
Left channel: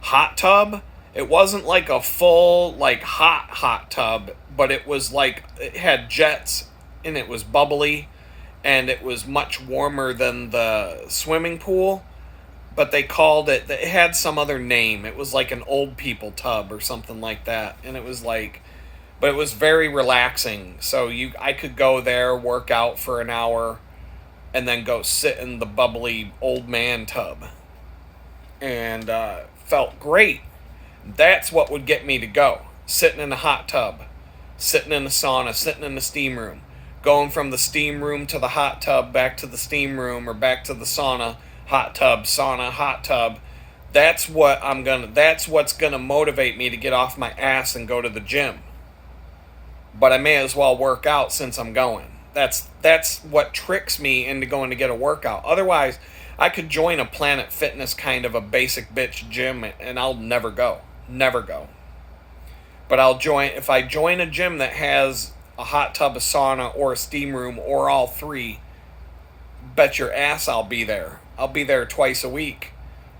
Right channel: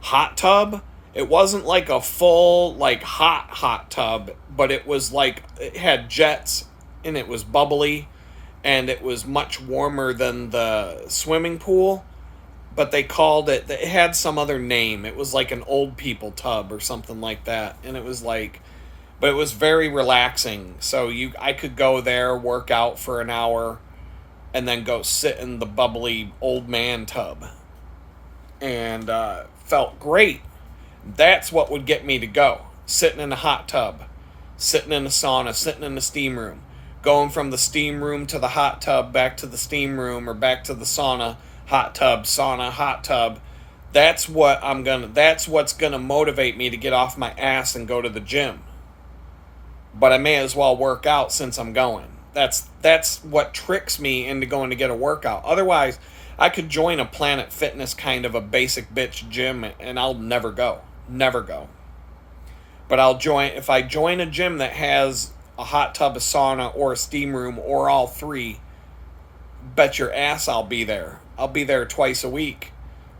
hot tub. It wasn't like a full, like hot tub, but it was like, it had jets and it was bubbly. And it was much warmer than the swimming pool, but it had some other name. It was like an old people tub or something like that. And it was like, but it was very relaxing. So I could go there, work out for an hour, and then go sit in the bubbly old man tub. And felt great. That's what would get me to go. Sitting in a hot tub, sitting in a sauna, sitting in a steam room. Going from the steam room to the hot tub, back to the steam room, or back to the sauna, hot tub, sauna, hot tub. That's what's gonna motivate me to get off my ass and go to the gym. But I may as well work out since I'm going. That's what tricks me into going to get a workout. Otherwise, I could join a Planet Fitness kind of a basic bitch gym and I'll never go. Never go. But if I join a gym that has a hot tub, a sauna, or a steam room, or all three, bet your ass I'll be there. I'll be there twice a week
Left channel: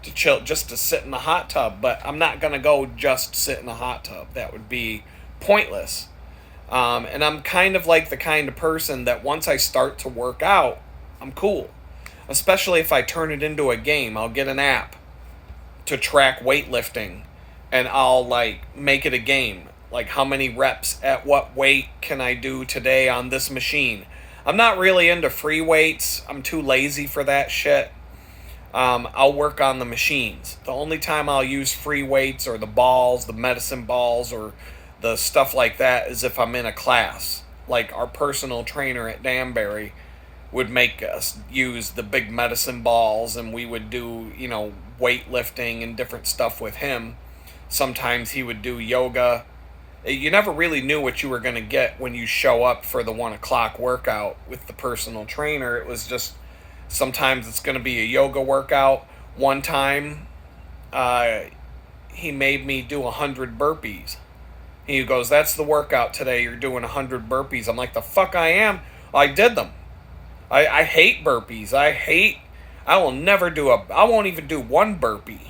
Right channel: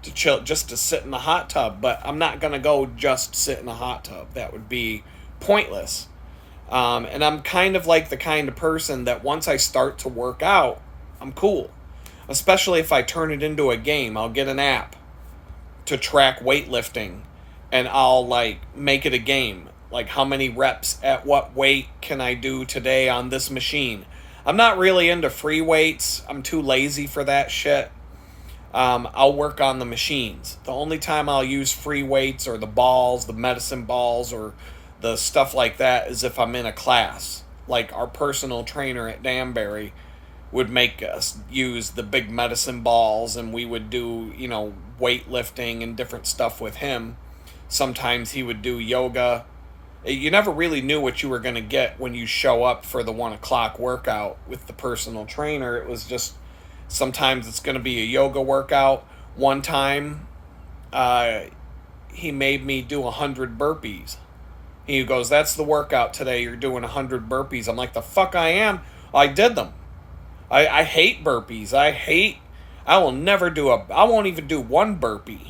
to chill, just to sit in the hot tub. But I'm not going to go just sit in the hot tub. That would be pointless. And I'm kind of like the kind of person that once I start to work out, I'm cool. Especially if I turn it into a game. I'll get an app to track weightlifting, and I'll like make it a game. Like, how many reps at what weight can I do today on this machine? I'm not really into free weights. I'm too lazy for that shit. I'll work on the machines. The only time I'll use free weights or the balls, the medicine balls, or the stuff like that is if I'm in a class. Like, our personal trainer at Danbury would make us use the big medicine balls, and we would do, you know, weightlifting and different stuff with him. Sometimes he would do yoga. You never really knew what you were going to get when you show up for the 1 o'clock workout with the personal trainer. It was just, sometimes it's going to be a yoga workout. One time, he made me do 100 burpees. He goes, that's the workout today. You're doing 100 burpees. I'm like, the fuck I am? I did them. I hate burpees. I won't even do one burpee.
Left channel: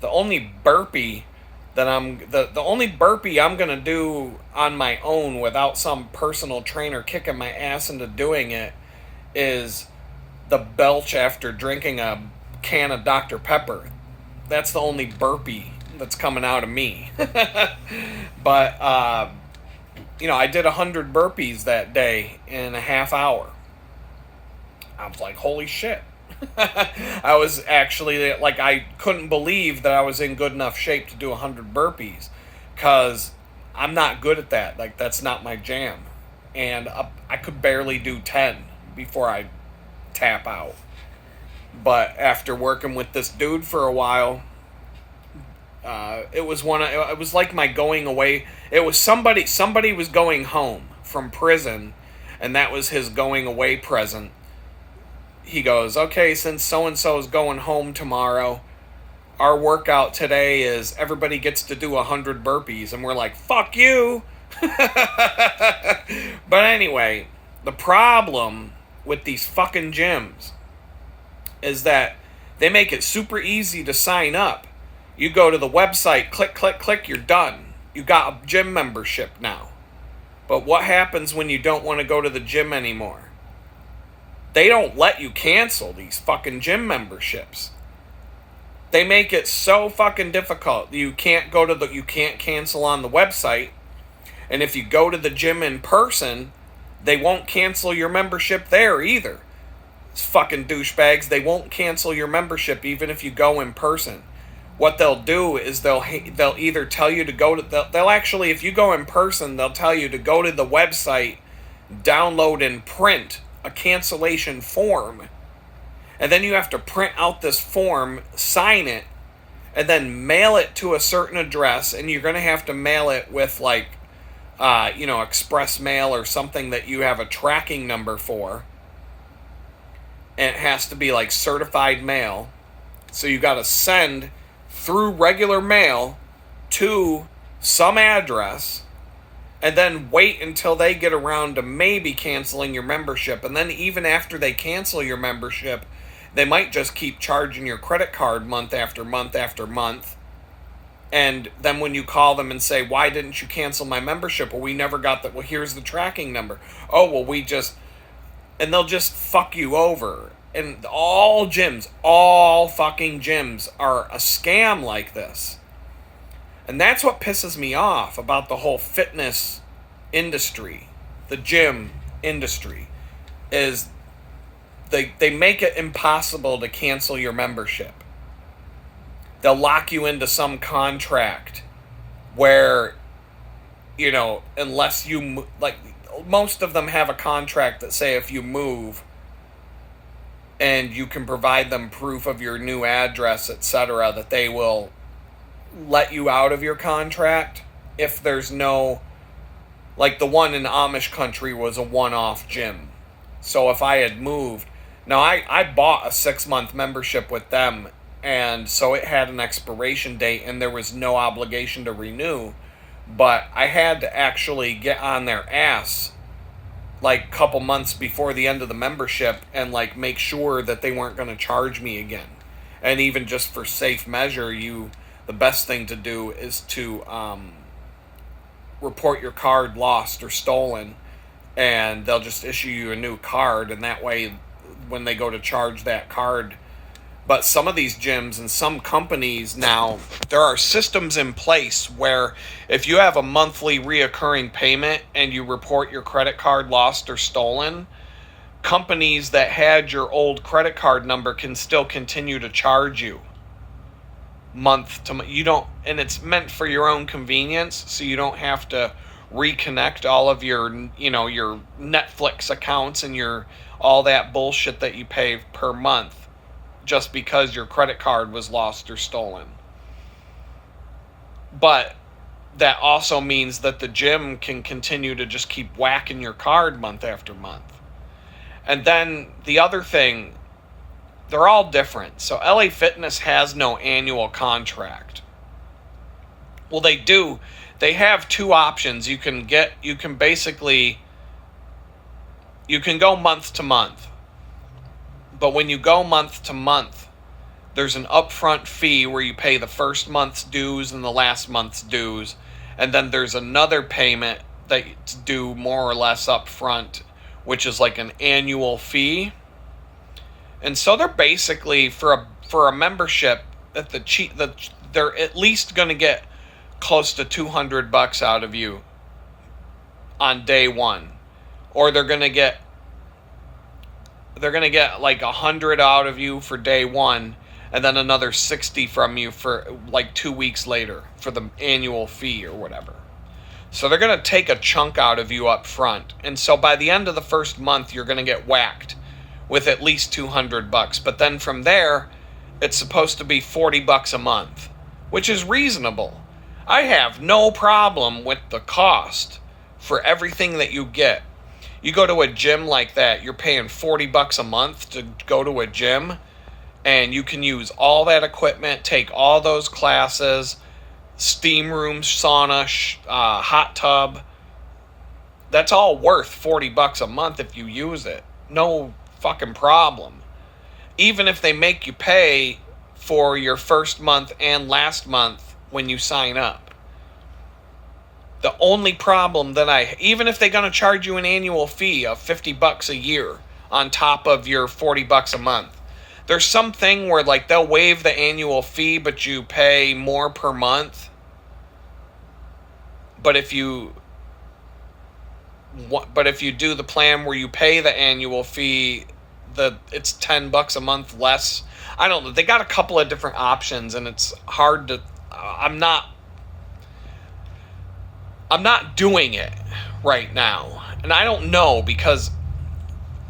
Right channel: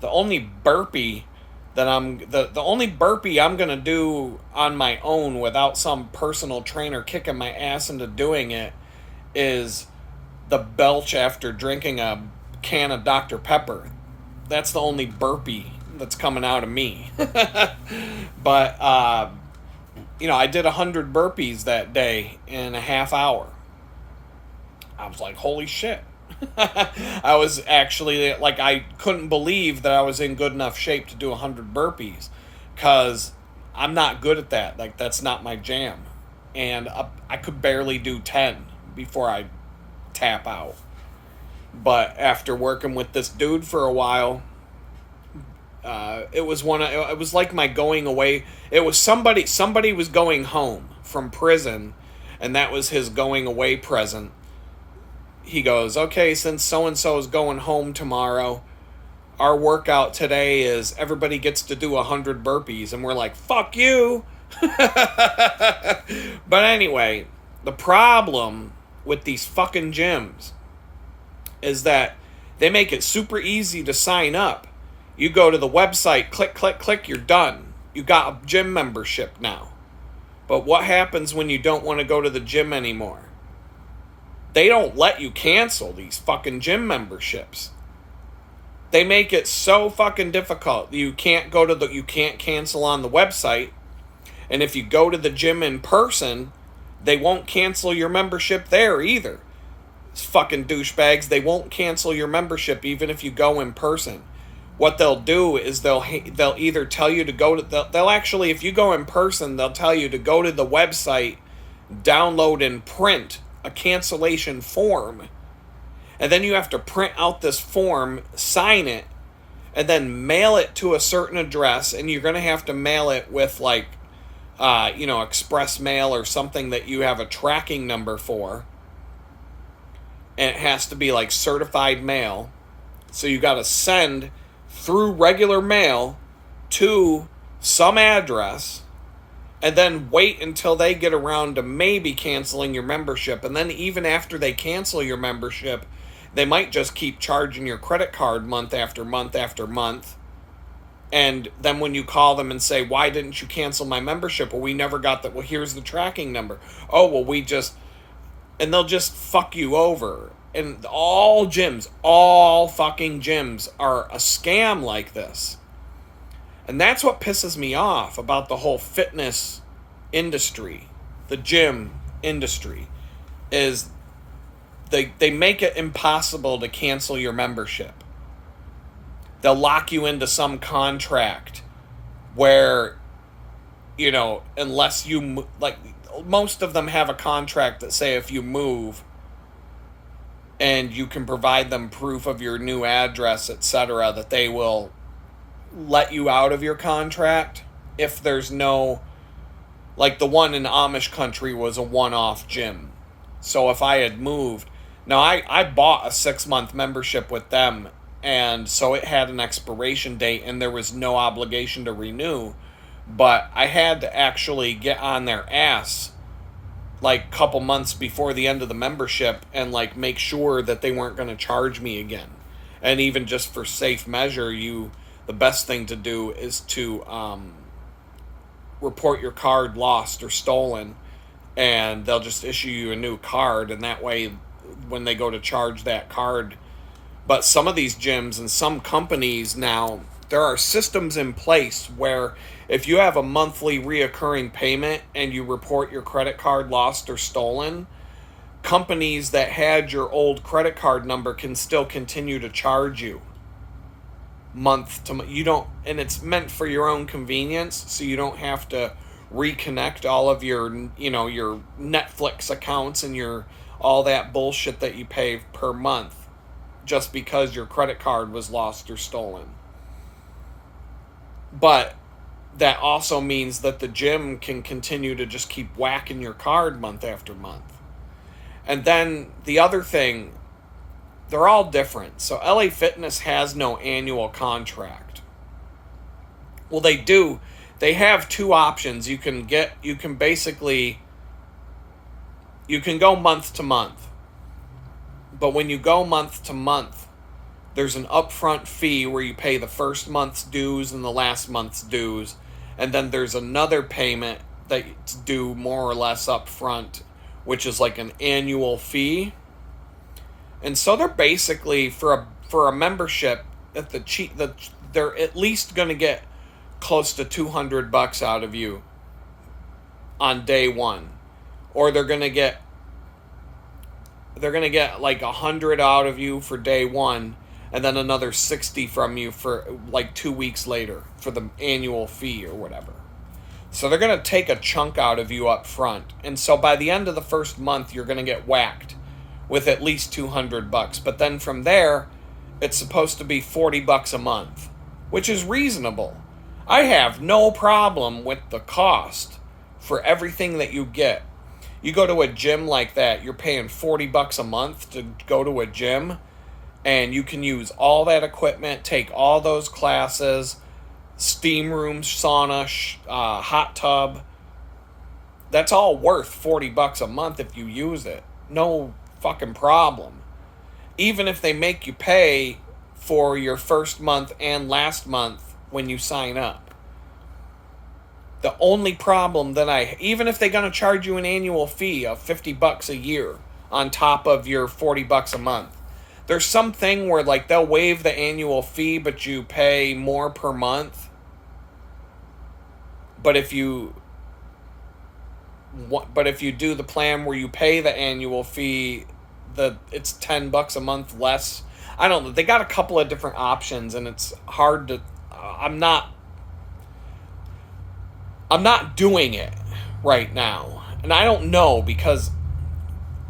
The only burpee I'm gonna do on my own without some personal trainer kicking my ass into doing it is the belch after drinking a can of Dr. Pepper. That's the only burpee that's coming out of me. But I did 100 burpees that day in a half hour. I was like, holy shit. I was actually, like, I couldn't believe that I was in good enough shape to do 100 burpees. Because I'm not good at that. Like, that's not my jam. And I could barely do 10 before I tap out. But after working with this dude for a while, it was like my going away. It was somebody was going home from prison, and that was his going away present. He goes, okay, since so and so is going home tomorrow, our workout today is everybody gets to do 100 burpees, and we're like, fuck you. But anyway, the problem with these fucking gyms is that they make it super easy to sign up. You go to the website, click, click, click, you're done. You got a gym membership now. But what happens when you don't want to go to the gym anymore? They don't let you cancel these fucking gym memberships. They make it so fucking difficult. You can't cancel on the website. And if you go to the gym in person, they won't cancel your membership there either. It's fucking douchebags. They won't cancel your membership even if you go in person. What they'll do is they'll either tell you to go to they'll actually, if you go in person, they'll tell you to go to the website, download and print a cancellation form, and then you have to print out this form, sign it, and then mail it to a certain address. And you're gonna have to mail it with like express mail or something that you have a tracking number for, and it has to be like certified mail. So you got to send through regular mail to some address, and then wait until they get around to maybe canceling your membership. And then even after they cancel your membership, they might just keep charging your credit card month after month after month. And then when you call them and say, why didn't you cancel my membership? Well, we never got that. Well, here's the tracking number. Oh, well, and they'll just fuck you over. And all fucking gyms are a scam like this. And that's what pisses me off about the whole fitness industry, the gym industry, is they make it impossible to cancel your membership. They'll lock you into some contract where, unless you, like, most of them have a contract that say if you move and you can provide them proof of your new address, etc., that they will let you out of your contract if there's no, like the one in Amish country was a one-off gym. So if I had moved, now I bought a 6-month membership with them, and so it had an expiration date and there was no obligation to renew, but I had to actually get on their ass like a couple months before the end of the membership and like make sure that they weren't going to charge me again. And even just for safe measure, the best thing to do is to report your card lost or stolen, and they'll just issue you a new card, and that way when they go to charge that card. But some of these gyms and some companies now, there are systems in place where if you have a monthly reoccurring payment and you report your credit card lost or stolen, companies that had your old credit card number can still continue to charge you month to month. You don't, and it's meant for your own convenience, so you don't have to reconnect all of your, your Netflix accounts and your all that bullshit that you pay per month just because your credit card was lost or stolen. But that also means that the gym can continue to just keep whacking your card month after month. And then the other thing, they're all different. So LA Fitness has no annual contract. Well, they do. They have two options. You can go month to month. But when you go month to month, there's an upfront fee where you pay the first month's dues and the last month's dues. And then there's another payment that's due more or less upfront, which is like an annual fee. And so they're basically, for a membership, that they're at least going to get close to $200 out of you on day one, or they're gonna get like 100 out of you for day one, and then another 60 from you for like 2 weeks later for the annual fee or whatever. So they're gonna take a chunk out of you up front, and so by the end of the first month, you're gonna get whacked with at least $200. But then from there, it's supposed to be $40 a month, which is reasonable. I have no problem with the cost for everything that you get. You go to a gym like that, you're paying $40 a month to go to a gym, and you can use all that equipment, take all those classes, steam room, sauna, hot tub. That's all worth $40 a month if you use it. No fucking problem. Even if they make you pay for your first month and last month when you sign up. The only problem that even if they're going to charge you an annual fee of $50 a year on top of your $40 a month, there's something where like they'll waive the annual fee, but you pay more per month. But if you do the plan where you pay the annual fee, it's $10 a month less. I don't know. They got a couple of different options, and it's hard to. I'm not doing it right now, and I don't know, because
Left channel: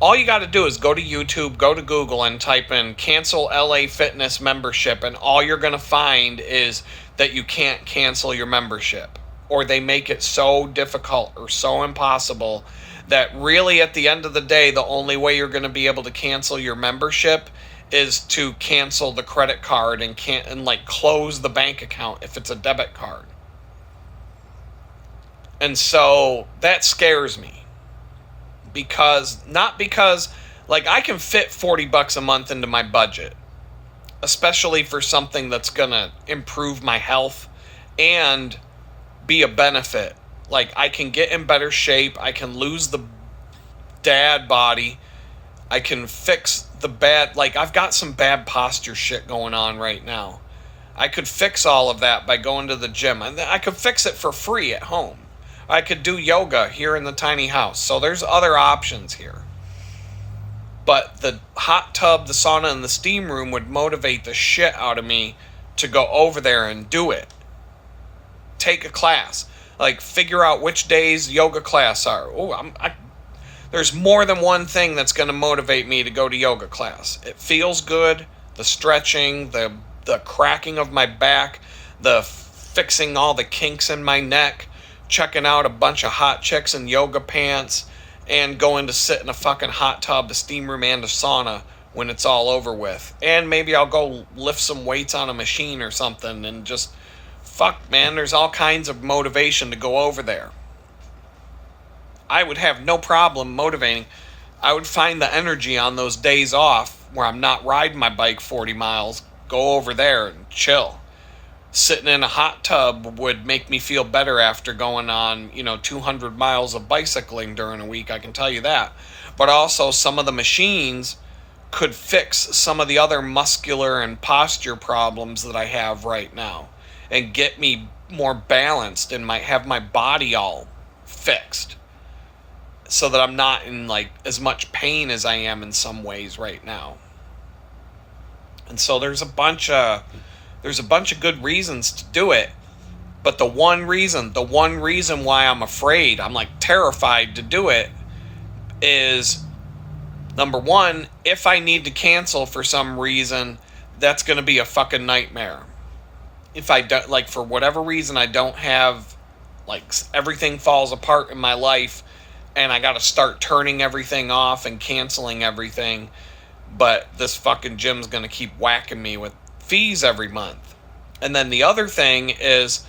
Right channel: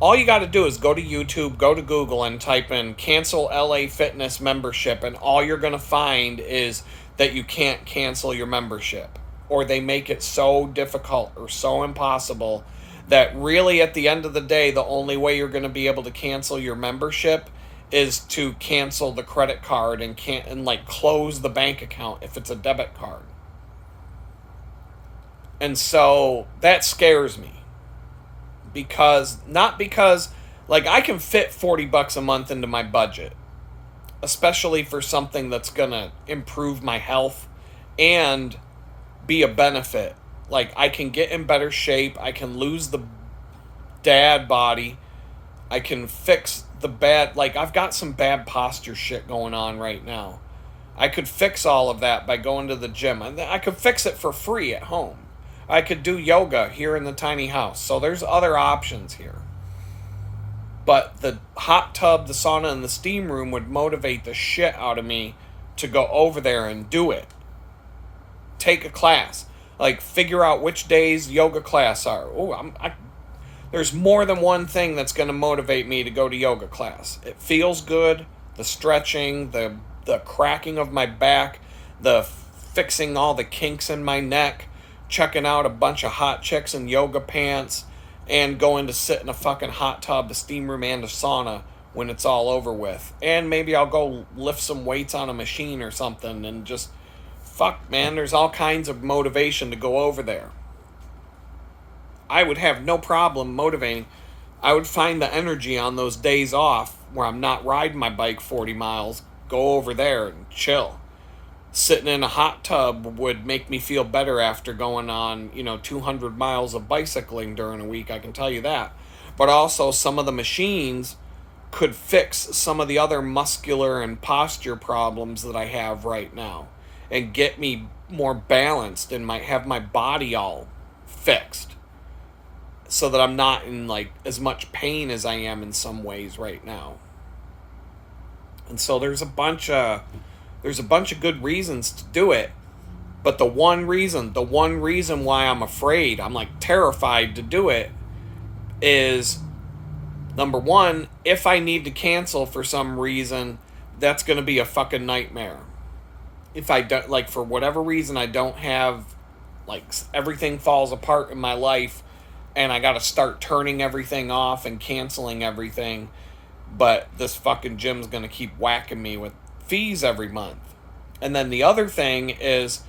all you got to do is go to YouTube, go to Google, and type in "cancel LA Fitness membership," and all you're gonna find is that you can't cancel your membership, or they make it so difficult or so impossible that really at the end of the day, the only way you're going to be able to cancel your membership is to cancel the credit card and like close the bank account if it's a debit card. And so that scares me, because like I can fit $40 a month into my budget, especially for something that's going to improve my health and be a benefit. Like I can get in better shape, I can lose the dad body, I can fix the bad, like I've got some bad posture shit going on right now. I could fix all of that by going to the gym, and I could fix it for free at home. I could do yoga here in the tiny house. So there's other options here. But the hot tub, the sauna, and the steam room would motivate the shit out of me to go over there and do it. Take a class. Like, figure out which days yoga class are. There's more than one thing that's going to motivate me to go to yoga class. It feels good. The stretching, the cracking of my back, the fixing all the kinks in my neck, checking out a bunch of hot chicks in yoga pants, and going to sit in a fucking hot tub, the steam room, and a sauna when it's all over with. And maybe I'll go lift some weights on a machine or something, and just, fuck, man, there's all kinds of motivation to go over there. I would have no problem motivating. I would find the energy on those days off where I'm not riding my bike 40 miles, go over there and chill. Sitting in a hot tub would make me feel better after going on, 200 miles of bicycling during a week, I can tell you that. But also some of the machines could fix some of the other muscular and posture problems that I have right now and get me more balanced and have my body all fixed so that I'm not in like as much pain as I am in some ways right now. And so there's a bunch of good reasons to do it, but the one reason why I'm afraid, I'm like terrified to do it, is number one, if I need to cancel for some reason, that's going to be a fucking nightmare. If I don't, like, for whatever reason, I don't have, like, everything falls apart in my life and I got to start turning everything off and canceling everything, but this fucking gym's going to keep whacking me with fees every month. And then the other thing is,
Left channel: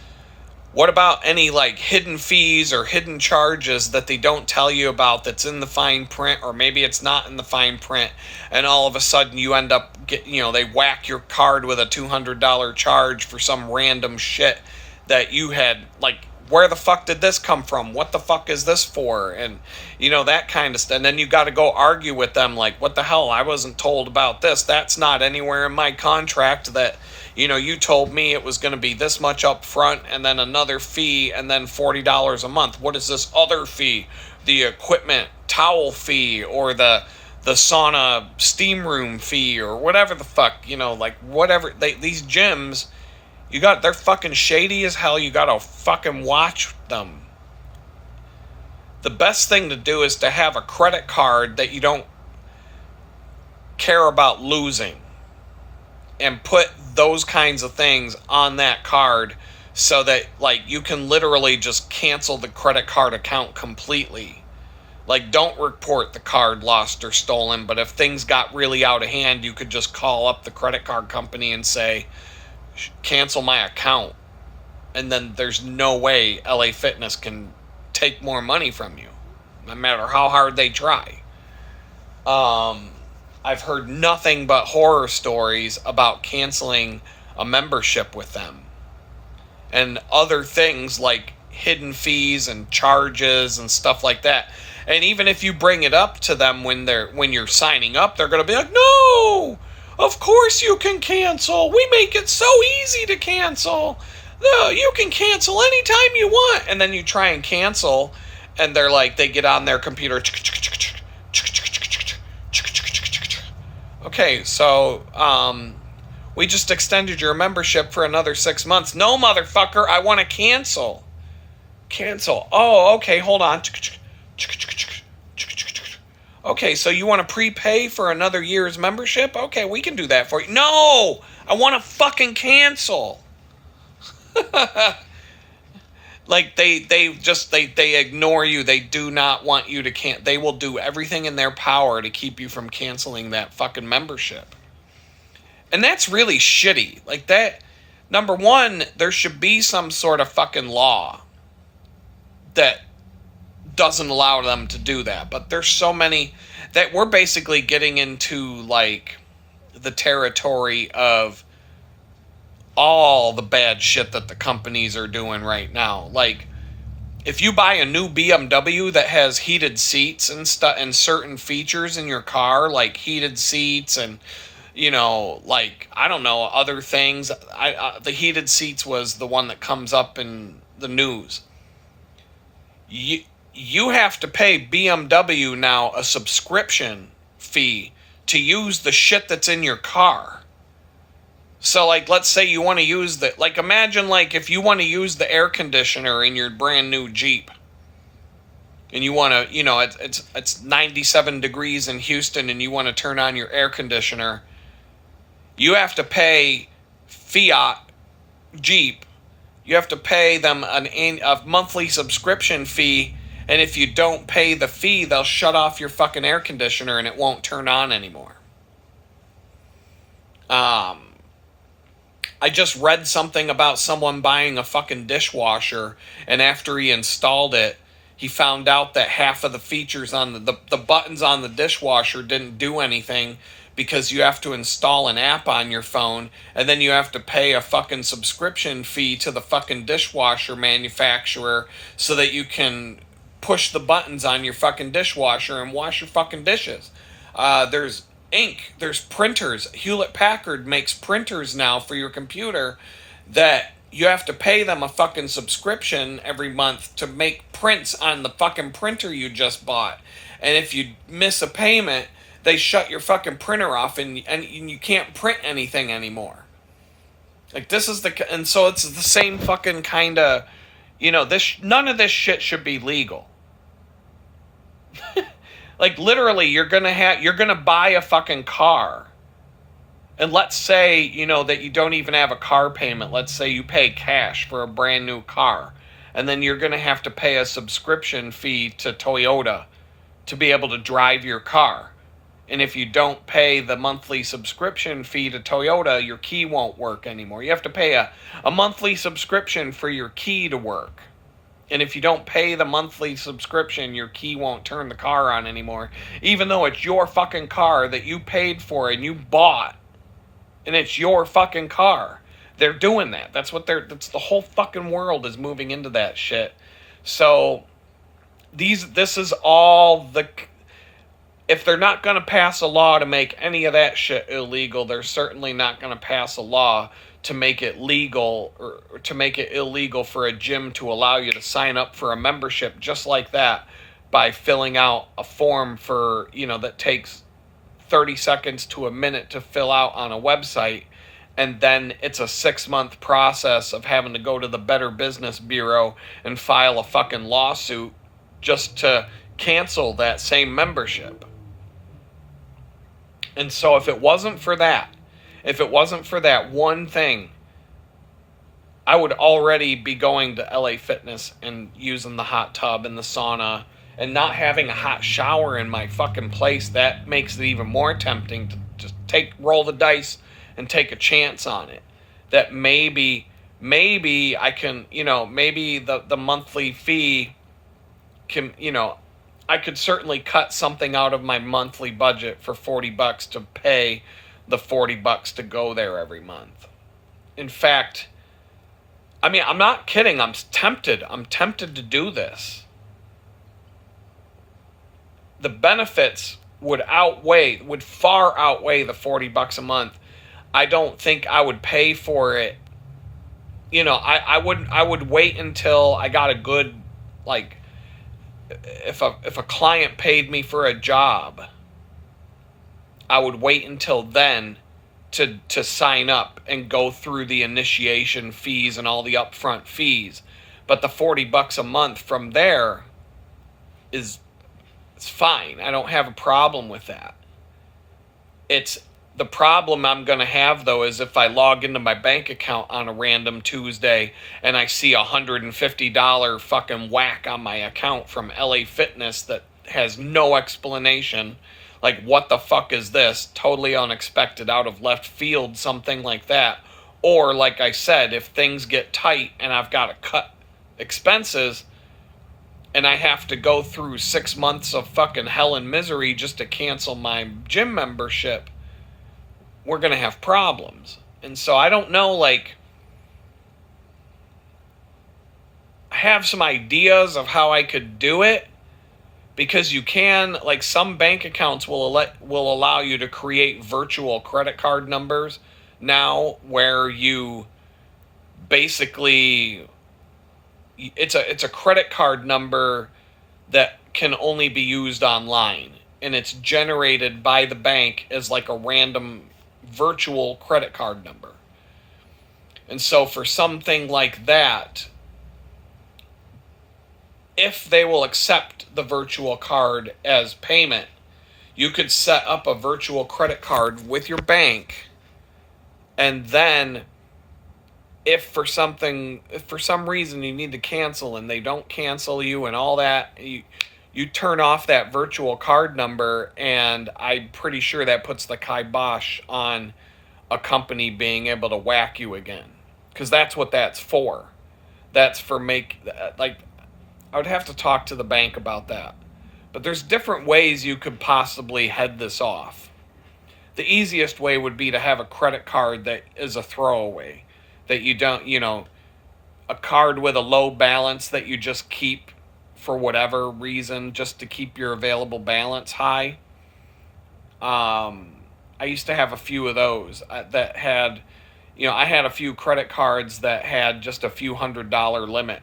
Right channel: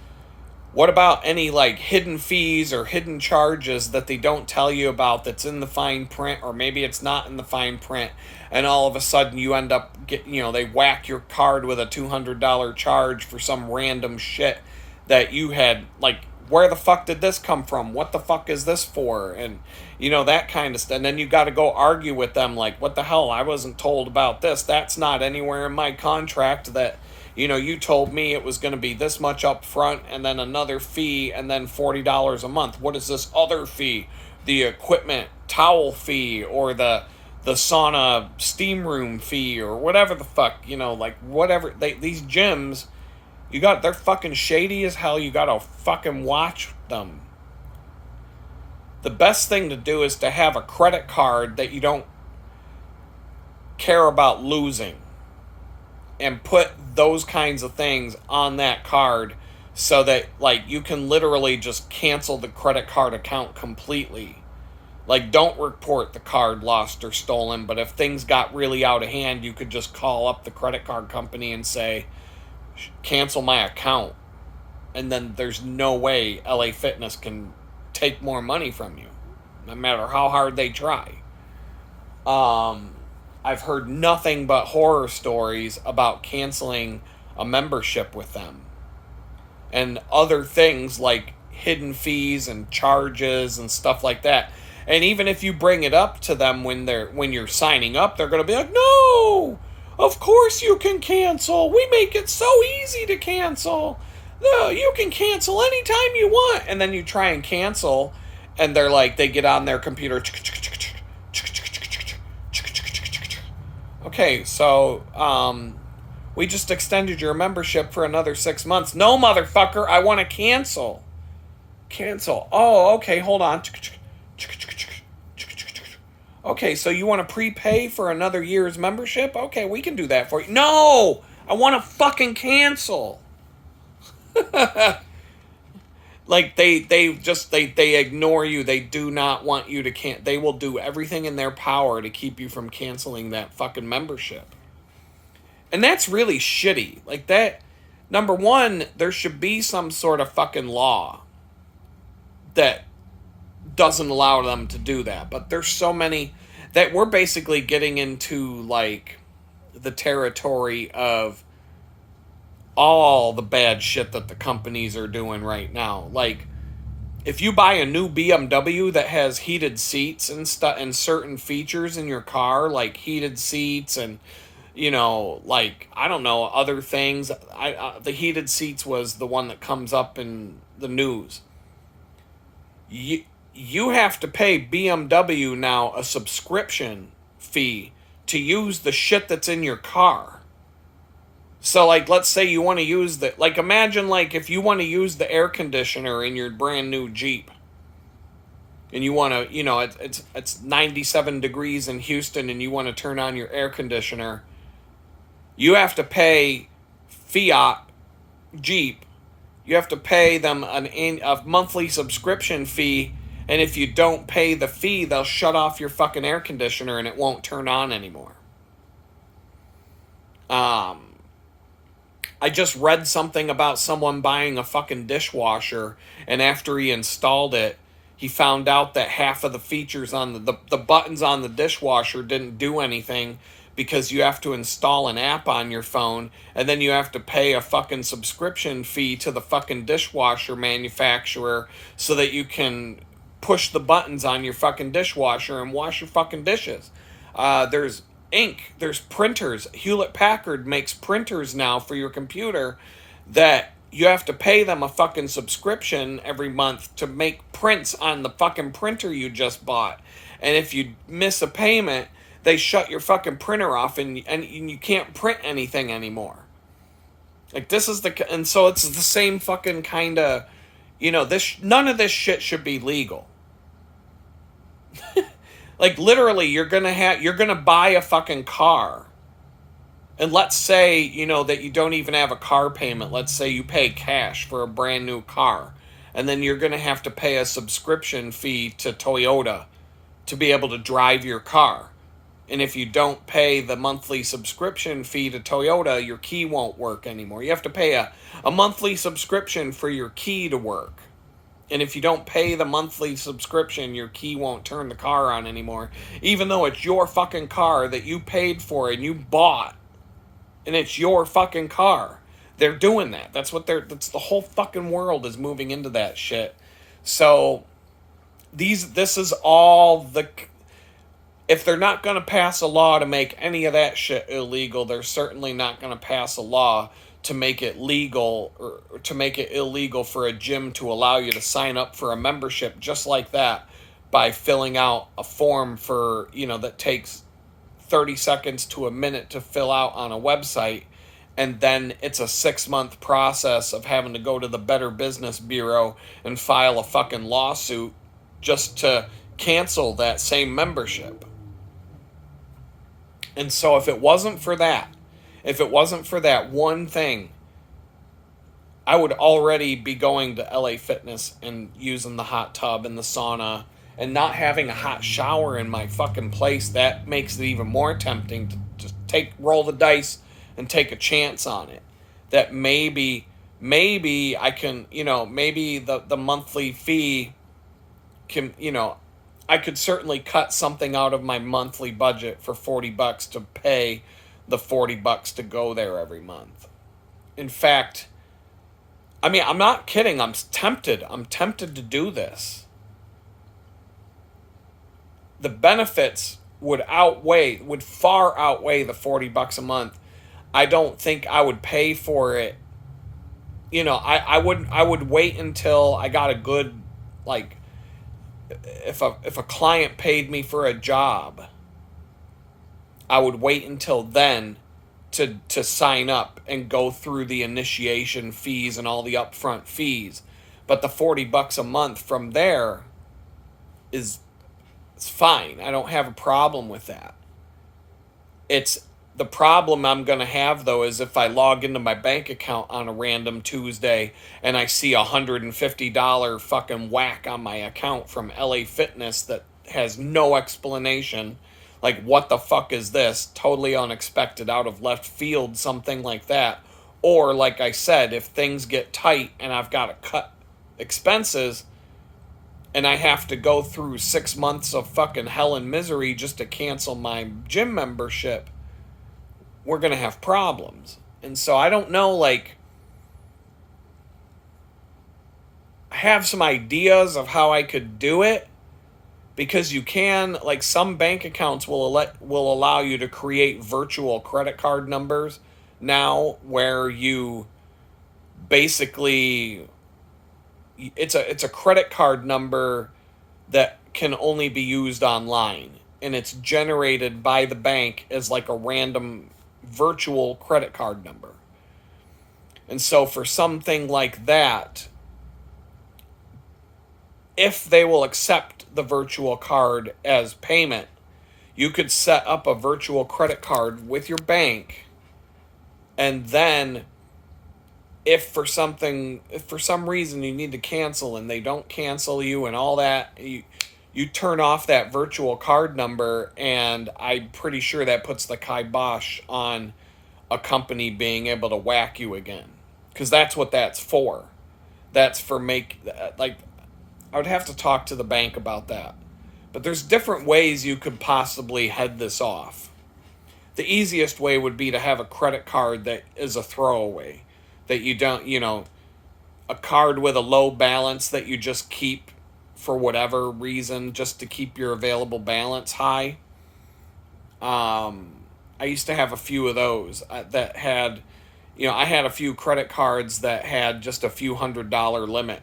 what about any like hidden fees or hidden charges that they don't tell you about that's in the fine print, or maybe it's not in the fine print, and all of a sudden you end up they whack your card with a $200 charge for some random shit that you had like where the fuck did this come from? What the fuck is this for? And, that kind of stuff. And then you got to go argue with them like, what the hell? I wasn't told about this. That's not anywhere in my contract that, you told me it was going to be this much up front and then another fee and then $40 a month. What is this other fee? The equipment towel fee or the sauna steam room fee or whatever the fuck, whatever. These gyms, they're fucking shady as hell. You gotta fucking watch them. The best thing to do is to have a credit card that you don't care about losing and put those kinds of things on that card so that, you can literally just cancel the credit card account completely. Don't report the card lost or stolen, but if things got really out of hand, you could just call up the credit card company and say, cancel my account. And then there's no way LA Fitness can take more money from you, no matter how hard they try. I've heard nothing but horror stories about canceling a membership with them. And other things like hidden fees and charges and stuff like that. And even if you bring it up to them when you're signing up, they're going to be like, no, of course you can cancel. We make it so easy to cancel. No, you can cancel anytime you want. And then you try and cancel, and they're like, they get on their computer. Okay, so we just extended your membership for another 6 months. No, motherfucker, I want to cancel. Cancel. Oh, okay, hold on. Okay, so you want to prepay for another year's membership? Okay, we can do that for you. No! I want to fucking cancel. They ignore you. They do not want you to they will do everything in their power to keep you from canceling that fucking membership. And that's really shitty. That, number one, there should be some sort of fucking law that doesn't allow them to do that. But there's so many that we're basically getting into the territory of all the bad shit that the companies are doing right now. If you buy a new BMW that has heated seats and stuff and certain features in your car, like heated seats and I don't know, other things. The heated seats was the one that comes up in the news. You have to pay BMW now a subscription fee to use the shit that's in your car. So, let's say you want to use imagine, if you want to use the air conditioner in your brand new Jeep. And you want to, it's 97 degrees in Houston and you want to turn on your air conditioner. You have to pay Fiat Jeep. You have to pay them a monthly subscription fee. And if you don't pay the fee, they'll shut off your fucking air conditioner and it won't turn on anymore. I just read something about someone buying a fucking dishwasher, and after he installed it, he found out that half of the features on the buttons on the dishwasher didn't do anything because you have to install an app on your phone, and then you have to pay a fucking subscription fee to the fucking dishwasher manufacturer so that you can push the buttons on your fucking dishwasher and wash your fucking dishes. There's ink, there's printers. Hewlett-Packard makes printers now for your computer that you have to pay them a fucking subscription every month to make prints on the fucking printer you just bought. And if you miss a payment, they shut your fucking printer off and you can't print anything anymore. This is and so it's the same fucking kind of, none of this shit should be legal. Literally, you're gonna buy a fucking car. And let's say, that you don't even have a car payment. Let's say you pay cash for a brand new car. And then you're gonna have to pay a subscription fee to Toyota to be able to drive your car. And if you don't pay the monthly subscription fee to Toyota, your key won't work anymore. You have to pay a monthly subscription for your key to work. And if you don't pay the monthly subscription, your key won't turn the car on anymore. Even though it's your fucking car that you paid for and you bought. And it's your fucking car. They're doing that. That's the whole fucking world is moving into that shit. So this is all the, if they're not going to pass a law to make any of that shit illegal, they're certainly not going to pass a law to make it legal, or to make it illegal for a gym to allow you to sign up for a membership just like that by filling out a form for, that takes 30 seconds to a minute to fill out on a website, and then it's a 6-month process of having to go to the Better Business Bureau and file a fucking lawsuit just to cancel that same membership. And so if it wasn't for that one thing, I would already be going to LA Fitness and using the hot tub and the sauna and not having a hot shower in my fucking place. That makes it even more tempting to just roll the dice and take a chance on it. That maybe I can, maybe the monthly fee can, I could certainly cut something out of my monthly budget for $40 to pay the $40 to go there every month. In fact, I'm not kidding. I'm tempted to do this. The benefits would far outweigh the $40 a month. I don't think I would pay for it. I would wait until I got a good, like, if a client paid me for a job, I would wait until then to sign up and go through the initiation fees and all the upfront fees. But the $40 a month from there it's fine. I don't have a problem with that. It's the problem I'm going to have, though, is if I log into my bank account on a random Tuesday and I see $150 fucking whack on my account from LA Fitness that has no explanation. Like, what the fuck is this? Totally unexpected, out of left field, something like that. Or, like I said, if things get tight and I've got to cut expenses and I have to go through 6 months of fucking hell and misery just to cancel my gym membership, we're going to have problems. And so I don't know, like, I have some ideas of how I could do it, because you can, like, some bank accounts will allow you to create virtual credit card numbers now, where you basically, it's a credit card number that can only be used online, and it's generated by the bank as like a random virtual credit card number. And so for something like that, if they will accept the virtual card as payment, you could set up a virtual credit card with your bank, and then if for some reason you need to cancel and they don't cancel you and all that, you turn off that virtual card number, and I'm pretty sure that puts the kibosh on a company being able to whack you again. Because that's what that's for. That's for I would have to talk to the bank about that. But there's different ways you could possibly head this off. The easiest way would be to have a credit card that is a throwaway. That you don't, a card with a low balance that you just keep for whatever reason, just to keep your available balance high. I used to have a few of those that had, I had a few credit cards that had just a few $100 limit,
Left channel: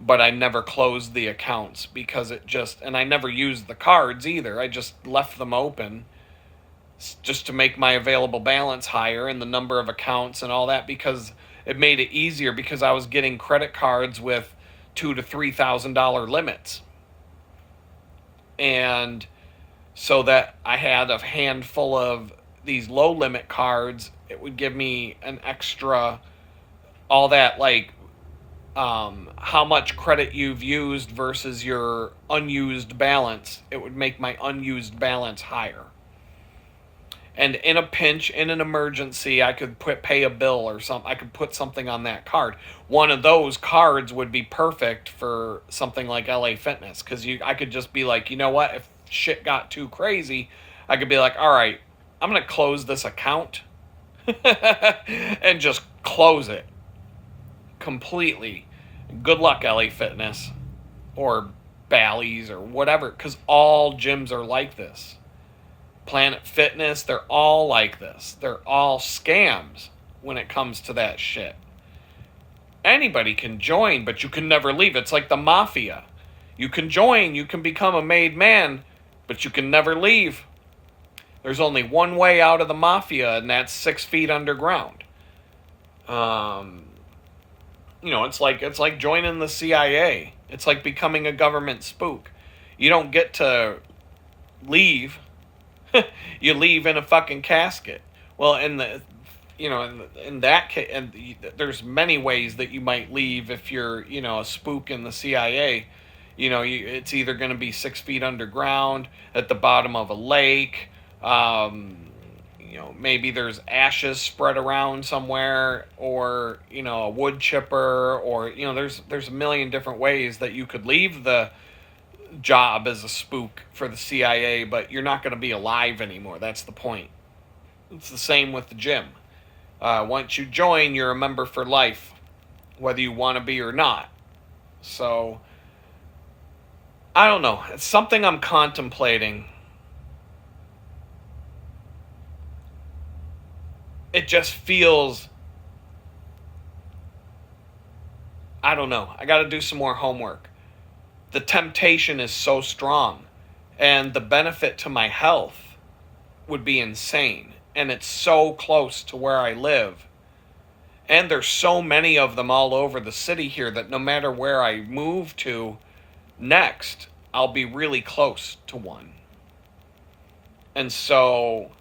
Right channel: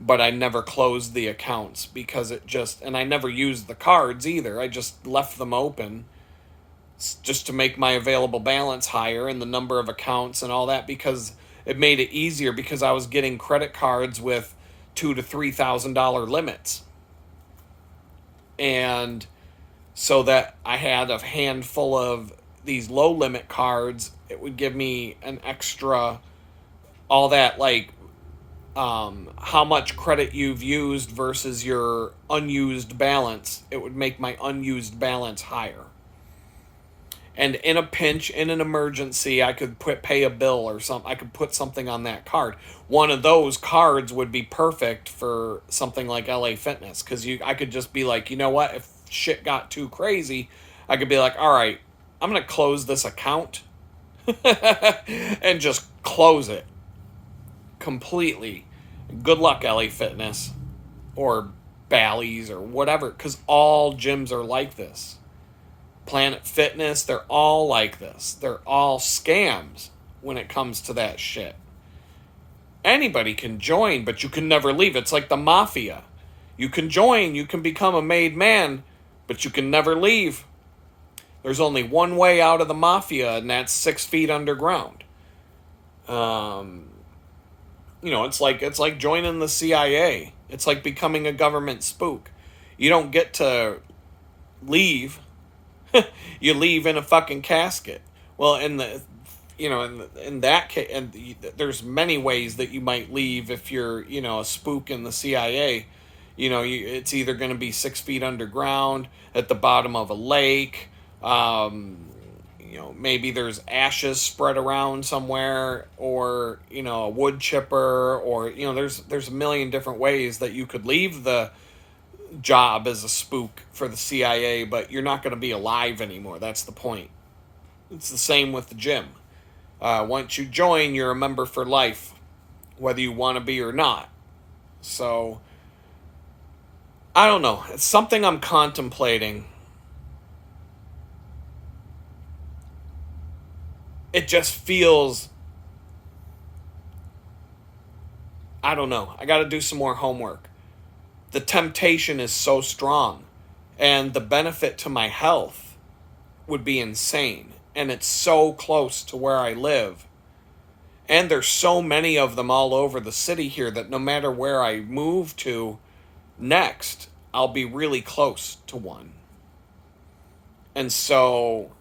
but I never closed the accounts because and I never used the cards either. I just left them open just to make my available balance higher and the number of accounts and all that, because it made it easier, because I was getting credit cards with $2,000 to $3,000 limits. And so that I had a handful of these low limit cards, it would give me an extra, all that, like, how much credit you've used versus your unused balance. It would make my unused balance higher. And in a pinch, in an emergency, I could pay a bill or something. I could put something on that card. One of those cards would be perfect for something like LA Fitness, because I could just be like, you know what? If shit got too crazy, I could be like, all right, I'm going to close this account and just close it completely. Good luck, LA Fitness or Bally's or whatever, because all gyms are like this. Planet Fitness, they're all like this. They're all scams when it comes to that shit. Anybody can join, but you can never leave. It's like the mafia. You can join, you can become a made man, but you can never leave. There's only one way out of the mafia, and that's 6 feet underground. It's like joining the CIA. It's like becoming a government spook. You don't get to leave. You leave in a fucking casket. Well, in that case, and there's many ways that you might leave if you're, a spook in the CIA. It's either going to be 6 feet underground, at the bottom of a lake. Maybe there's ashes spread around somewhere, or, a wood chipper, or, there's a million different ways that you could leave the job as a spook for the CIA, but you're not going to be alive anymore. That's the point. It's the same with the gym. Once you join, you're a member for life, whether you want to be or not. So, I don't know. It's something I'm contemplating. It just feels, I don't know. I got to do some more homework. The temptation is so strong, and the benefit to my health would be insane. And it's so close to where I live. And there's so many of them all over the city here that no matter where I move to next, I'll be really close to one. And so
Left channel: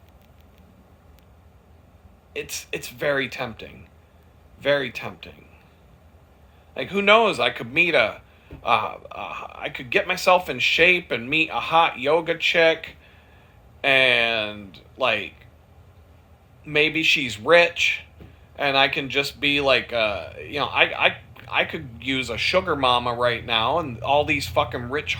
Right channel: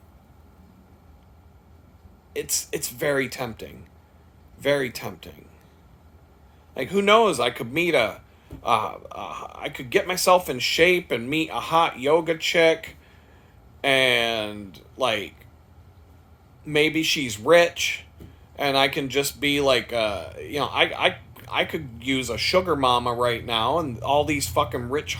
it's very tempting. Very tempting. Like, who knows? I could meet I could get myself in shape and meet a hot yoga chick, and like, maybe she's rich, and I can just be like, I could use a sugar mama right now, and all these fucking rich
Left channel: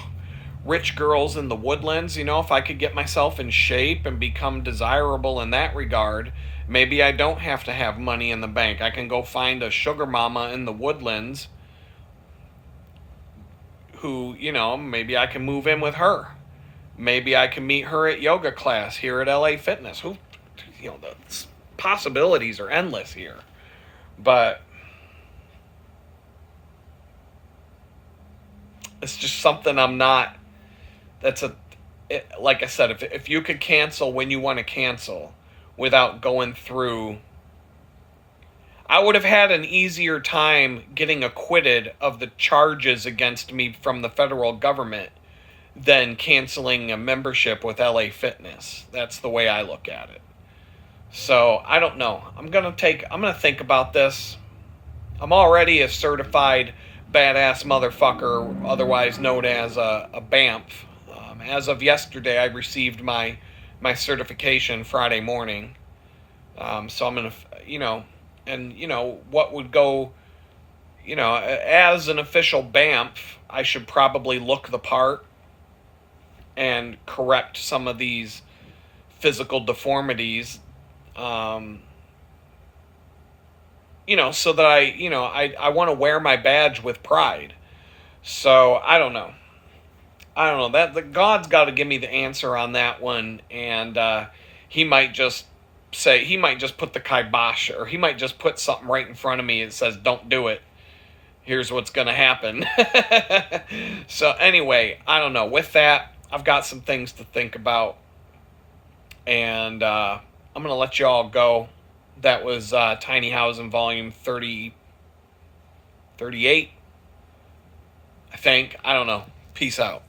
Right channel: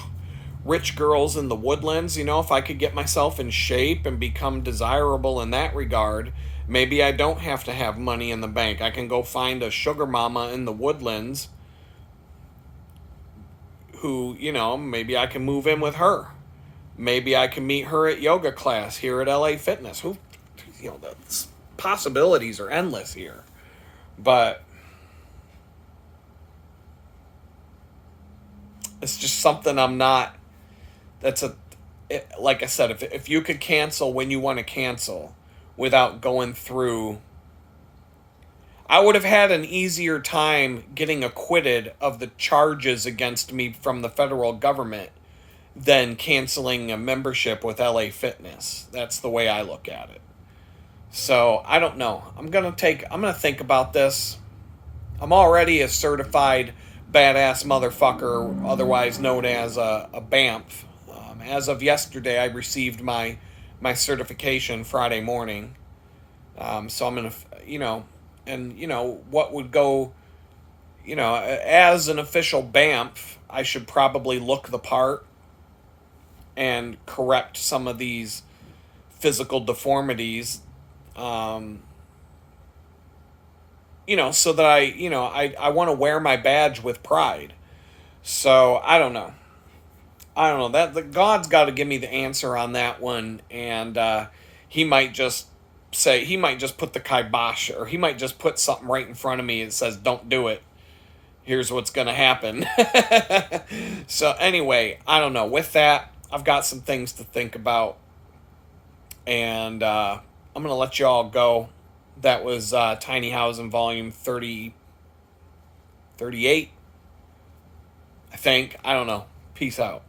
girls in the Woodlands. If I could get myself in shape and become desirable in that regard, maybe I don't have to have money in the bank. I can go find a sugar mama in the Woodlands who, maybe I can move in with her. Maybe I can meet her at yoga class here at LA Fitness. The possibilities are endless here. But it's just something I'm not, like I said, if you could cancel when you want to cancel without going through, I would have had an easier time getting acquitted of the charges against me from the federal government than canceling a membership with LA Fitness. That's the way I look at it. So, I don't know. I'm going to think about this. I'm already a certified badass motherfucker, otherwise known as a BAMF. As of yesterday, I received my certification Friday morning. So I'm going to, what would go, as an official BAMF, I should probably look the part and correct some of these physical deformities, so that I want to wear my badge with pride. So I don't know. That the God's got to give me the answer on that one, and he might just put the kibosh, or he might just put something right in front of me that says, "Don't do it. Here's what's going to happen." So anyway, I don't know. With that, I've got some things to think about, and I'm going to let you all go. That was Tiny Housin Volume 38, I think. I don't know. Peace out.